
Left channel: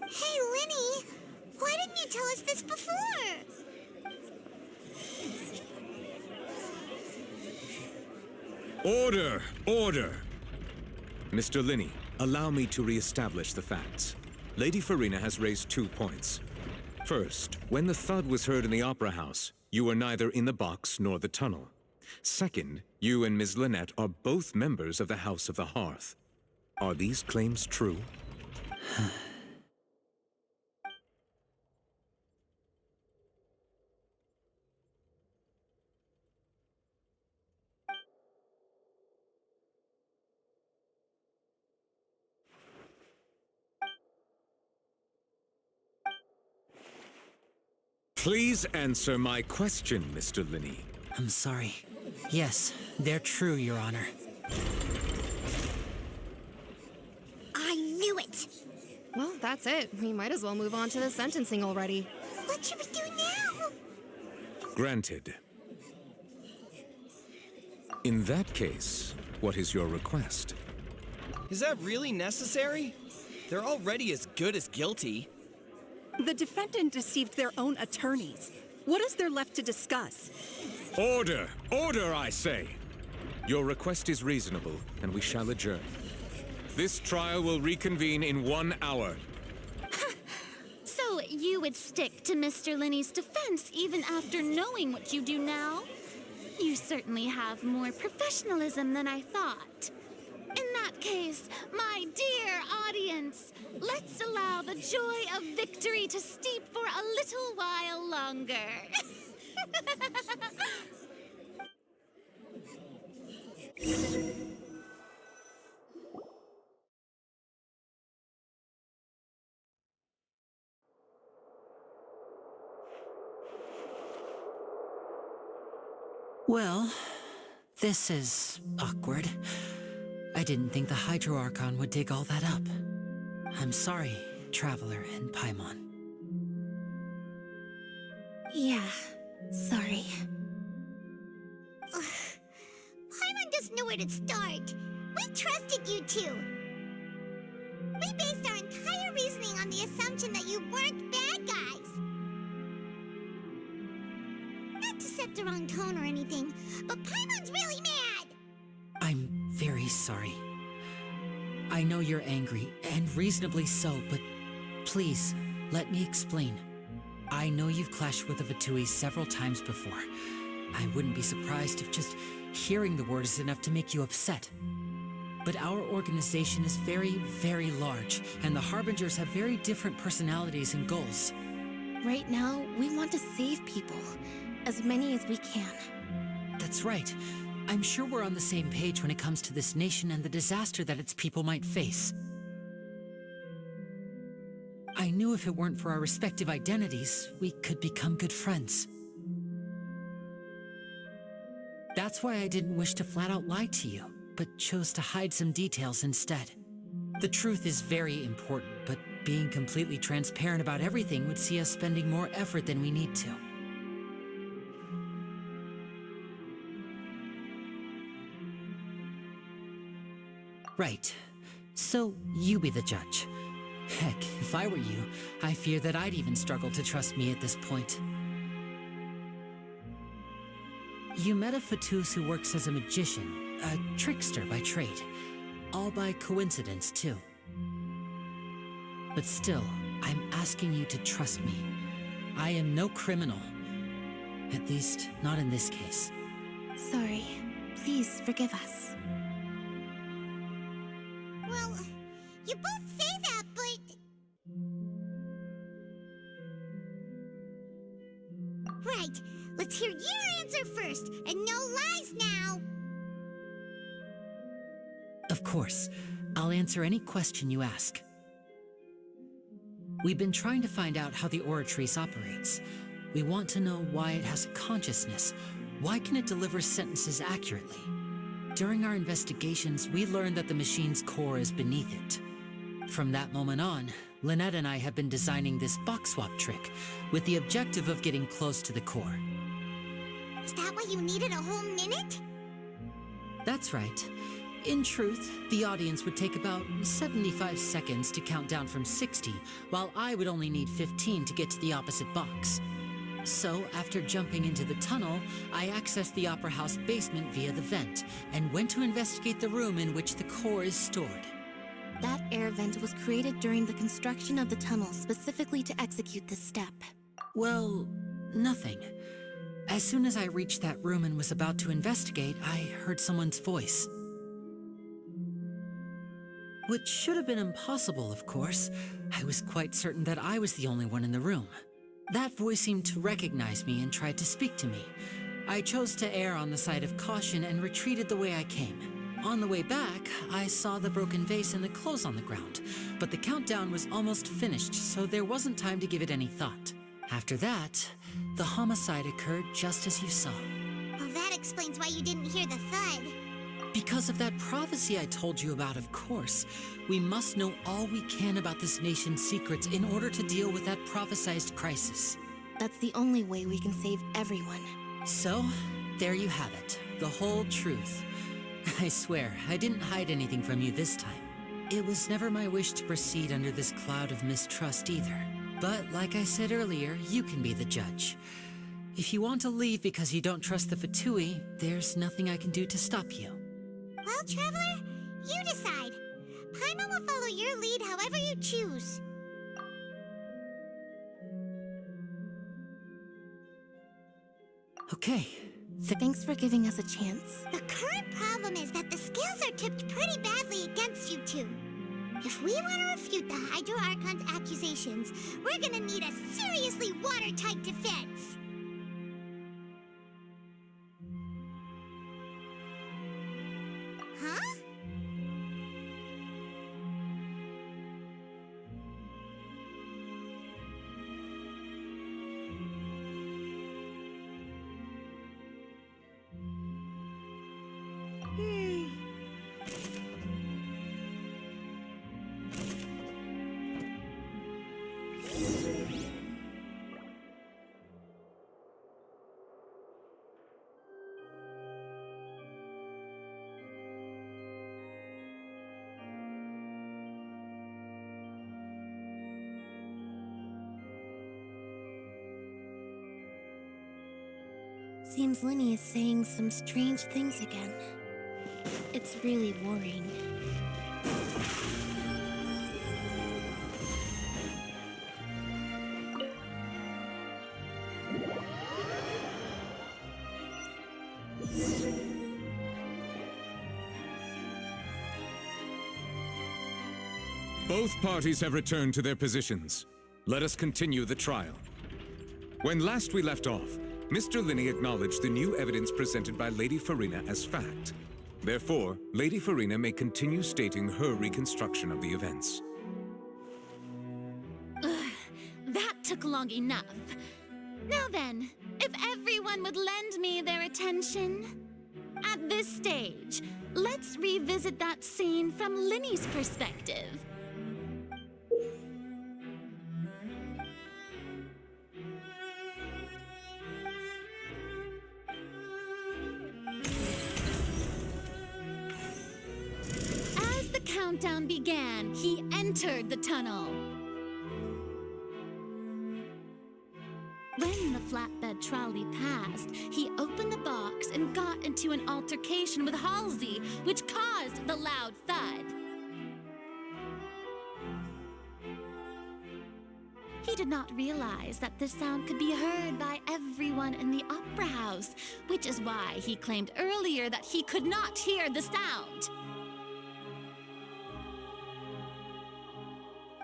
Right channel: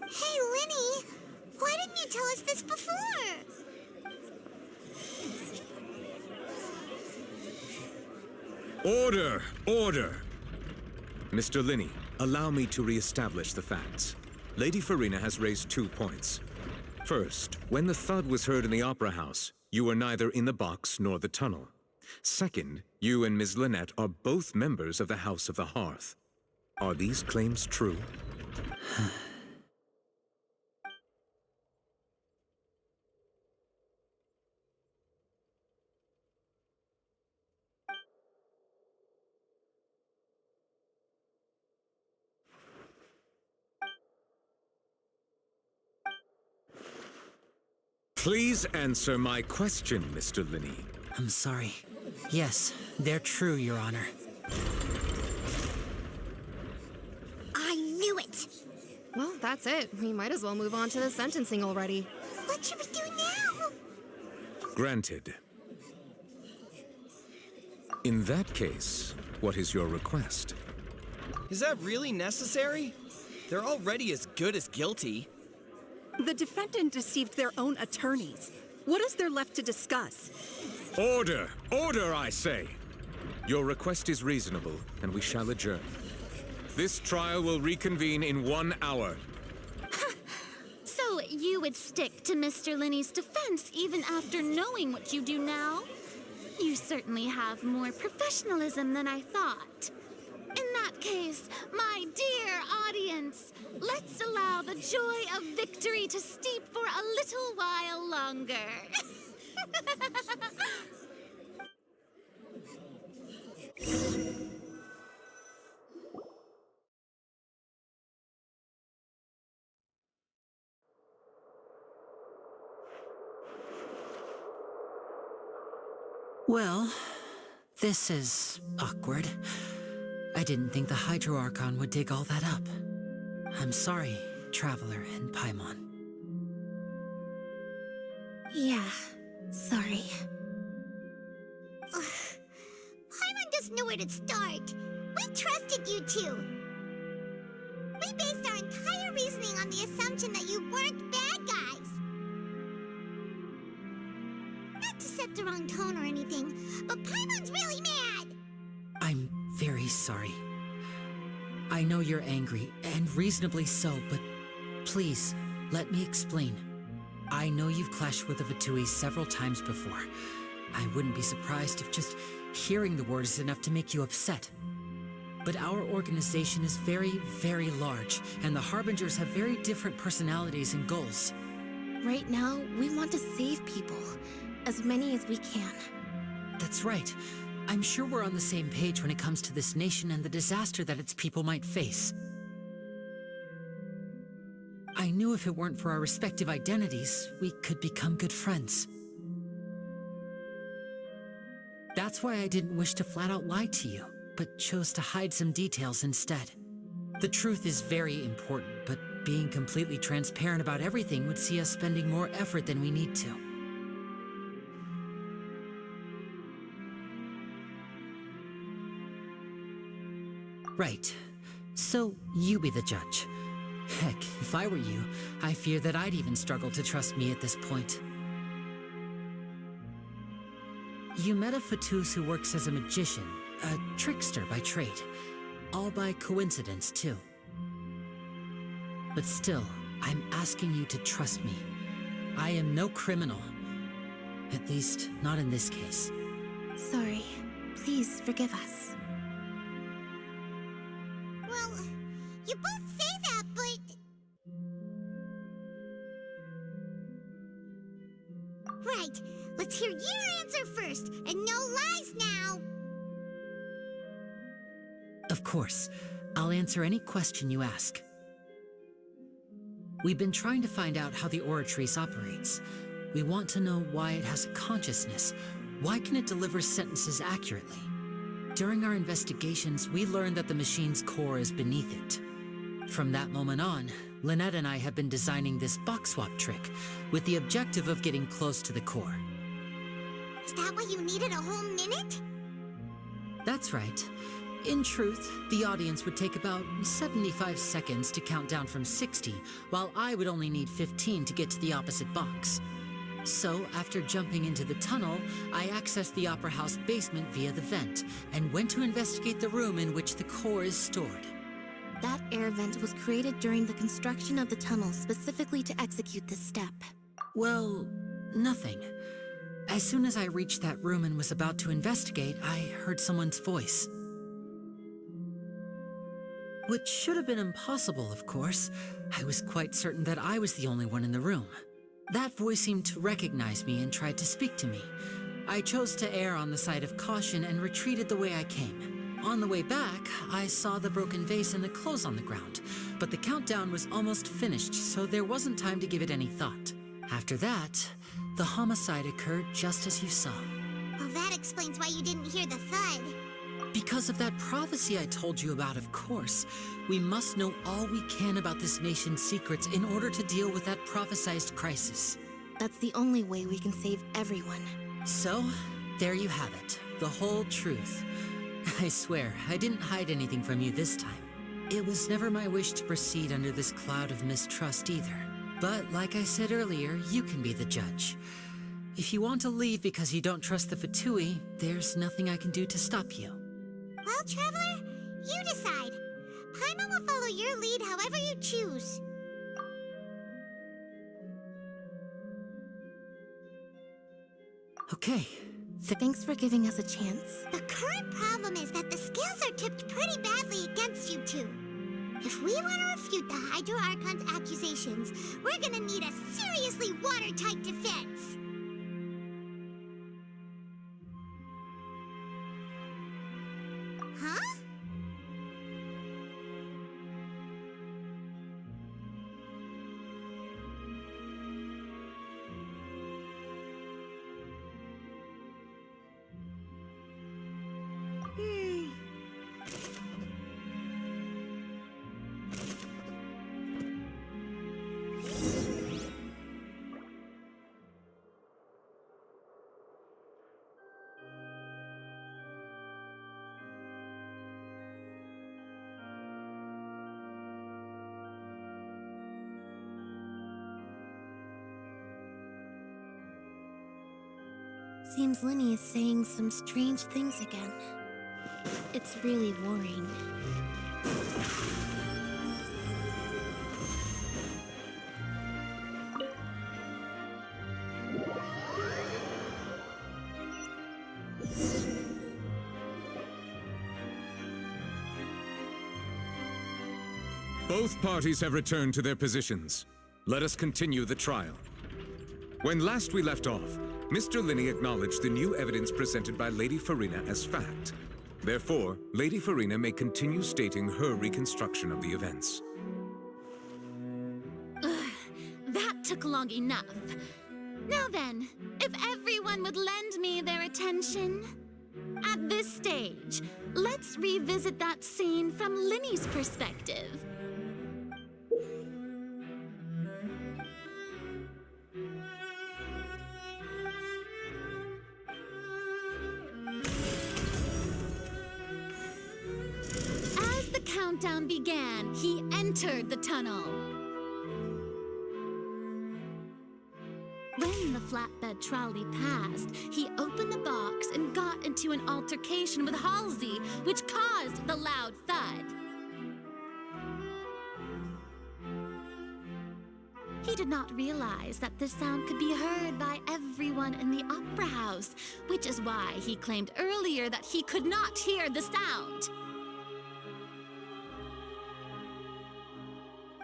Hey, Linny! Why didn't you tell us this before? Order! Order! Mr. Linney, allow me to re-establish the facts. Lady Farina has raised 2 points. First, when the thud was heard in the Opera House, you were neither in the box nor the tunnel. Second, you and Ms. Lynette are both members of the House of the Hearth. Are these claims true? Please answer my question, Mr. Linney. I'm sorry. Yes, they're true, Your Honor. I knew it! Well, that's it. We might as well move on to the sentencing already. What should we do now? Granted. In that case, what is your request? Is that really necessary? They're already as good as guilty. The defendant deceived their own attorneys. What is there left to discuss? Order! Order, I say! Your request is reasonable, and we shall adjourn. This trial will reconvene in 1 hour. So you would stick to Mr. Linney's defense even after knowing what you do now? You certainly have more professionalism than I thought. In that case, my dear audience, let's allow the joy of victory to steep for a little while longer. Well, this is awkward. I didn't think the Hydro Archon would dig all that up. I'm sorry, Traveler and Paimon. Yeah, sorry. Paimon doesn't know where to start. We trusted you two. We based our entire reasoning on the assumption that you weren't bad guys. Not to set the wrong tone or anything, but Paimon's really mad! I'm very sorry. I know you're angry, and reasonably so, but please, let me explain. I know you've clashed with the Fatui several times before. I wouldn't be surprised if just hearing the word is enough to make you upset. But our organization is very, very large, and the Harbingers have very different personalities and goals. Right now, we want to save people. As many as we can. That's right. I'm sure we're on the same page when it comes to this nation and the disaster that its people might face. I knew if it weren't for our respective identities, we could become good friends. That's why I didn't wish to flat out lie to you, but chose to hide some details instead. The truth is very important, but being completely transparent about everything would see us spending more effort than we need to. Right. So, you be the judge. Heck, if I were you, I fear that I'd even struggle to trust me at this point. You met a Fatus who works as a magician, a trickster by trade. All by coincidence, too. But still, I'm asking you to trust me. I am no criminal. At least, not in this case. Sorry. Please forgive us. Well, you both say that, but... Right, let's hear your answer first, and no lies now! Of course. I'll answer any question you ask. We've been trying to find out how the Oratrice operates. We want to know why it has a consciousness. Why can it deliver sentences accurately? During our investigations, we learned that the machine's core is beneath it. From that moment on, Lynette and I have been designing this box swap trick with the objective of getting close to the core. Is that why you needed a whole minute? That's right. In truth, the audience would take about 75 seconds to count down from 60, while I would only need 15 to get to the opposite box. So, after jumping into the tunnel, I accessed the Opera House basement via the vent and went to investigate the room in which the core is stored. That air vent was created during the construction of the tunnel specifically to execute this step. Well, nothing. As soon as I reached that room and was about to investigate, I heard someone's voice. Which should have been impossible, of course. I was quite certain that I was the only one in the room. That voice seemed to recognize me and tried to speak to me. I chose to err on the side of caution and retreated the way I came. On the way back, I saw the broken vase and the clothes on the ground, but the countdown was almost finished, so there wasn't time to give it any thought. After that, the homicide occurred just as you saw. Well, that explains why you didn't hear the thud. Because of that prophecy I told you about, of course. We must know all we can about this nation's secrets in order to deal with that prophesized crisis. That's the only way we can save everyone. So, there you have it. The whole truth. I swear, I didn't hide anything from you this time. It was never my wish to proceed under this cloud of mistrust either. But like I said earlier, you can be the judge. If you want to leave because you don't trust the Fatui, there's nothing I can do to stop you. Well, Traveler, you decide. Paimon will follow your lead however you choose. Okay. Thanks for giving us a chance. The current problem is that the scales are tipped pretty badly against you two. If we want to refute the Hydro Archon's accusations, we're gonna need a seriously watertight defense. Huh? Seems Linny is saying some strange things again. It's really worrying. Both parties have returned to their positions. Let us continue the trial. When last we left off, Mr. Linney acknowledged the new evidence presented by Lady Farina as fact. Therefore, Lady Farina may continue stating her reconstruction of the events. That took long enough. Now then, if everyone would lend me their attention. At this stage, let's revisit that scene from Linny's perspective. As the countdown began, he entered the tunnel. When the flatbed trolley passed, he opened the box and got into an altercation with Halsey, which caused the loud thud. He did not realize that this sound could be heard by everyone in the opera house, which is why he claimed earlier that he could not hear the sound.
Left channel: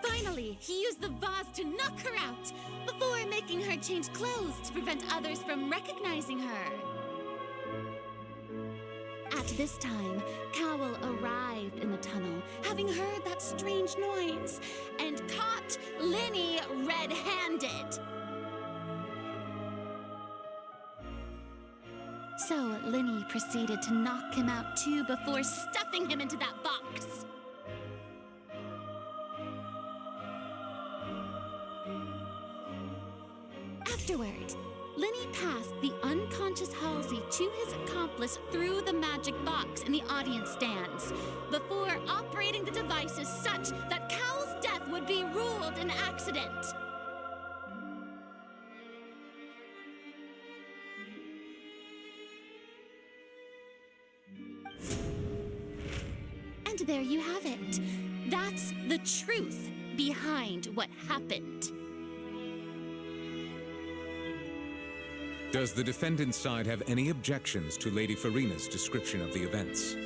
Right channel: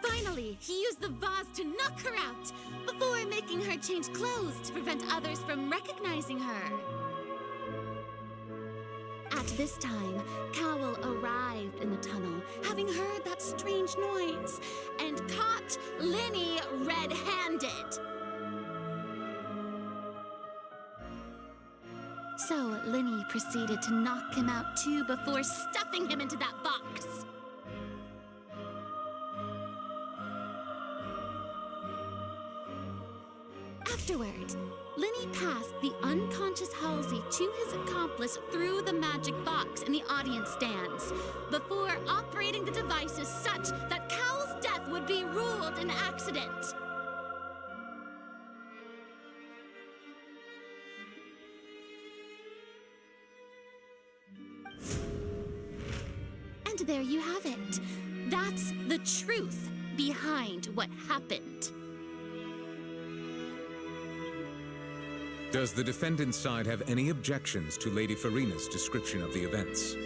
Finally, he used the vase to knock her out, before making her change clothes to prevent others from recognizing her. At this time, Cowell arrived in the tunnel, having heard that strange noise, and caught Linny red-handed. So Linny proceeded to knock him out too before stuffing him into that box. Afterward, Linny passed the unconscious Halsey to his accomplice through the magic box in the audience stands, before operating the devices such that Cowell's death would be ruled an accident. there you have it. That's the truth behind what happened. Does the defendant's side have any objections to Lady Farina's description of the events?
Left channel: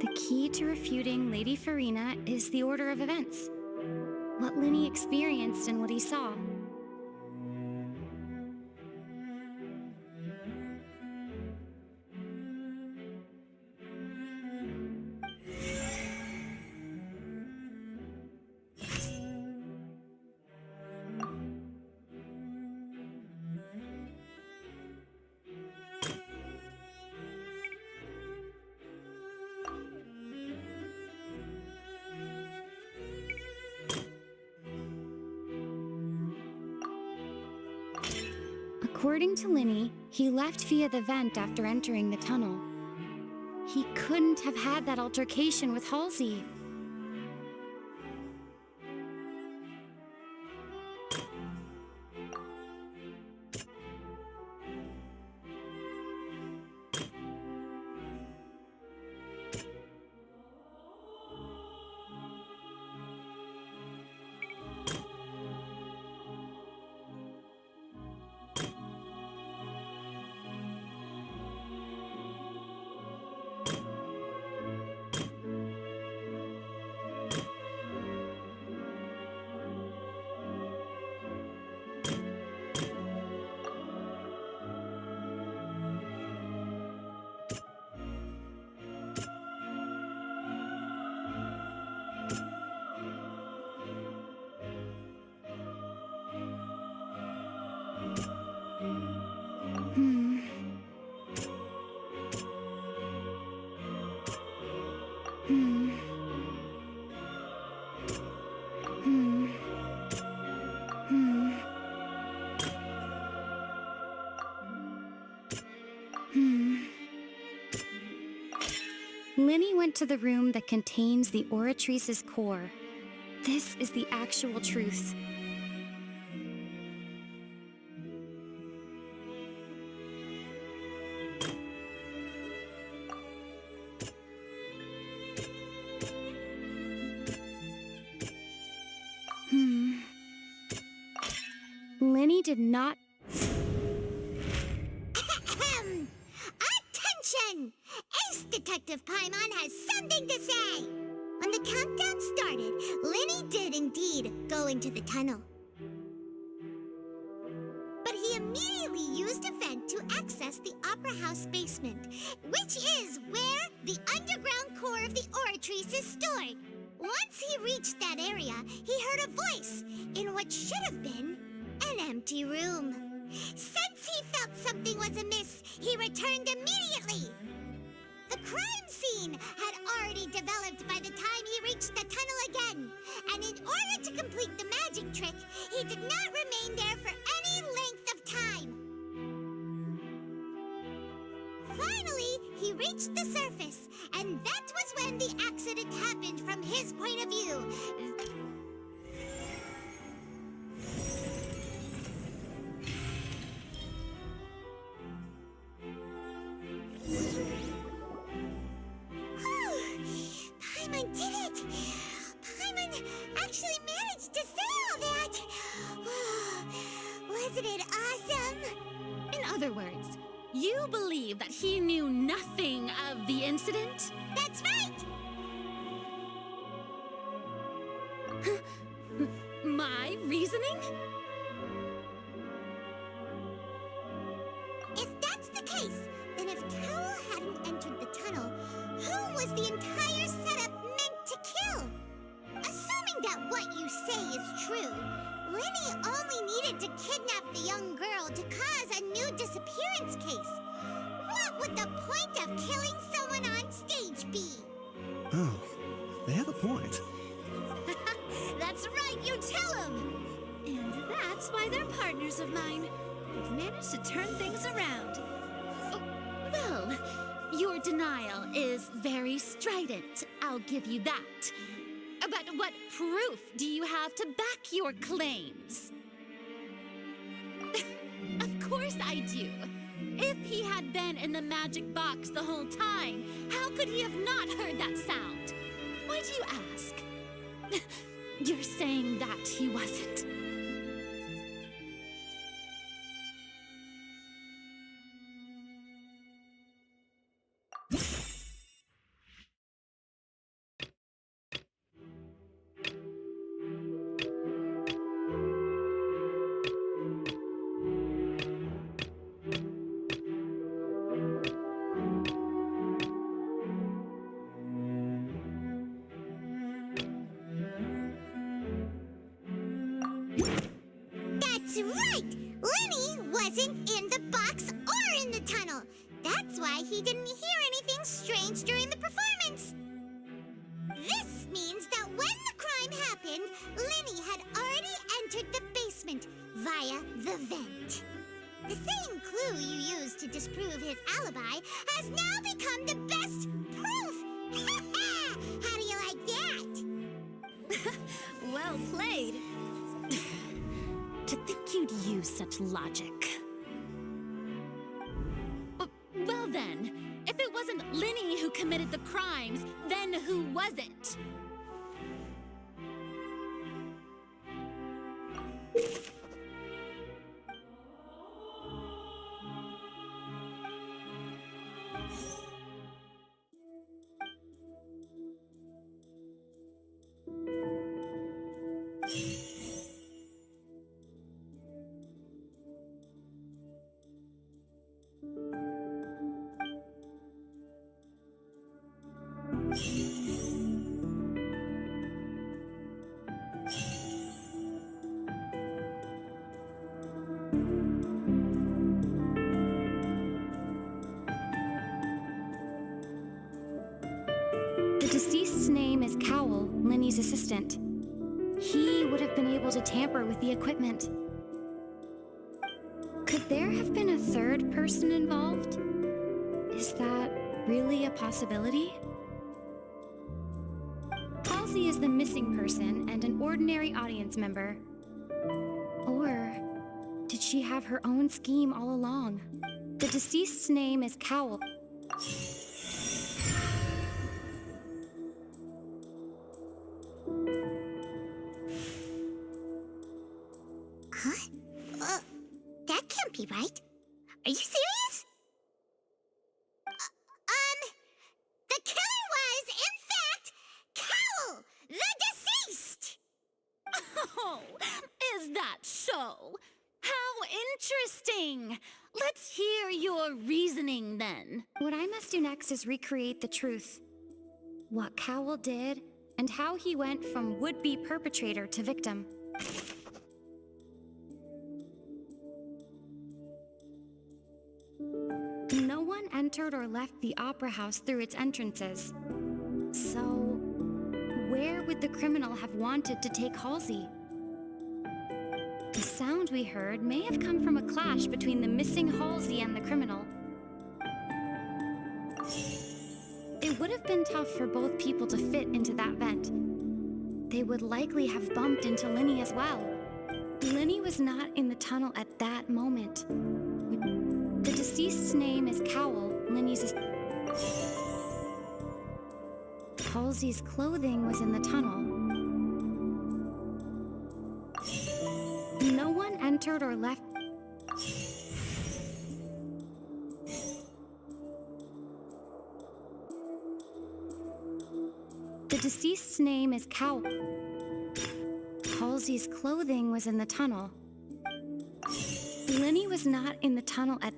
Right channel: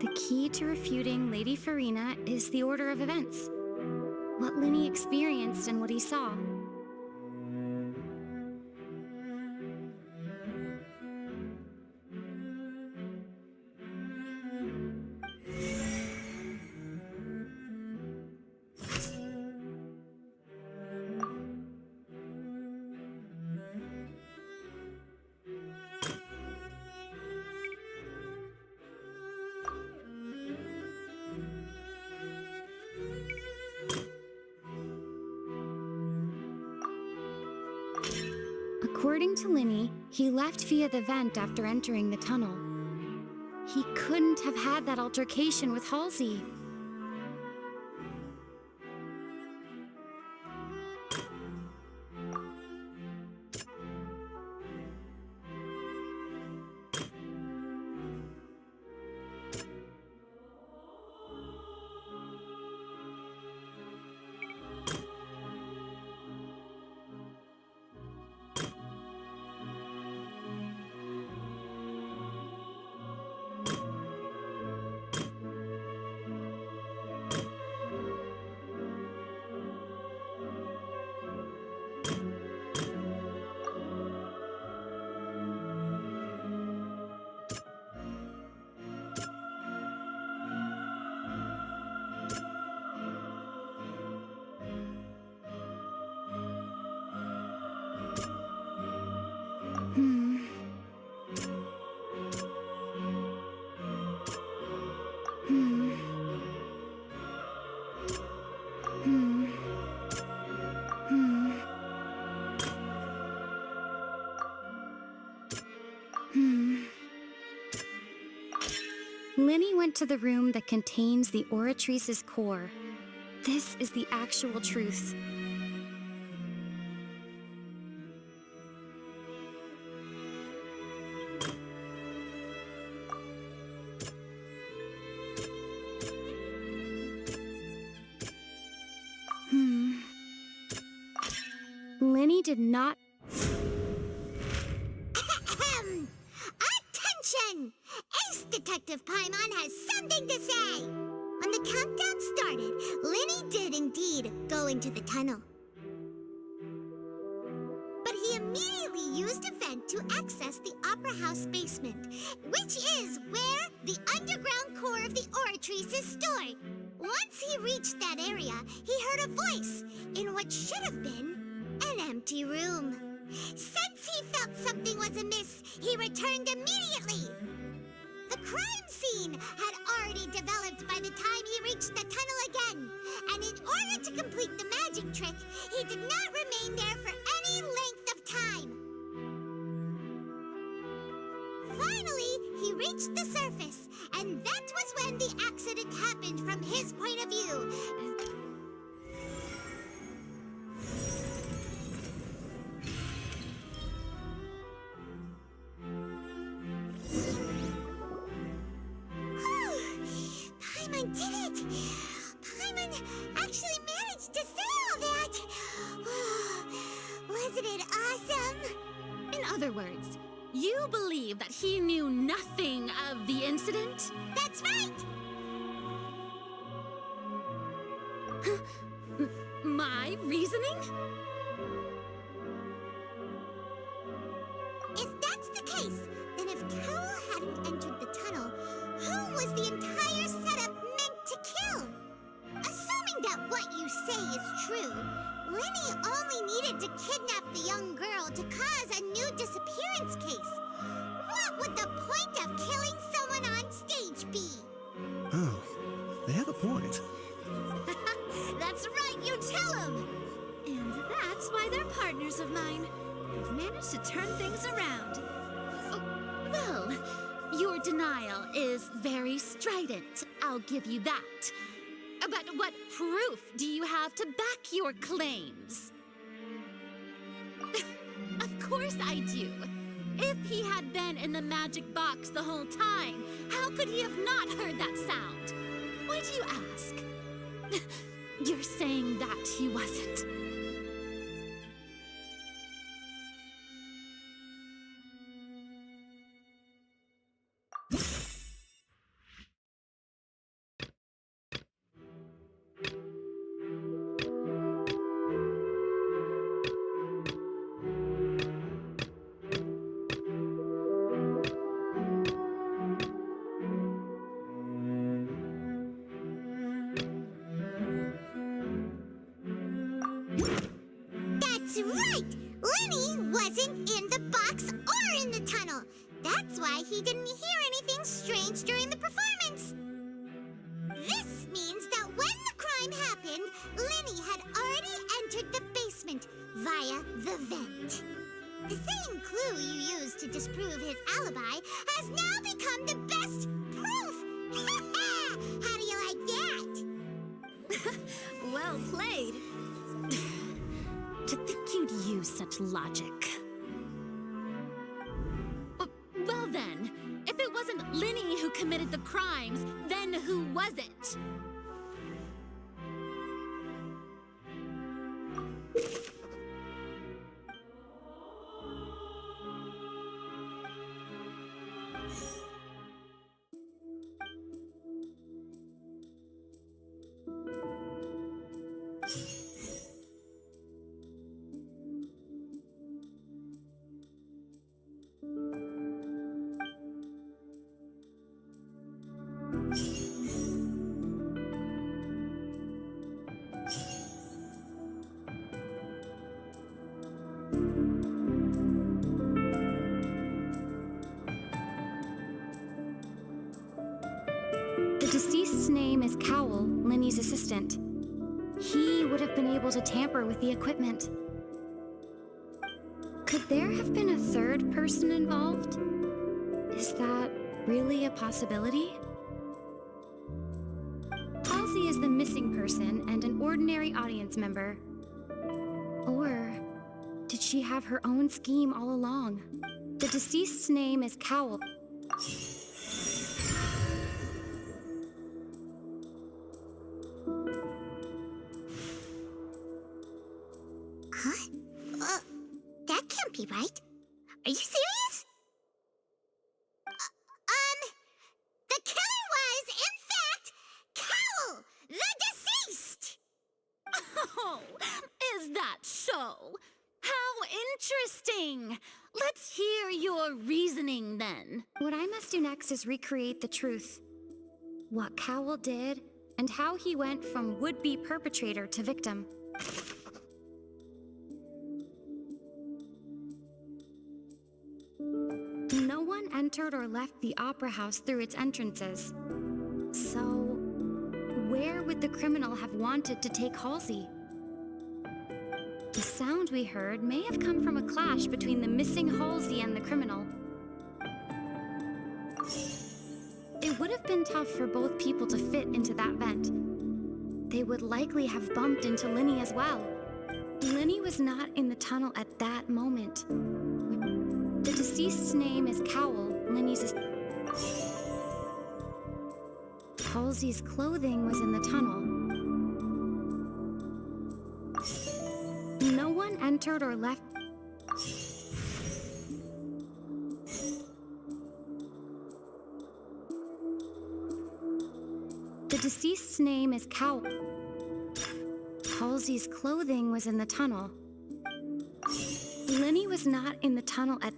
The key to refuting Lady Farina is the order of events. What Linny experienced and what he saw. According to Linny, he left via the vent after entering the tunnel. He couldn't have had that altercation with Halsey. Linny went to the room that contains the Oratrice's core. This is the actual truth. Linny did not... Attention! Ace Detective Paimon has something to say! When the countdown started, Linny did indeed go into the tunnel. But he immediately used a vent to access the Opera House basement, which is where the underground core of the Oratrice is stored. Once he reached that area, he heard a voice in what should have been an empty room. Since he felt something was amiss, he returned immediately. The crime scene had already developed by the time he reached the tunnel again, and in order to complete the magic trick, he did not remain there for any length of time. Finally, he reached the surface, and that was when the accident happened from his point of view. Paimon did it! Paimon actually managed to say all that! Wasn't it awesome? In other words, you believe that he knew nothing of the incident? That's right! My reasoning? If that's the case, then if Carol hadn't entered the tunnel, who was the entire setup meant to kill? Assuming that what you say is true, Linny only needed to kidnap the young girl to cause a new disappearance case. What would the point of killing someone on stage be? Oh, they have a point. That's right, you tell him! And that's why they're partners of mine. They've managed to turn things around. Oh, well, your denial is very strident, I'll give you that. But what proof do you have to back your claims? Of course I do. If he had been in the magic box the whole time, how could he have not heard that sound? Why do you ask? You're saying that he wasn't. That's right! Lenny wasn't in the box or in the tunnel. That's why he didn't hear anything strange during the performance. This means that when the crime happened, Lenny had already entered the basement via the vent. The same clue you used to disprove his alibi has now become the best proof! How do you like that? Well played. To think you'd use such logic. Well then, if it wasn't Lenny who committed the crimes, then who was it? The deceased's name is Cowell, Lenny's assistant. He would have been able to tamper with the equipment. Could there have been a third person involved? Is that really a possibility? Halsey is the missing person and an ordinary audience member. Or did she have her own scheme all along? The deceased's name is Cowell. Huh? That can't be right. Are you serious? The killer was, in fact, Cowell, the deceased! Oh, is that so? How interesting! Let's hear your reasoning then. What I must do next is recreate the truth. What Cowell did, and how he went from would-be perpetrator to victim. No one entered or left the opera house through its entrances. So, where would the criminal have wanted to take Halsey? The sound we heard may have come from a clash between the missing Halsey and the criminal. It would have been tough for both people to fit into that vent. They would likely have bumped into Lenny as well. Lenny was not in the tunnel at that moment. The deceased's name is Cowell, Lenny's Halsey's clothing was in the tunnel. No one entered or left. The deceased's name is Cowell. Halsey's clothing was in the tunnel. Lenny was not in the tunnel at...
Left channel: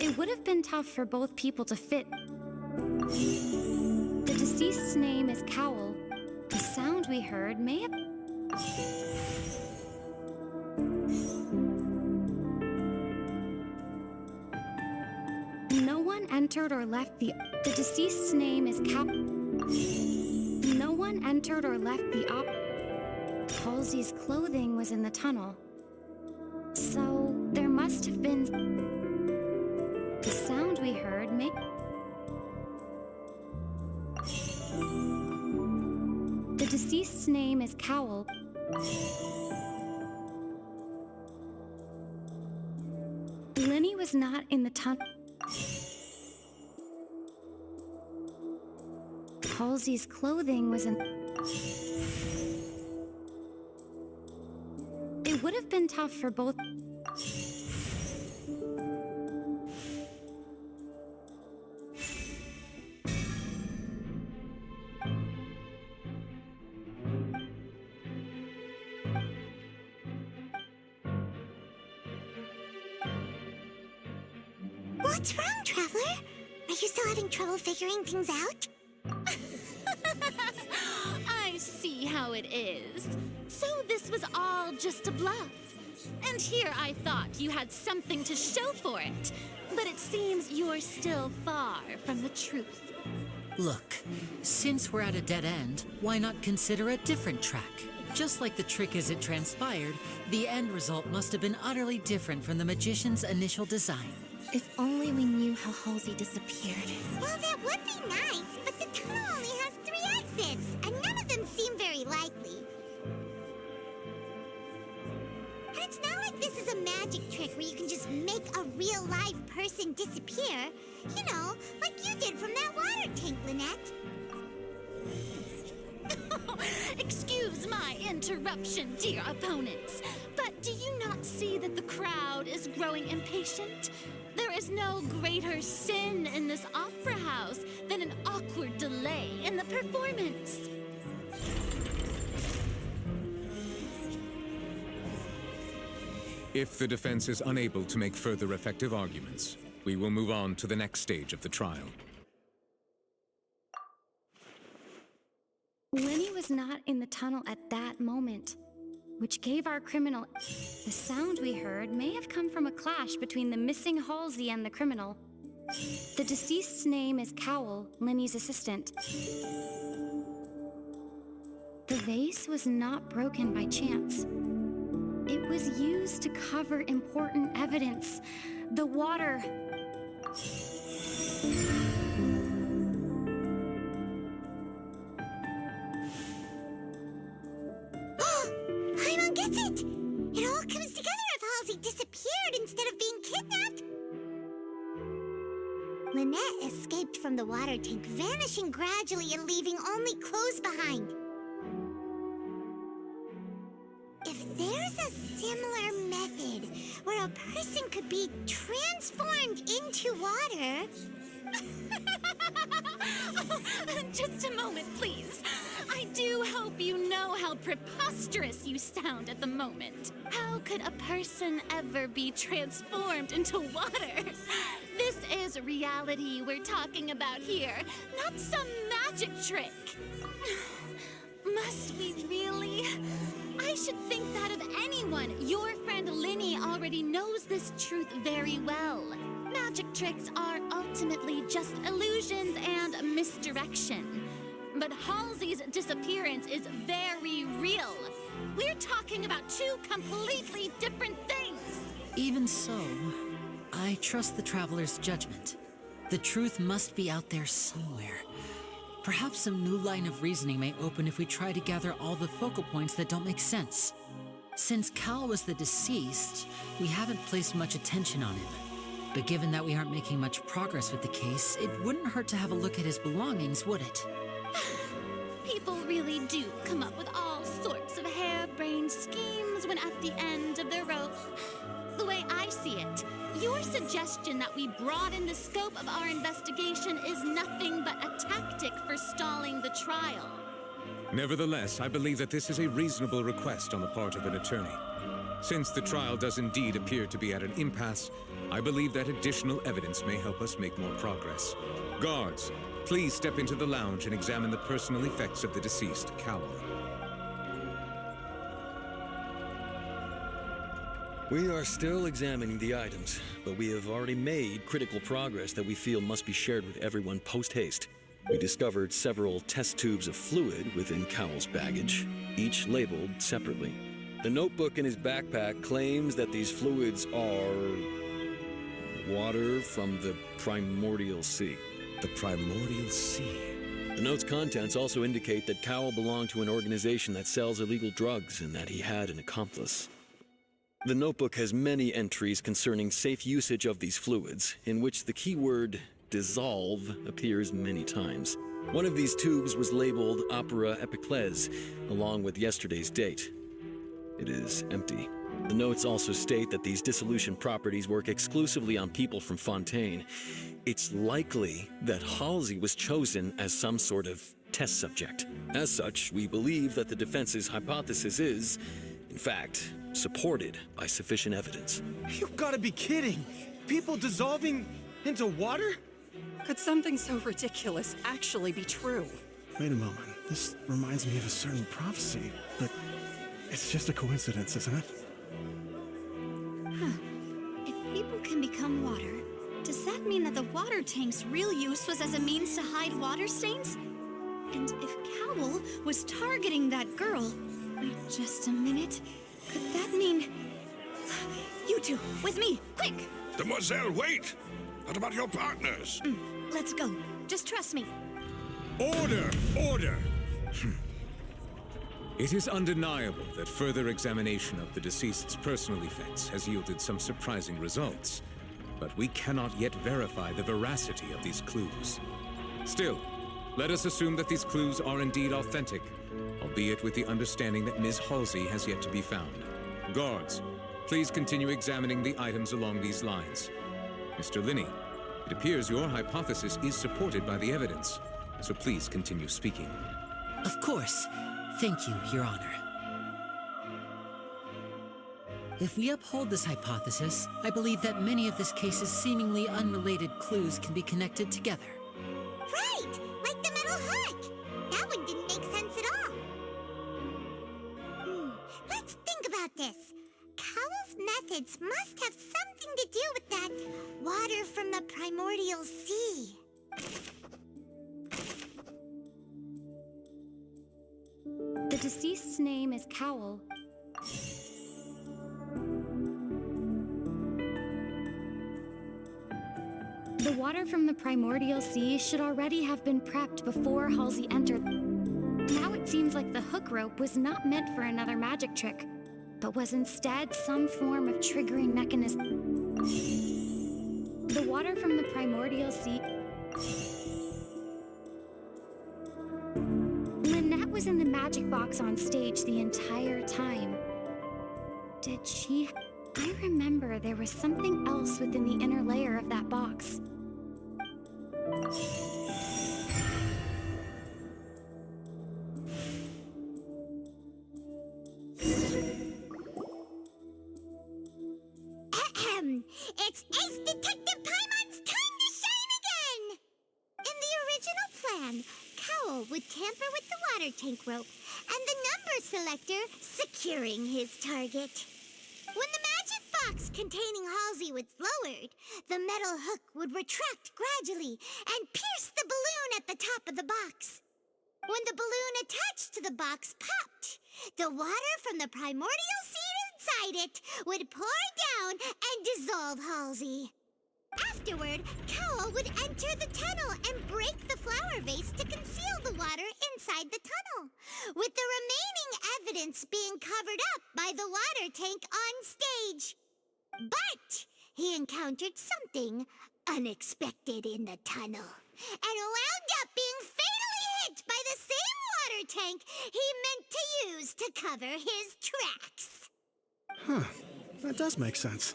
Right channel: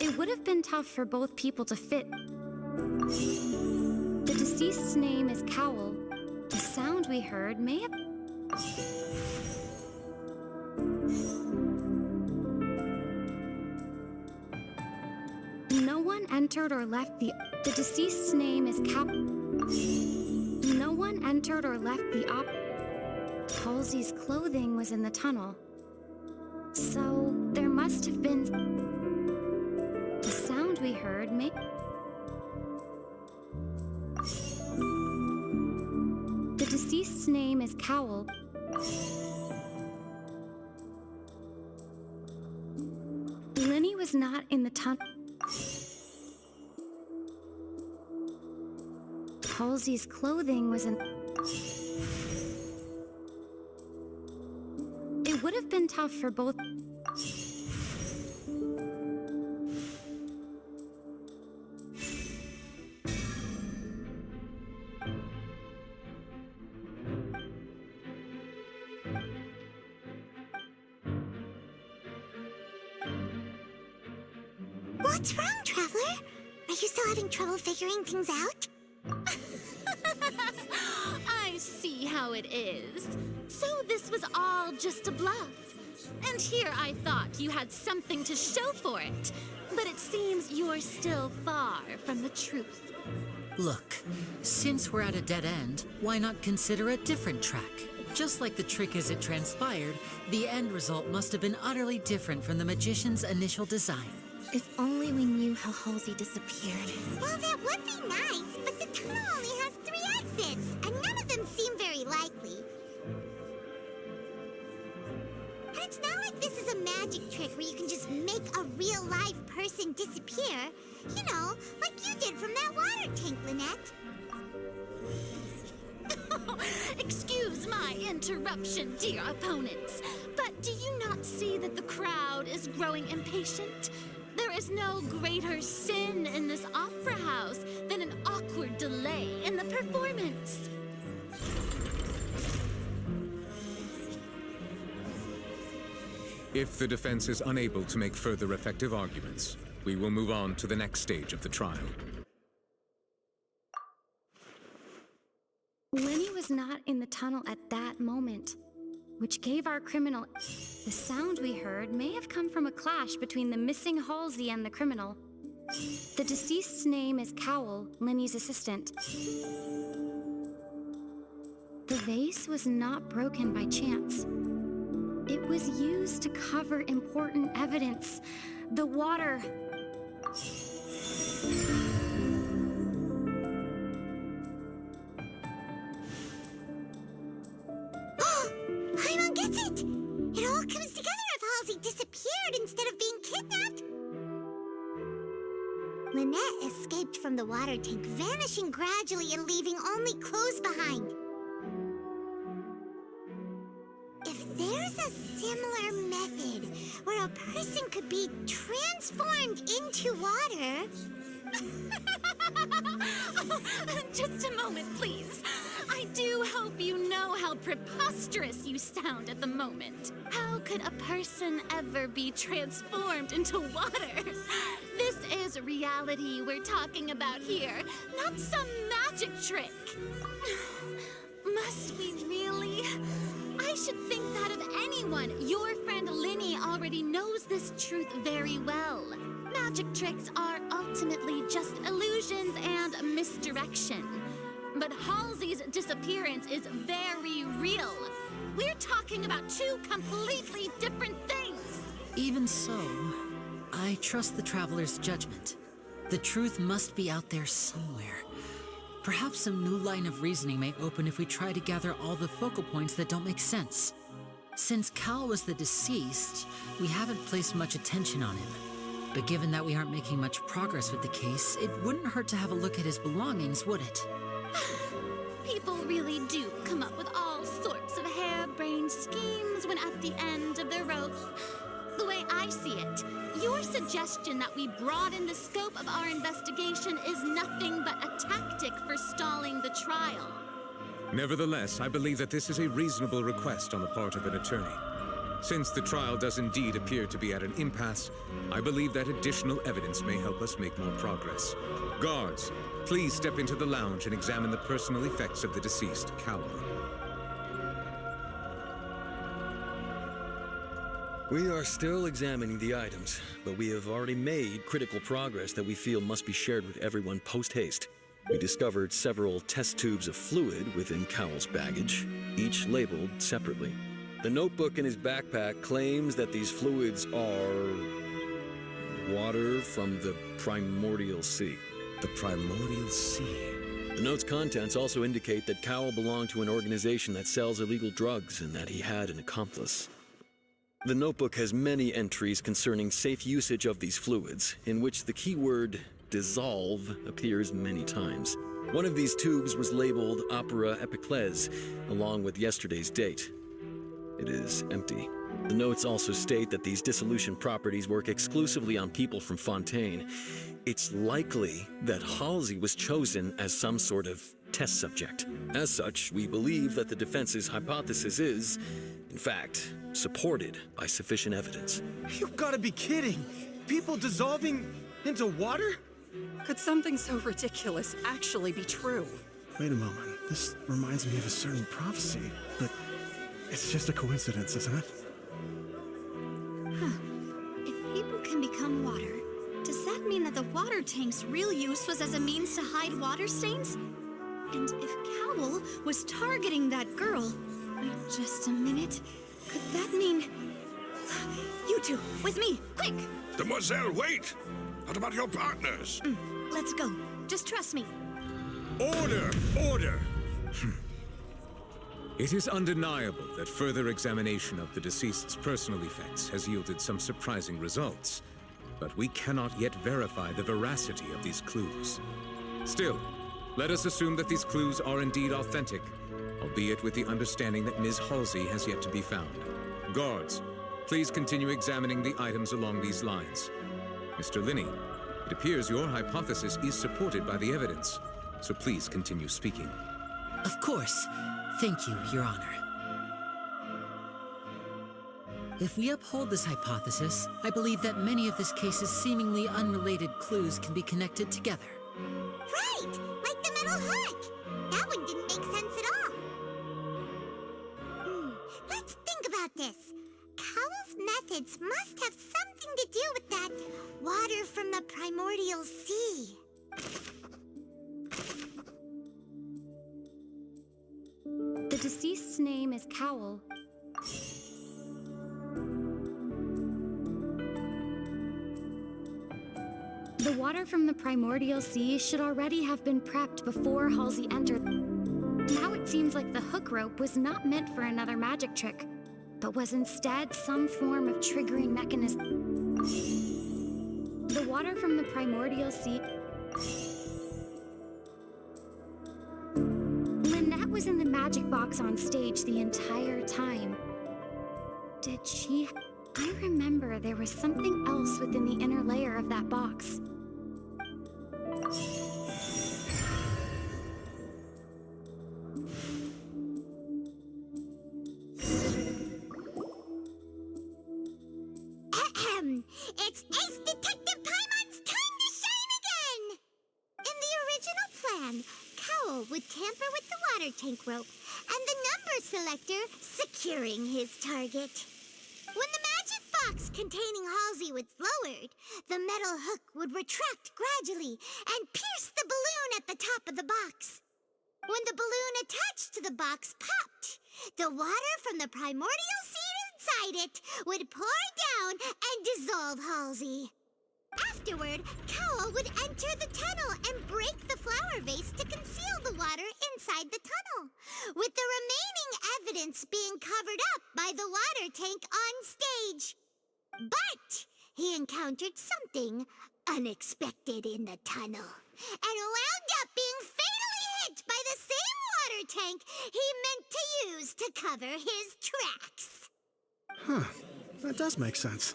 It would have been tough for both people to fit. The deceased's name is Cowell. The sound we heard may have... No one entered or left the... The deceased's name is Cowell. No one entered or left the op... Halsey's clothing was in the tunnel. So, there must have been... The sound we heard may... The deceased's name is Cowl. Lenny was not in the tunnel. Halsey's clothing was in... It would have been tough for both... What's wrong, Traveler? Are you still having trouble figuring things out? I see how it is. So this was all just a bluff. And here I thought you had something to show for it. But it seems you're still far from the truth. Look, since we're at a dead end, why not consider a different track? Just like the trick as it transpired, the end result must have been utterly different from the magician's initial design. If only we knew how Halsey disappeared. Well, that would be nice, but the tunnel only has 3 exits, and none of them seem very likely. And it's not like this is a magic trick where you can just make a real live person disappear. You know, like you did from that water tank, Lynette. Excuse my interruption, dear opponents, but do you not see that the crowd is growing impatient? There is no greater sin in this opera house than an awkward delay in the performance. If the defense is unable to make further effective arguments, we will move on to the next stage of the trial. Lenny was not in the tunnel at that moment, which gave our criminal... The sound we heard may have come from a clash between the missing Halsey and the criminal. The deceased's name is Cowl, Lenny's assistant. The vase was not broken by chance. It was used to cover important evidence. The water... Paimon gets it! It all comes together if Halsey disappeared instead of being kidnapped. Lynette escaped from the water tank, vanishing gradually and leaving only clothes behind. If there's a similar method where a person could be transformed into water... Just a moment, please. I do hope you know how preposterous you sound at the moment. How could a person ever be transformed into water? This is reality we're talking about here, not some magic trick. Must we really? I should think that of anyone. Your friend Linny already knows this truth very well. Magic tricks are ultimately just illusions and misdirection. But Halsey's disappearance is very real. We're talking about 2 completely different things. Even so, I trust the Traveler's judgment. The truth must be out there somewhere. Perhaps some new line of reasoning may open if we try to gather all the focal points that don't make sense. Since Cal was the deceased, we haven't placed much attention on him. But given that we aren't making much progress with the case, it wouldn't hurt to have a look at his belongings, would it? People really do come up with all sorts of harebrained schemes when at the end of their rope. The way I see it, your suggestion that we broaden the scope of our investigation is nothing but a tactic for stalling the trial. Nevertheless, I believe that this is a reasonable request on the part of an attorney. Since the trial does indeed appear to be at an impasse, I believe that additional evidence may help us make more progress. Guards, please step into the lounge and examine the personal effects of the deceased, Cowl. We are still examining the items, but we have already made critical progress that we feel must be shared with everyone post-haste. We discovered several test tubes of fluid within Cowl's baggage, each labeled separately. The notebook in his backpack claims that these fluids are... water from the primordial sea. The primordial sea? The note's contents also indicate that Cowell belonged to an organization that sells illegal drugs and that he had an accomplice. The notebook has many entries concerning safe usage of these fluids, in which the keyword dissolve appears many times. One of these tubes was labeled Opera Epiclese, along with yesterday's date. It is empty. The notes also state that these dissolution properties work exclusively on people from Fontaine. It's likely that Halsey was chosen as some sort of test subject. As such, we believe that the defense's hypothesis is, in fact, supported by sufficient evidence. You've got to be kidding! People dissolving into water? Could something so ridiculous actually be true? Wait a moment. This reminds me of a certain prophecy, but it's just a coincidence, isn't it? Huh. If people can become water, does that mean that the water tank's real use was as a means to hide water stains? And if Cowell was targeting that girl... Wait just a minute. Could that mean... You two, with me, quick! Demoiselle, wait! What about your partners? Let's go. Just trust me. Order! Order! It is undeniable that further examination of the deceased's personal effects has yielded some surprising results, but we cannot yet verify the veracity of these clues. Still, let us assume that these clues are indeed authentic, albeit with the understanding that Ms. Halsey has yet to be found. Guards, please continue examining the items along these lines. Mr. Linney, it appears your hypothesis is supported by the evidence, so please continue speaking. Of course. Thank you, Your Honor. If we uphold this hypothesis, I believe that many of this case's seemingly unrelated clues can be connected together. Right! Like the metal hook! That one didn't make sense at all. Let's think about this. Cowell's methods must have something to do with that water from the primordial sea. The deceased's name is Cowell. The water from the primordial sea should already have been prepped before Halsey entered. Now it seems like the hook rope was not meant for another magic trick, but was instead some form of triggering mechanism. The water from the primordial sea... Lynette was in the magic box on stage the entire time. Did she... I remember there was something else within the inner layer of that box. It's Ace Detective Paimon's time to shine again! In the original plan, Cowell would tamper with the water tank rope and the number selector securing his target. When the magic box containing Halsey was lowered, the metal hook would retract gradually and pierce the balloon at the top of the box. When the balloon attached to the box popped, the water from the primordial seed inside it would pour down and dissolve Halsey. Afterward, Cowell would enter the tunnel and break the flower vase to conceal the water inside the tunnel, with the remaining evidence being covered up by the water tank on stage. But he encountered something unexpected in the tunnel and wound up being fatally hit by the same water tank he meant to use to cover his tracks. Huh. That does make sense.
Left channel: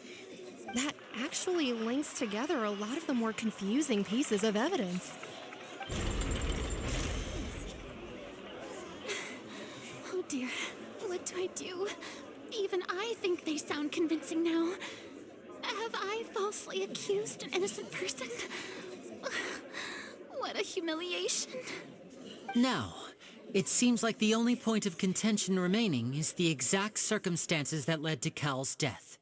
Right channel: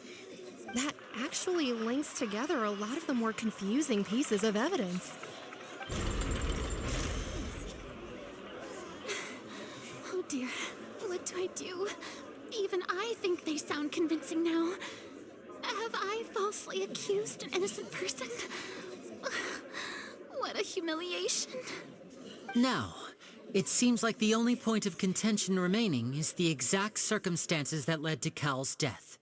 That actually links together a lot of the more confusing pieces of evidence. Oh dear, what do I do? Even I think they sound convincing now. Have I falsely accused an innocent person? What a humiliation. Now, it seems like the only point of contention remaining is the exact circumstances that led to Cal's death.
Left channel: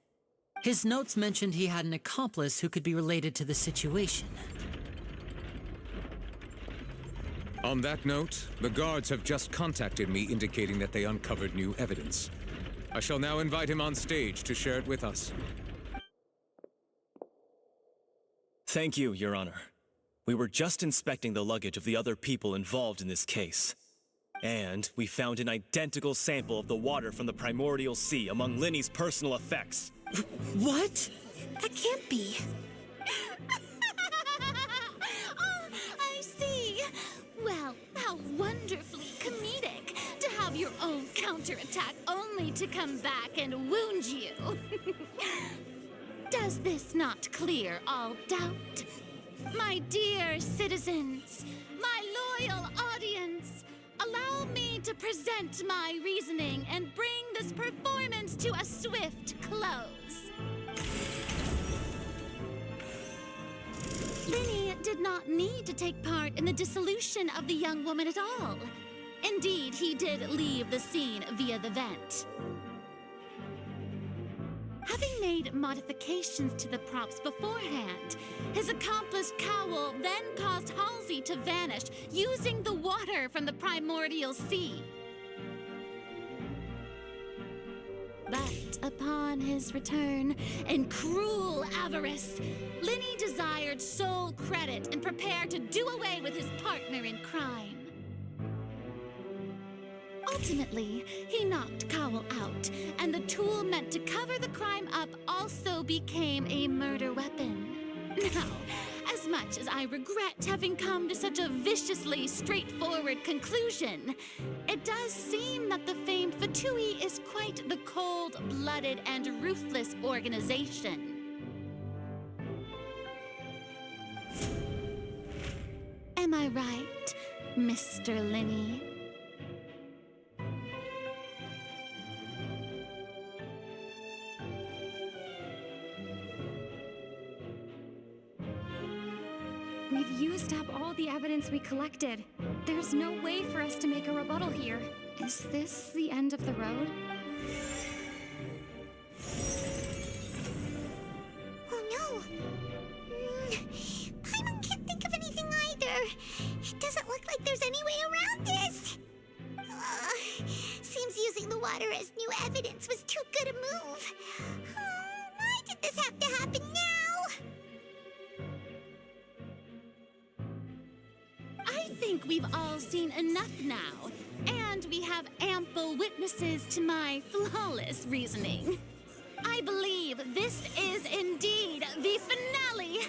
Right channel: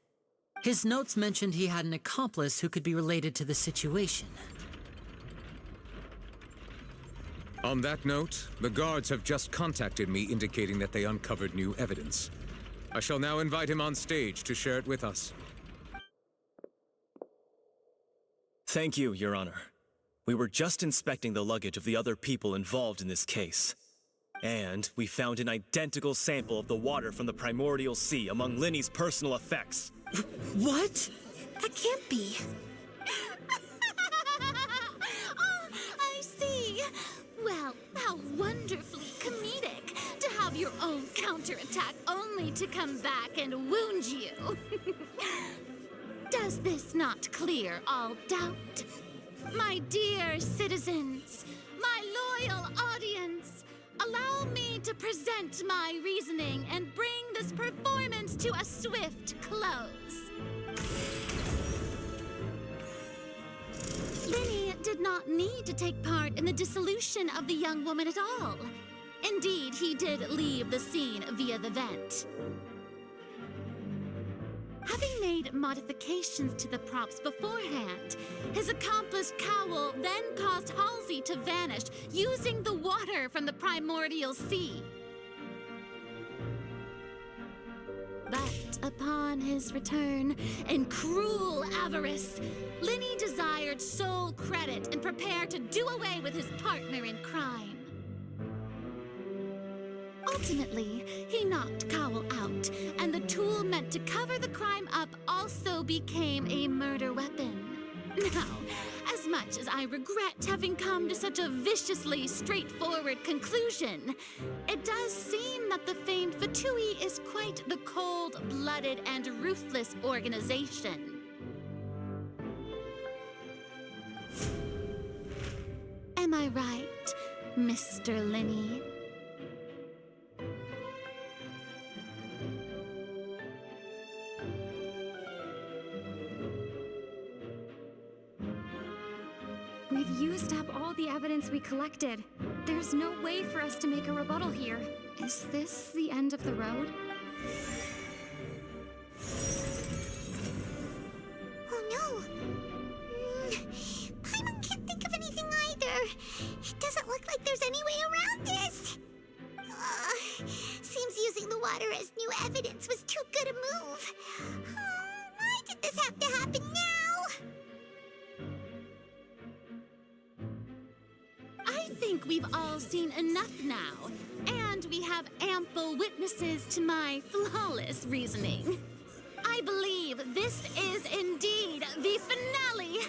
His notes mentioned he had an accomplice who could be related to the situation. On that note, the guards have just contacted me indicating that they uncovered new evidence. I shall now invite him on stage to share it with us. Thank you, Your Honor. We were just inspecting the luggage of the other people involved in this case. And we found an identical sample of the water from the primordial sea among Linny's personal effects. What? That can't be. Oh, I see. Well, how wonderfully comedic to have your own counterattack only to come back and wound you. Does this not clear all doubt? My dear citizens, my loyal audience, allow me to present my reasoning and bring this performance to a swift close. Linny did not need to take part in the dissolution of the young woman at all. Indeed, he did leave the scene via the vent. Having made modifications to the props beforehand, his accomplice Cowell then caused Halsey to vanish using the water from the primordial sea. But upon his return, in cruel avarice, Linny desired sole credit and prepared to do away with his partner in crime. Ultimately, he knocked Cowell out, and the tool meant to cover the crime up also became a murder weapon. Now, as much as I regret having come to such a viciously straightforward conclusion, it does seem that the famed Fatui is quite the cold-blooded and ruthless organization. Am I right, Mr. Linny? We've used up all the evidence we collected. There's no way for us to make a rebuttal here. Is this the end of the road? Oh no! Paimon can't think of anything either. It doesn't look like there's any way around this. Seems using the water as new evidence was too good a move. Why did this have to happen now? I think we've all seen enough now, and we have ample witnesses to my flawless reasoning. I believe this is indeed the finale.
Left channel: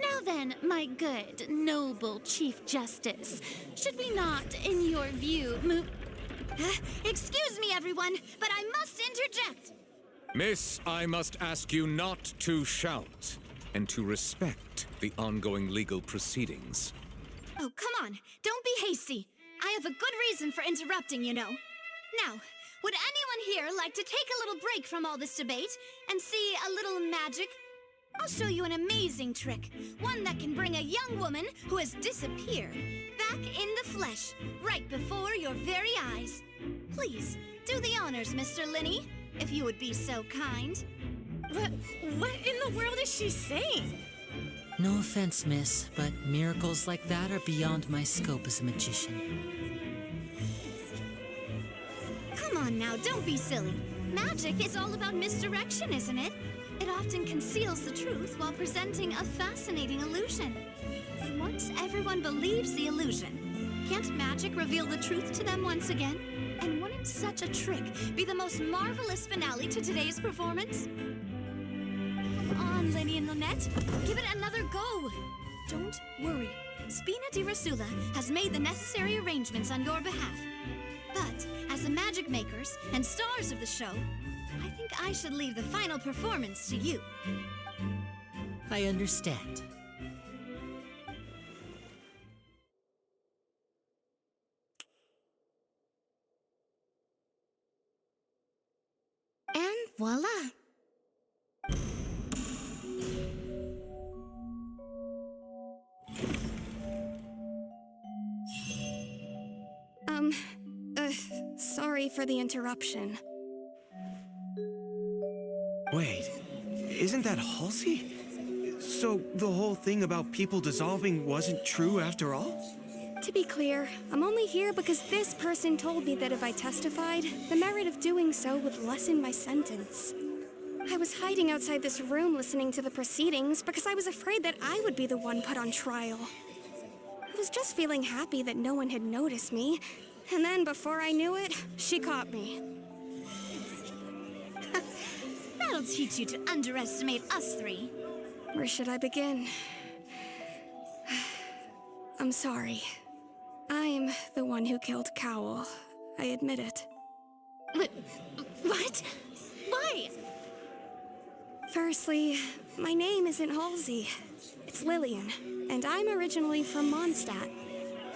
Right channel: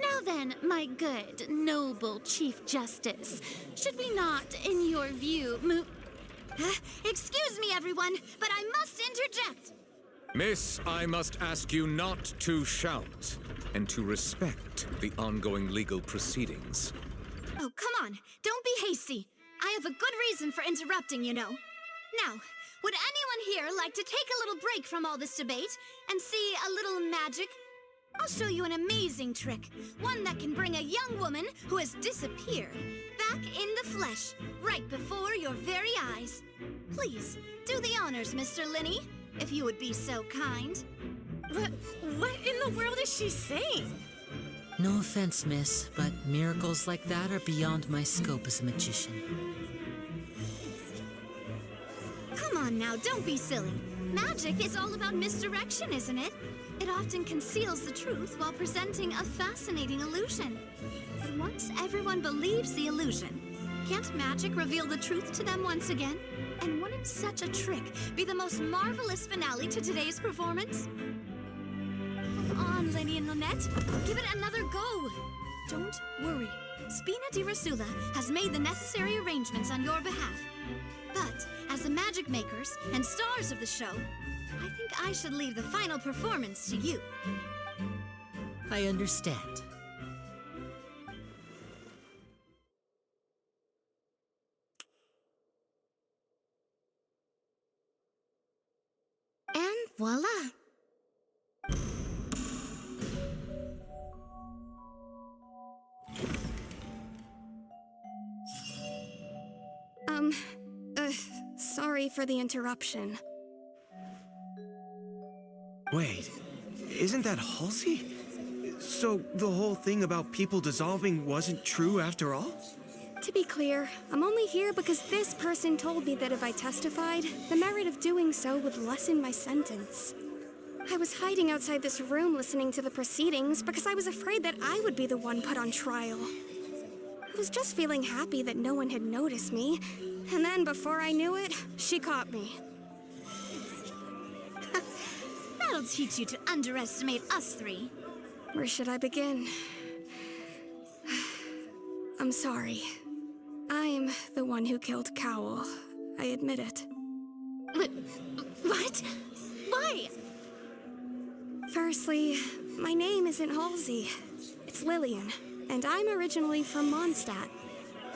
Now then, my good, noble Chief Justice, should we not, in your view, move... Excuse me, everyone, but I must interject. Miss, I must ask you not to shout and to respect the ongoing legal proceedings. Oh, come on. Don't be hasty. I have a good reason for interrupting, you know. Now, would anyone here like to take a little break from all this debate and see a little magic? I'll show you an amazing trick, one that can bring a young woman who has disappeared back in the flesh, right before your very eyes. Please, do the honors, Mr. Linny, if you would be so kind. What in the world is she saying? No offense, miss, but miracles like that are beyond my scope as a magician. Come on now, don't be silly. Magic is all about misdirection, isn't it? It often conceals the truth while presenting a fascinating illusion. But once everyone believes the illusion, can't magic reveal the truth to them once again? And wouldn't such a trick be the most marvelous finale to today's performance? Come on, Lenny and Lynette. Give it another go. Don't worry. Spina di Rasula has made the necessary arrangements on your behalf. But as the magic makers and stars of the show, I think I should leave the final performance to you. I understand. And voila! Sorry for the interruption. Wait, isn't that Halsey? So the whole thing about people dissolving wasn't true after all? To be clear, I'm only here because this person told me that if I testified, the merit of doing so would lessen my sentence. I was hiding outside this room listening to the proceedings because I was afraid that I would be the one put on trial. I was just feeling happy that no one had noticed me, and then before I knew it, she caught me. That'll teach you to underestimate us three. Where should I begin? I'm sorry. I'm the one who killed Cowl. I admit it. What? Why? Firstly, my name isn't Halsey. It's Lillian, and I'm originally from Mondstadt.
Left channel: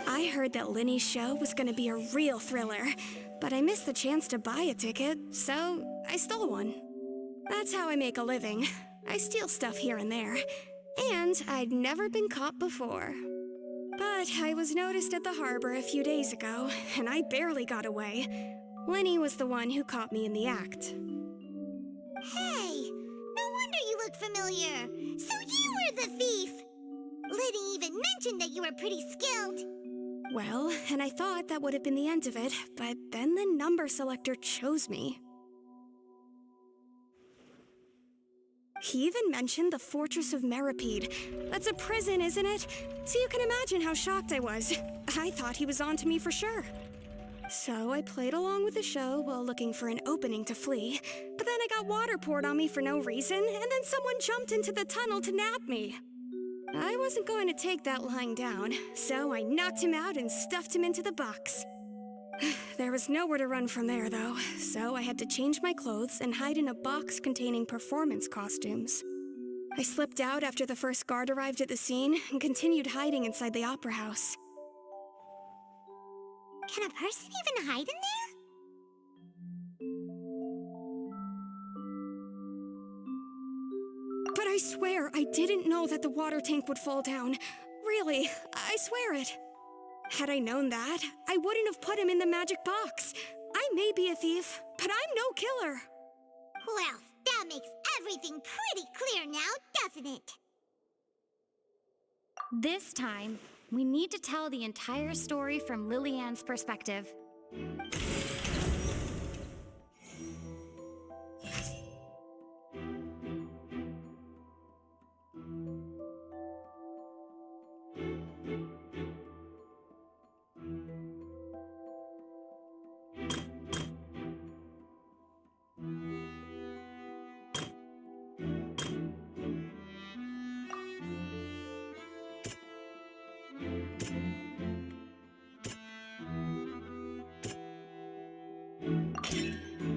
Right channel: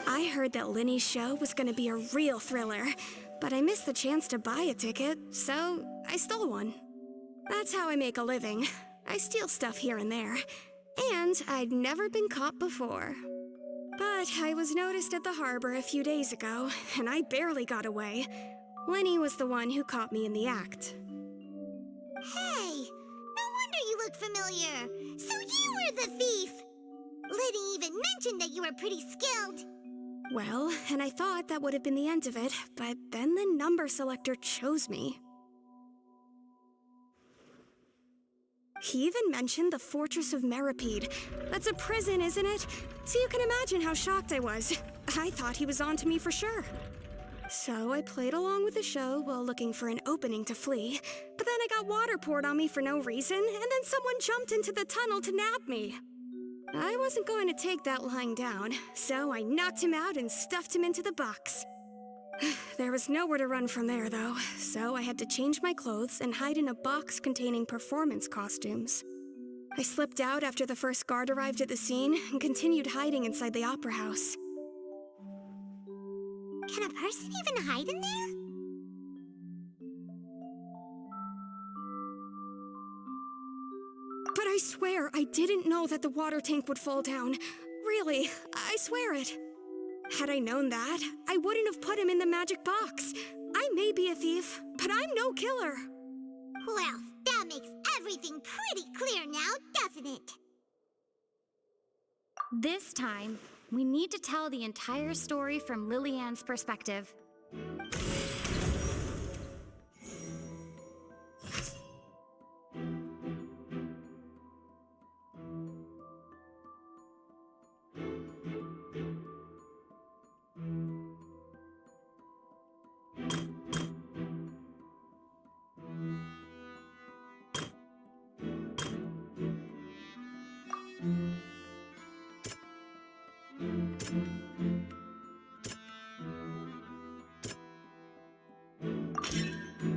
I heard that Linny's show was gonna be a real thriller, but I missed the chance to buy a ticket, so I stole one. That's how I make a living. I steal stuff here and there. And I'd never been caught before. But I was noticed at the harbor a few days ago, and I barely got away. Linny was the one who caught me in the act. Hey, no wonder you look familiar. So you were the thief. Liddy even mentioned that you were pretty skilled. Well, and I thought that would have been the end of it, but then the number selector chose me. He even mentioned the Fortress of Meripede. That's a prison, isn't it? So you can imagine how shocked I was. I thought he was on to me for sure. So I played along with the show while looking for an opening to flee, but then I got water poured on me for no reason, and then someone jumped into the tunnel to nab me. I wasn't going to take that lying down, so I knocked him out and stuffed him into the box. There was nowhere to run from there, though, so I had to change my clothes and hide in a box containing performance costumes. I slipped out after the first guard arrived at the scene and continued hiding inside the opera house. Can a person even hide in there? But I swear I didn't know that the water tank would fall down. Really, I swear it. Had I known that, I wouldn't have put him in the magic box. I may be a thief, but I'm no killer. Well, that makes everything pretty clear now, doesn't it? This time, we need to tell the entire story from Lillian's perspective.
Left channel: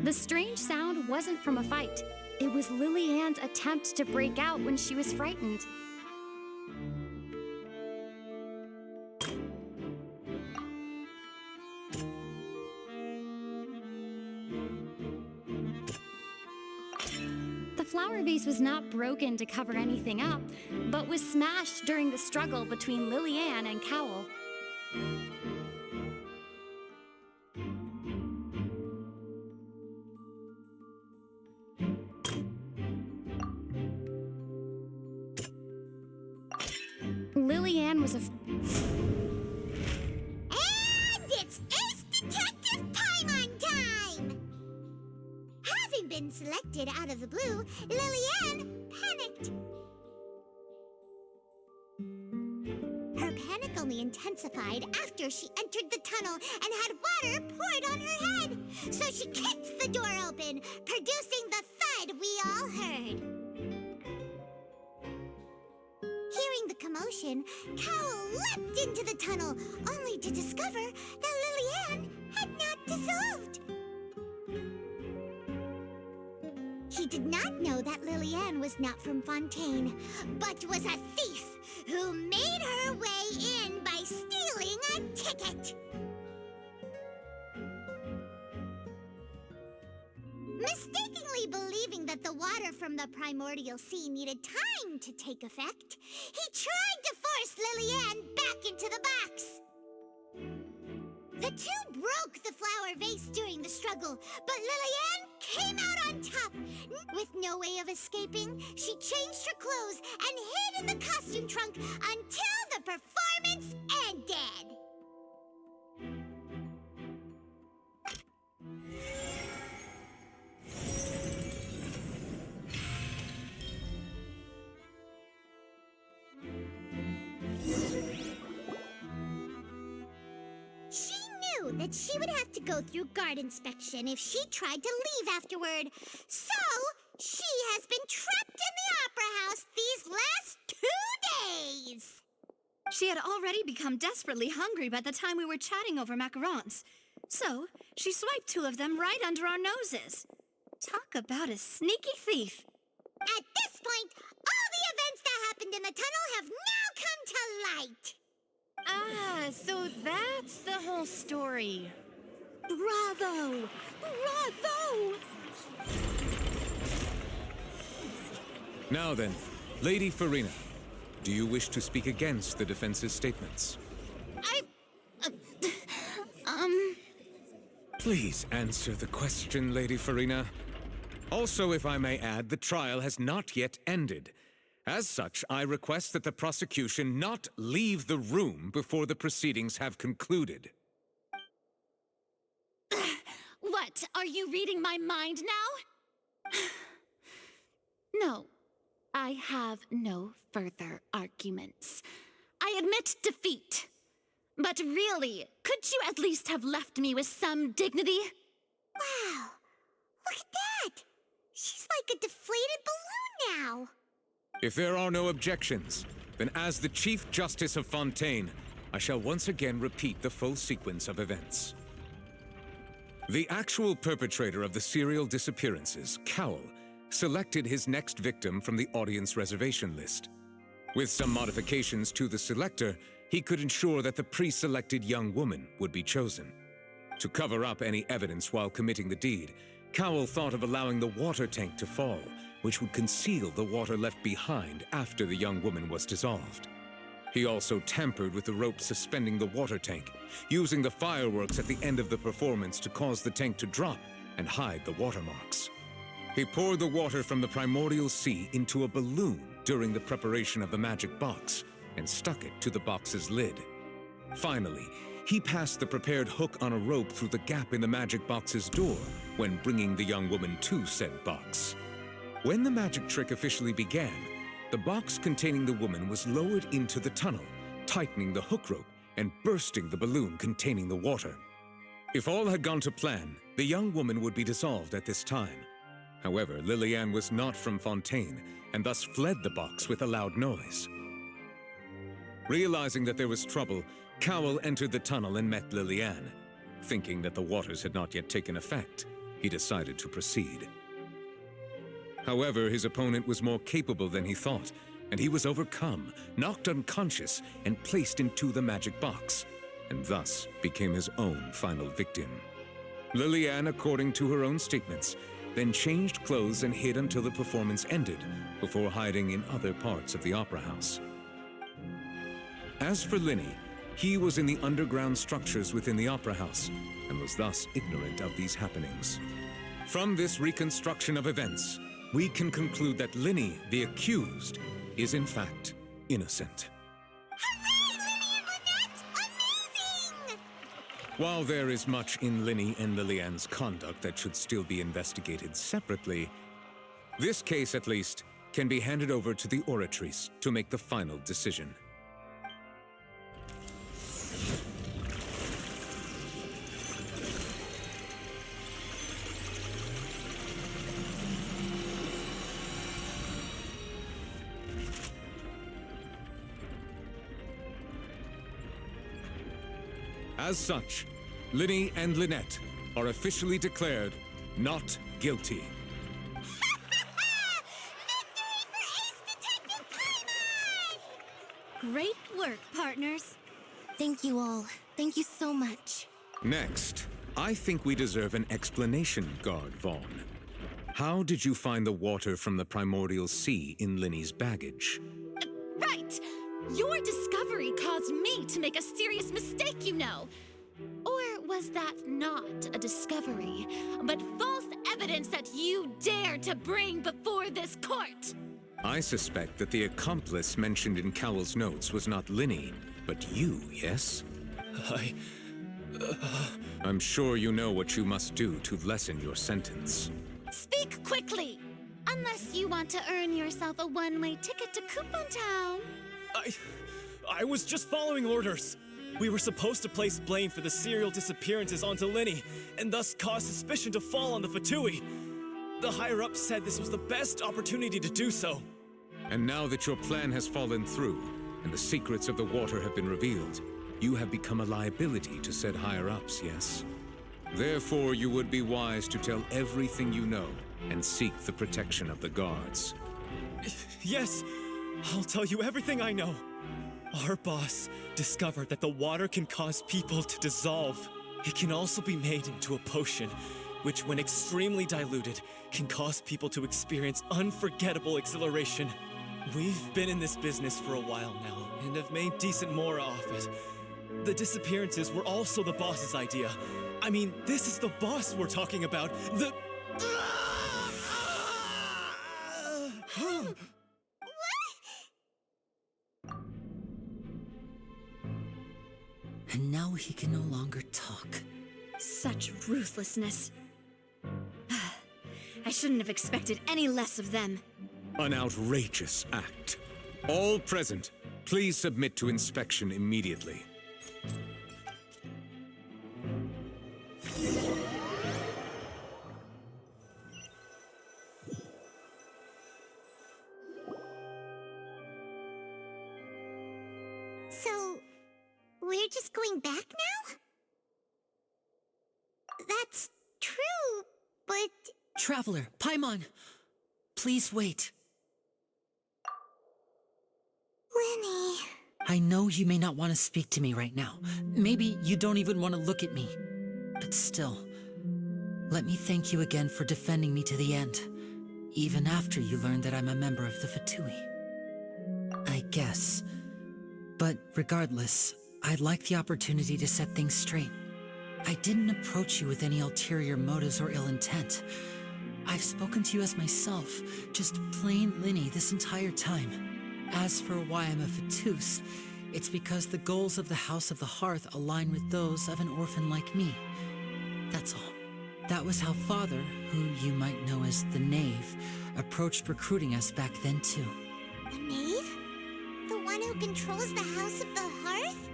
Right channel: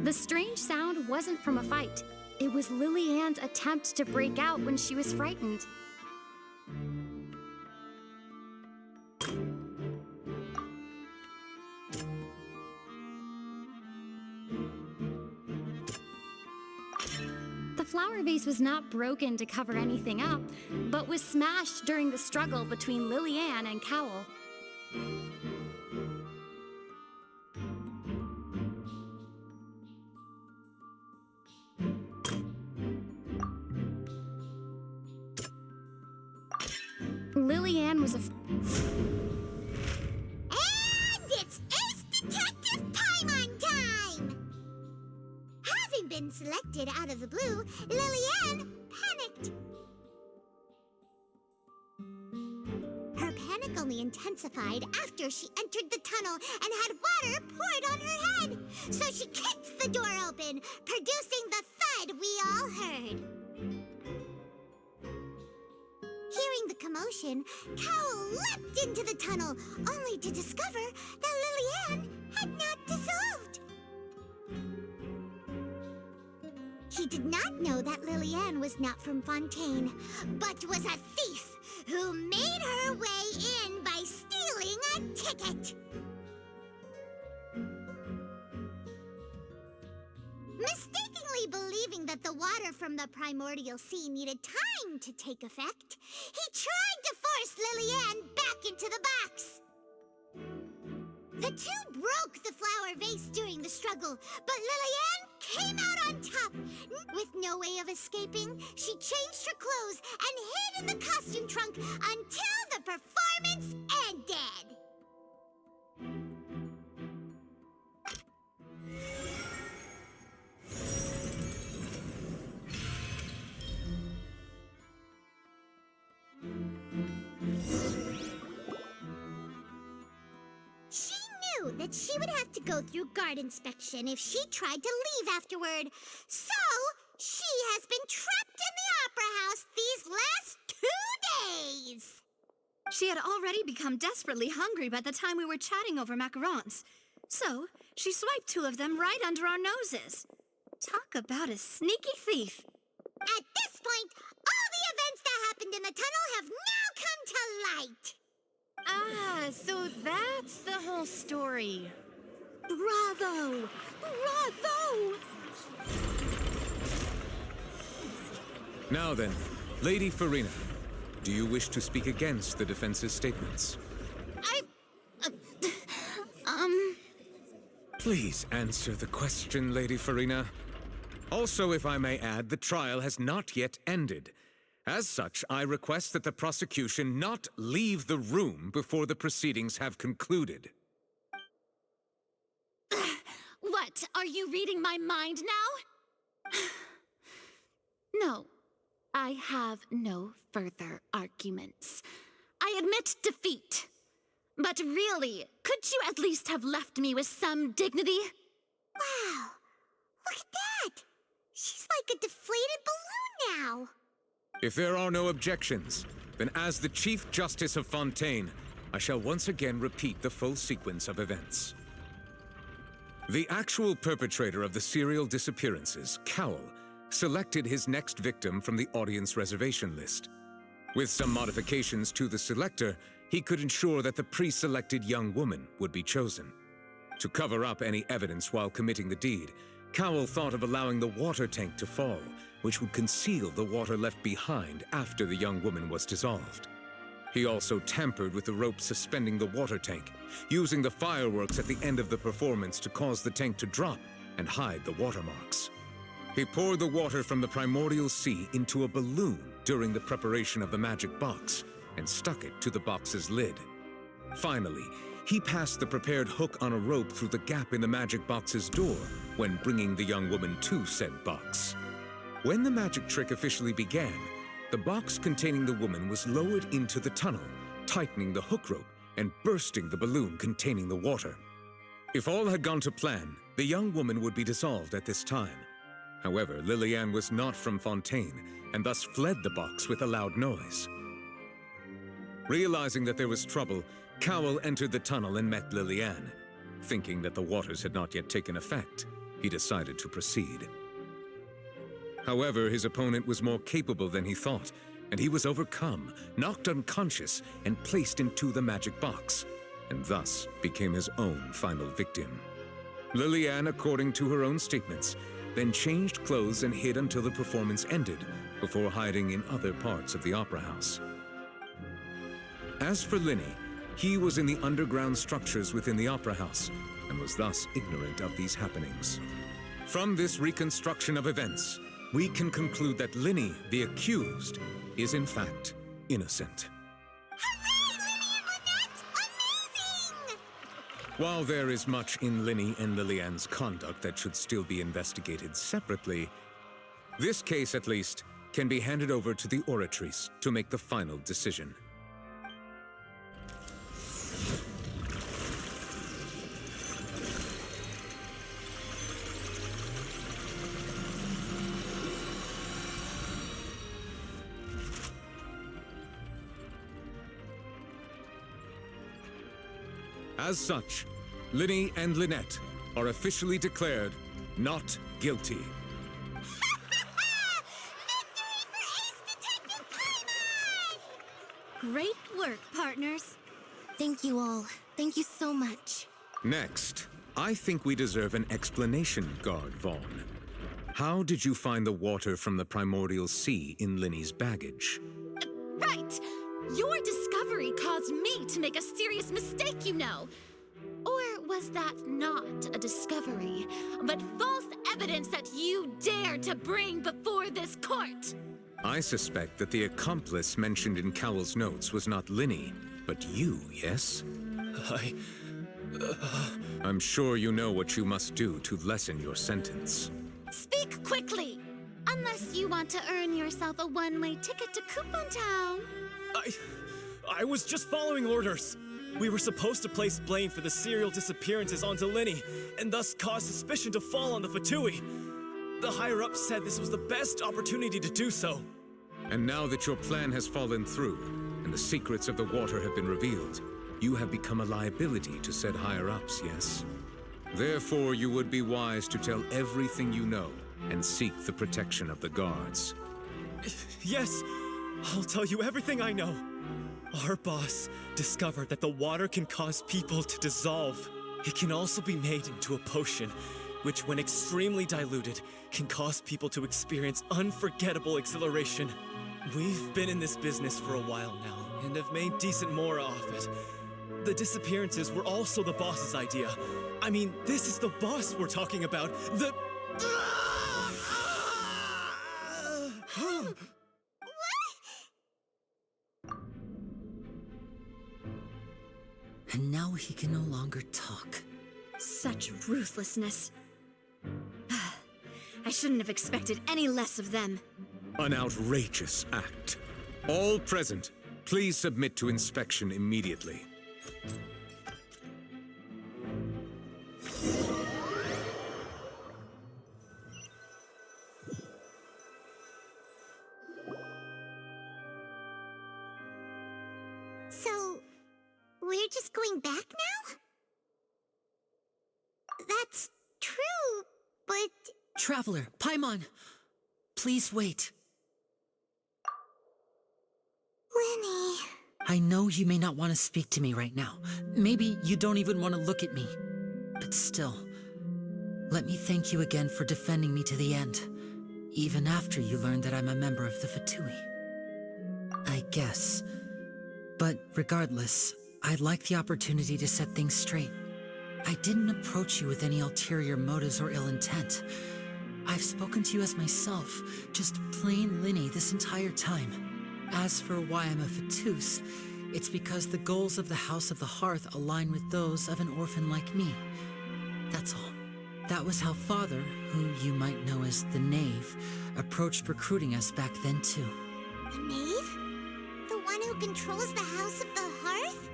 The strange sound wasn't from a fight. It was Lillian's attempt to break out when she was frightened. The flower vase was not broken to cover anything up, but was smashed during the struggle between Lillian and Cowl. Lillian was And it's Ace Detective Paimon time! Having been selected out of the blue, Lillian panicked. Her panic only intensified after she entered the tunnel and had water poured on her head. So she kicked the door open, producing the thud we all heard. Hearing the commotion, Cowl leapt into the tunnel, only to discover that Lillian had not dissolved. He did not know that Lillian was not from Fontaine, but was a thief who made her way in by stealing a ticket. Mistakenly believing that the water from the primordial sea needed time to take effect, he tried to force Lillian back into the box. The two broke the flower vase during the struggle, but Lillian came out on top. With no way of escaping, she changed her clothes and hid in the costume trunk until the performance ended. that she would have to go through guard inspection if she tried to leave afterward. So, she has been trapped in the Opera House these last 2 days. She had already become desperately hungry by the time we were chatting over macarons. So, she swiped 2 of them right under our noses. Talk about a sneaky thief. At this point, all the events that happened in the tunnel have now come to light. Ah, so that's the whole story. Bravo! Bravo! Now then, Lady Farina, do you wish to speak against the defense's statements? Please answer the question, Lady Farina. Also, if I may add, the trial has not yet ended. As such, I request that the prosecution not leave the room before the proceedings have concluded. What? Are you reading my mind now? No, I have no further arguments. I admit defeat. But really, could you at least have left me with some dignity? Wow, look at that! She's like a deflated balloon now. If there are no objections, then as the Chief Justice of Fontaine, I shall once again repeat the full sequence of events. The actual perpetrator of the serial disappearances, Cowell, selected his next victim from the audience reservation list. With some modifications to the selector, he could ensure that the pre-selected young woman would be chosen. To cover up any evidence while committing the deed, Cowell thought of allowing the water tank to fall, which would conceal the water left behind after the young woman was dissolved. He also tampered with the rope suspending the water tank, using the fireworks at the end of the performance to cause the tank to drop and hide the watermarks. He poured the water from the primordial sea into a balloon during the preparation of the magic box and stuck it to the box's lid. Finally, he passed the prepared hook on a rope through the gap in the magic box's door when bringing the young woman to said box. When the magic trick officially began, the box containing the woman was lowered into the tunnel, tightening the hook rope and bursting the balloon containing the water. If all had gone to plan, the young woman would be dissolved at this time. However, Lillian was not from Fontaine and thus fled the box with a loud noise. Realizing that there was trouble, Cowell entered the tunnel and met Lillian. Thinking that the waters had not yet taken effect, he decided to proceed. However, his opponent was more capable than he thought, and he was overcome, knocked unconscious, and placed into the magic box, and thus became his own final victim. Lillian, according to her own statements, then changed clothes and hid until the performance ended, before hiding in other parts of the opera house. As for Linny, he was in the underground structures within the opera house, and was thus ignorant of these happenings. From this reconstruction of events, we can conclude that Linny, the accused, is in fact innocent. Hooray, Linny and Lynette! Amazing! While there is much in Linny and Lillian's conduct that should still be investigated separately, this case, at least, can be handed over to the Oratrice to make the final decision. As such, Linny and Lynette are officially declared not guilty. Great work, partners. Thank you all. Thank you so much. Next, I think we deserve an explanation, Guard Vaughn. How did you find the water from the primordial sea in Linny's baggage? Right! Your discovery caused me to make a serious mistake, you know. Or was that not a discovery, but false evidence that you dare to bring before this court? I suspect that the accomplice mentioned in Cowell's notes was not Linny, but you, yes? I'm sure you know what you must do to lessen your sentence. Speak quickly! Unless you want to earn yourself a one-way ticket to Coupon Town. I was just following orders. We were supposed to place blame for the serial disappearances onto Linny, and thus cause suspicion to fall on the Fatui. The higher-ups said this was the best opportunity to do so. And now that your plan has fallen through, and the secrets of the water have been revealed, you have become a liability to said higher-ups, yes? Therefore, you would be wise to tell everything you know, and seek the protection of the guards. Yes, I'll tell you everything I know. Our boss discovered that the water can cause people to dissolve. It can also be made into a potion, which when extremely diluted, can cause people to experience unforgettable exhilaration. We've been in this business for a while now, and have made decent more off it. The disappearances were also the boss's idea. I mean, this is the boss we're talking about. The... And now he can no longer talk. Such ruthlessness. I shouldn't have expected any less of them. An outrageous act. All present, please submit to inspection immediately. So, we're just going back now? That's true, but... Traveler, Paimon, please wait. Lenny... I know you may not want to speak to me right now. Maybe you don't even want to look at me. But still, let me thank you again for defending me to the end, even after you learned that I'm a member of the Fatui. I guess. But regardless, I'd like the opportunity to set things straight. I didn't approach you with any ulterior motives or ill intent. I've spoken to you as myself, just plain Linny this entire time. As for why I'm a Fatus, it's because the goals of the House of the Hearth align with those of an orphan like me. That's all. That was how Father, who you might know as the Knave, approached recruiting us back then too. The Knave? The one who controls the House of the Hearth?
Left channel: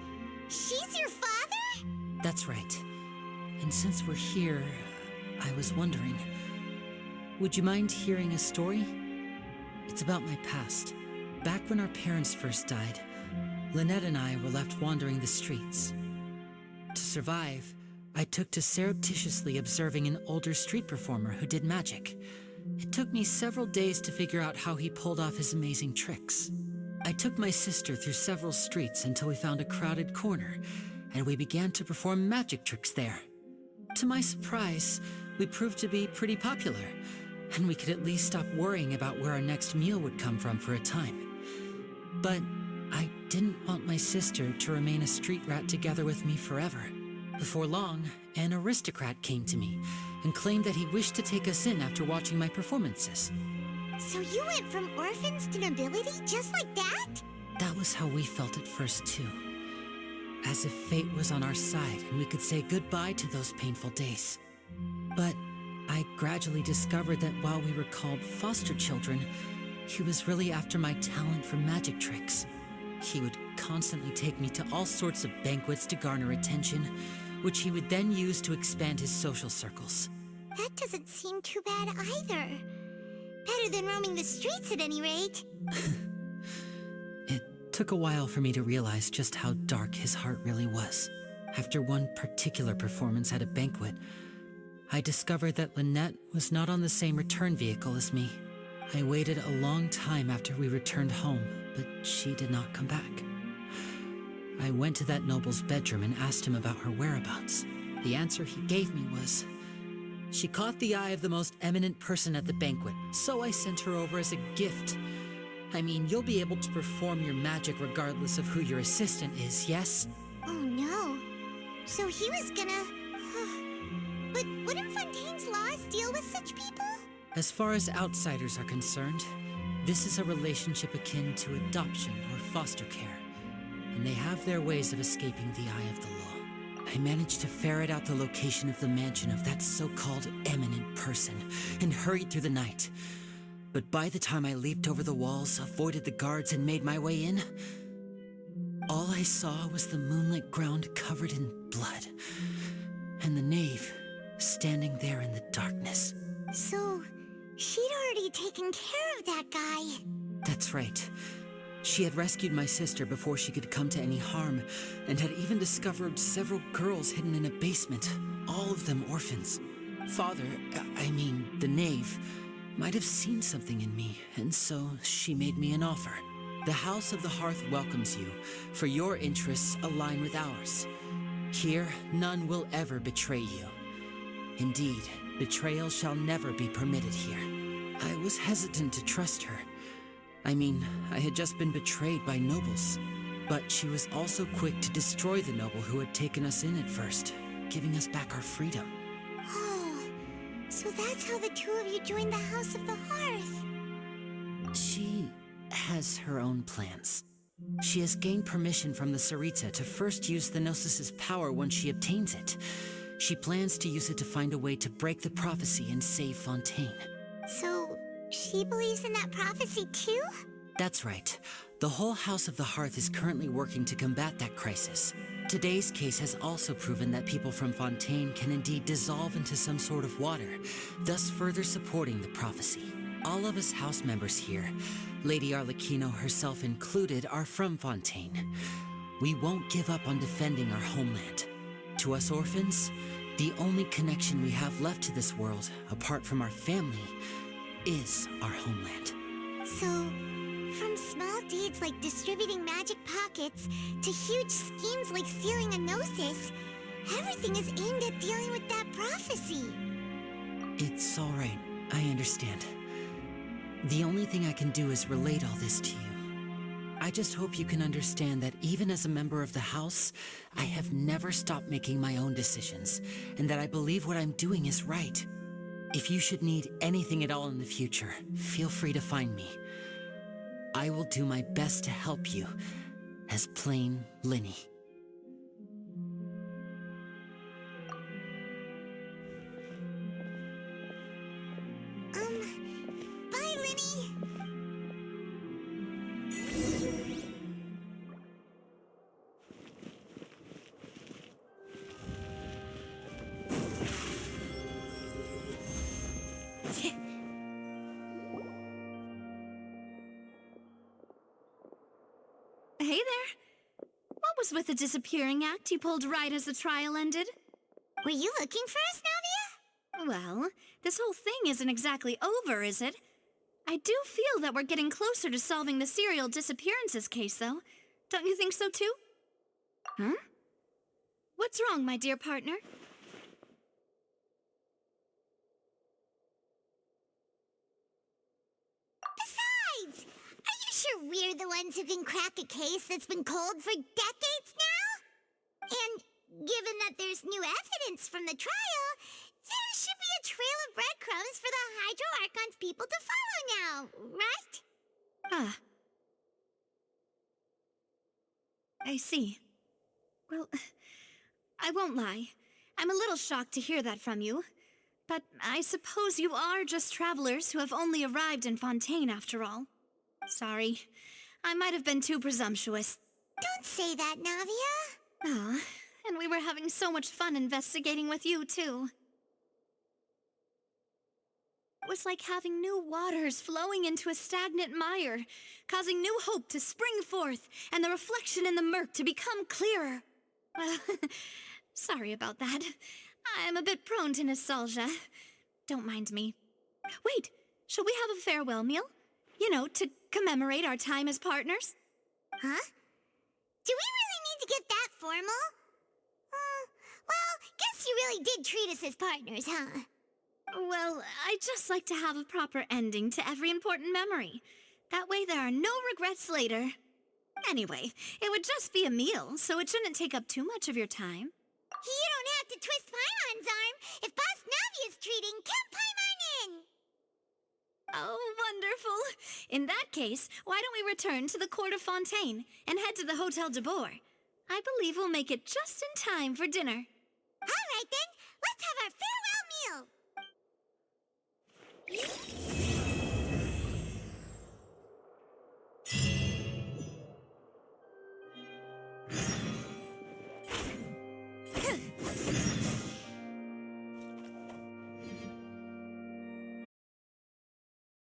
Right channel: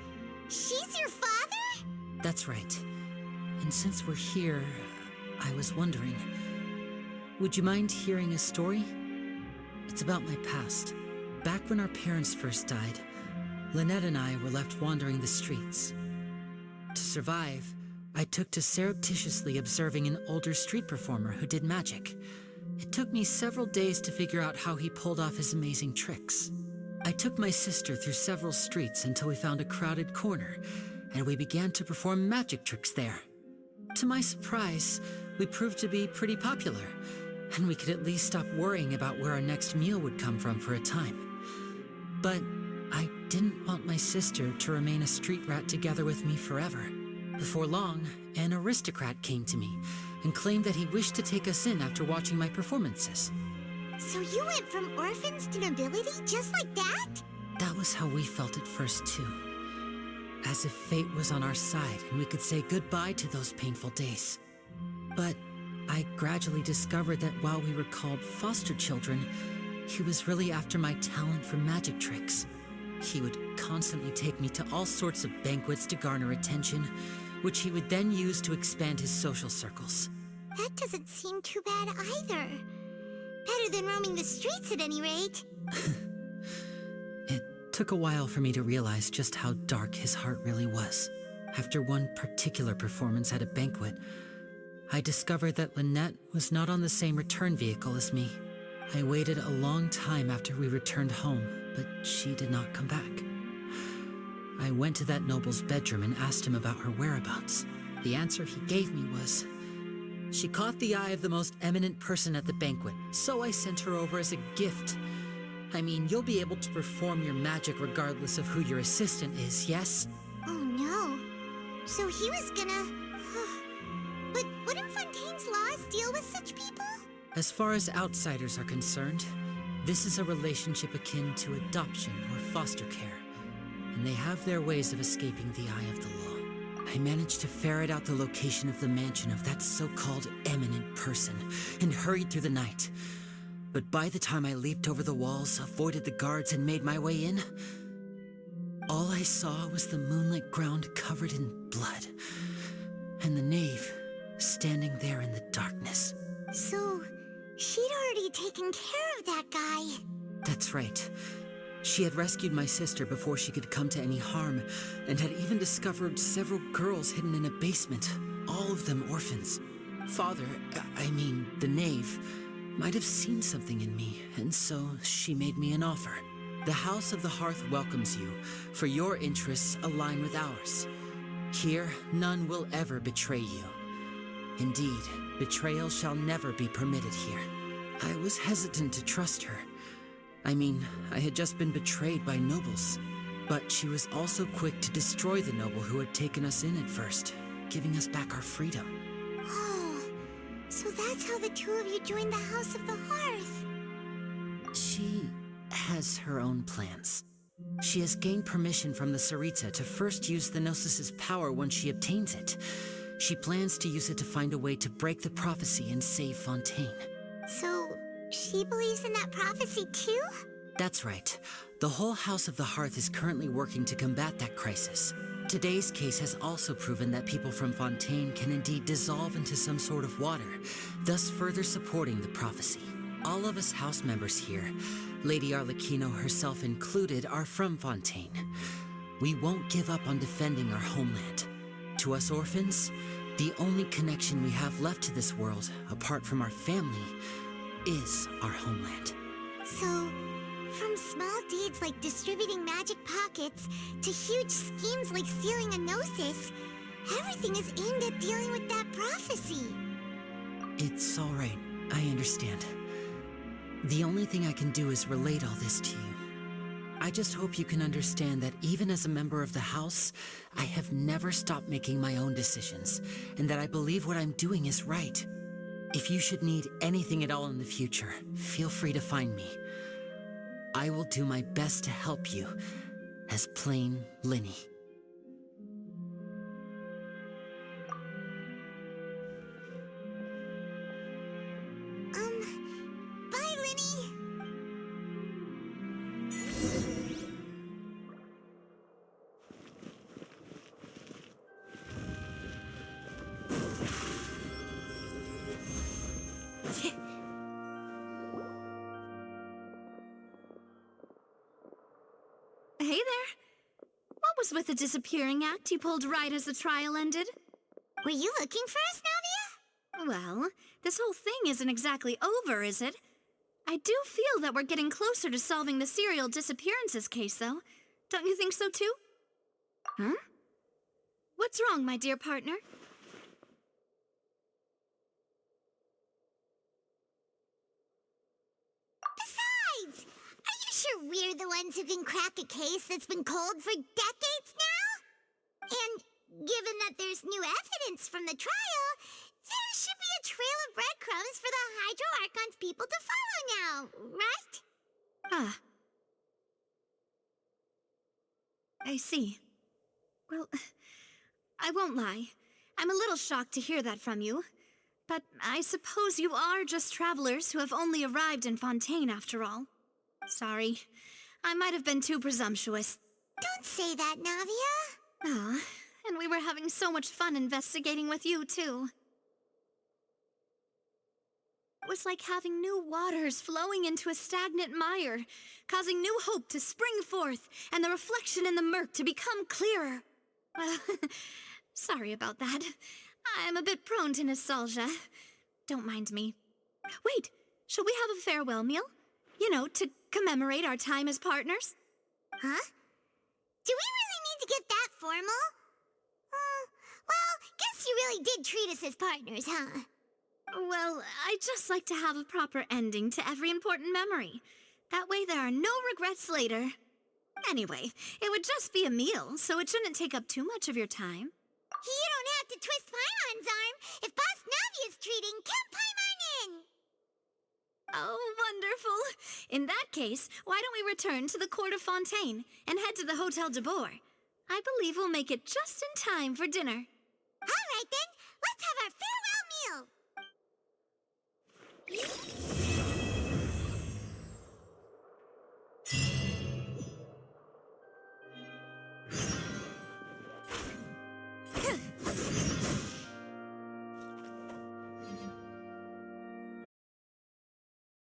She's your father? That's right. And since we're here, I was wondering, would you mind hearing a story? It's about my past. Back when our parents first died, Lynette and I were left wandering the streets. To survive, I took to surreptitiously observing an older street performer who did magic. It took me several days to figure out how he pulled off his amazing tricks. I took my sister through several streets until we found a crowded corner, and we began to perform magic tricks there. To my surprise, we proved to be pretty popular, and we could at least stop worrying about where our next meal would come from for a time. But I didn't want my sister to remain a street rat together with me forever. Before long, an aristocrat came to me and claimed that he wished to take us in after watching my performances. So you went from orphans to nobility just like that? That was how we felt at first, too. As if fate was on our side and we could say goodbye to those painful days. But I gradually discovered that while we were called foster children, he was really after my talent for magic tricks. He would constantly take me to all sorts of banquets to garner attention, which he would then use to expand his social circles. That doesn't seem too bad either. Better than roaming the streets at any rate. It took a while for me to realize just how dark his heart really was. After one particular performance at a banquet, I discovered that Lynette was not on the same return vehicle as me. I waited a long time after we returned home, but she did not come back. I went to that noble's bedroom and asked him about her whereabouts. The answer he gave me was, she caught the eye of the most eminent person at the banquet, so I sent her over as a gift. I mean, you'll be able to perform your magic regardless of who your assistant is, yes? Oh no. So he was gonna... But wouldn't Fontaine's laws deal with such people? As far as outsiders are concerned, this is a relationship akin to adoption or foster care, and they have their ways of escaping the eye of the law. I managed to ferret out the location of the mansion of that so-called eminent person and hurried through the night. But by the time I leaped over the walls, avoided the guards, and made my way in, All I saw was the moonlit ground covered in blood, and the knave standing there in the darkness. So, she'd already taken care of that guy. That's right. She had rescued my sister before she could come to any harm, and had even discovered several girls hidden in a basement, all of them orphans. Father, the knave, might have seen something in me, and so she made me an offer. The House of the Hearth welcomes you, for your interests align with ours. Here, none will ever betray you. Indeed, betrayal shall never be permitted here. I was hesitant to trust her. I had just been betrayed by nobles. But she was also quick to destroy the noble who had taken us in at first, giving us back our freedom. Oh, so that's how the two of you joined the House of the Hearth. She has her own plans. She has gained permission from the Tsaritsa to first use the Gnosis' power once she obtains it. She plans to use it to find a way to break the prophecy and save Fontaine. So, she believes in that prophecy too? That's right. The whole House of the Hearth is currently working to combat that crisis. Today's case has also proven that people from Fontaine can indeed dissolve into some sort of water, thus further supporting the prophecy. All of us house members here, Lady Arlecchino herself included, are from Fontaine. We won't give up on defending our homeland. To us orphans, the only connection we have left to this world, apart from our family, is our homeland. So, from small deeds like distributing magic pockets to huge schemes like stealing a Gnosis, everything is aimed at dealing with that prophecy. It's all right. I understand. The only thing I can do is relate all this to you. I just hope you can understand that even as a member of the House, I have never stopped making my own decisions, and that I believe what I'm doing is right. If you should need anything at all in the future, feel free to find me. I will do my best to help you, as plain Linny. Bye, Linny! Hey there. What was with the disappearing act you pulled right as the trial ended? Were you looking for us, Navia? Well, this whole thing isn't exactly over, is it? I do feel that we're getting closer to solving the serial disappearances case, though. Don't you think so, too? Huh? What's wrong, my dear partner? Besides, are you sure we're the ones who can crack a case that's been cold for decades now? And given that there's new evidence from the trial, there should be a trail of breadcrumbs for the Hydro Archon's people to follow now, right? Ah. I see. Well, I won't lie. I'm a little shocked to hear that from you. But I suppose you are just travelers who have only arrived in Fontaine after all. Sorry. I might have been too presumptuous. Don't say that, Navia. Ah, and we were having so much fun investigating with you, too. It was like having new waters flowing into a stagnant mire, causing new hope to spring forth, and the reflection in the murk to become clearer. Well, sorry about that. I'm a bit prone to nostalgia. Don't mind me. Wait, shall we have a farewell meal? You know, to commemorate our time as partners? Huh? Do we really need to get that formal? Well, guess you really did treat us as partners, huh? Well, I'd just like to have a proper ending to every important memory. That way there are no regrets later. Anyway, it would just be a meal, so it shouldn't take up too much of your time. You don't have to twist Paimon's arm. If Boss Navia's treating, count Paimon in! Oh, wonderful. In that case, why don't we return to the court of Fontaine and head to the Hotel de Boer? I believe we'll make it just in time for dinner. All right, then. Let's have our farewell meal.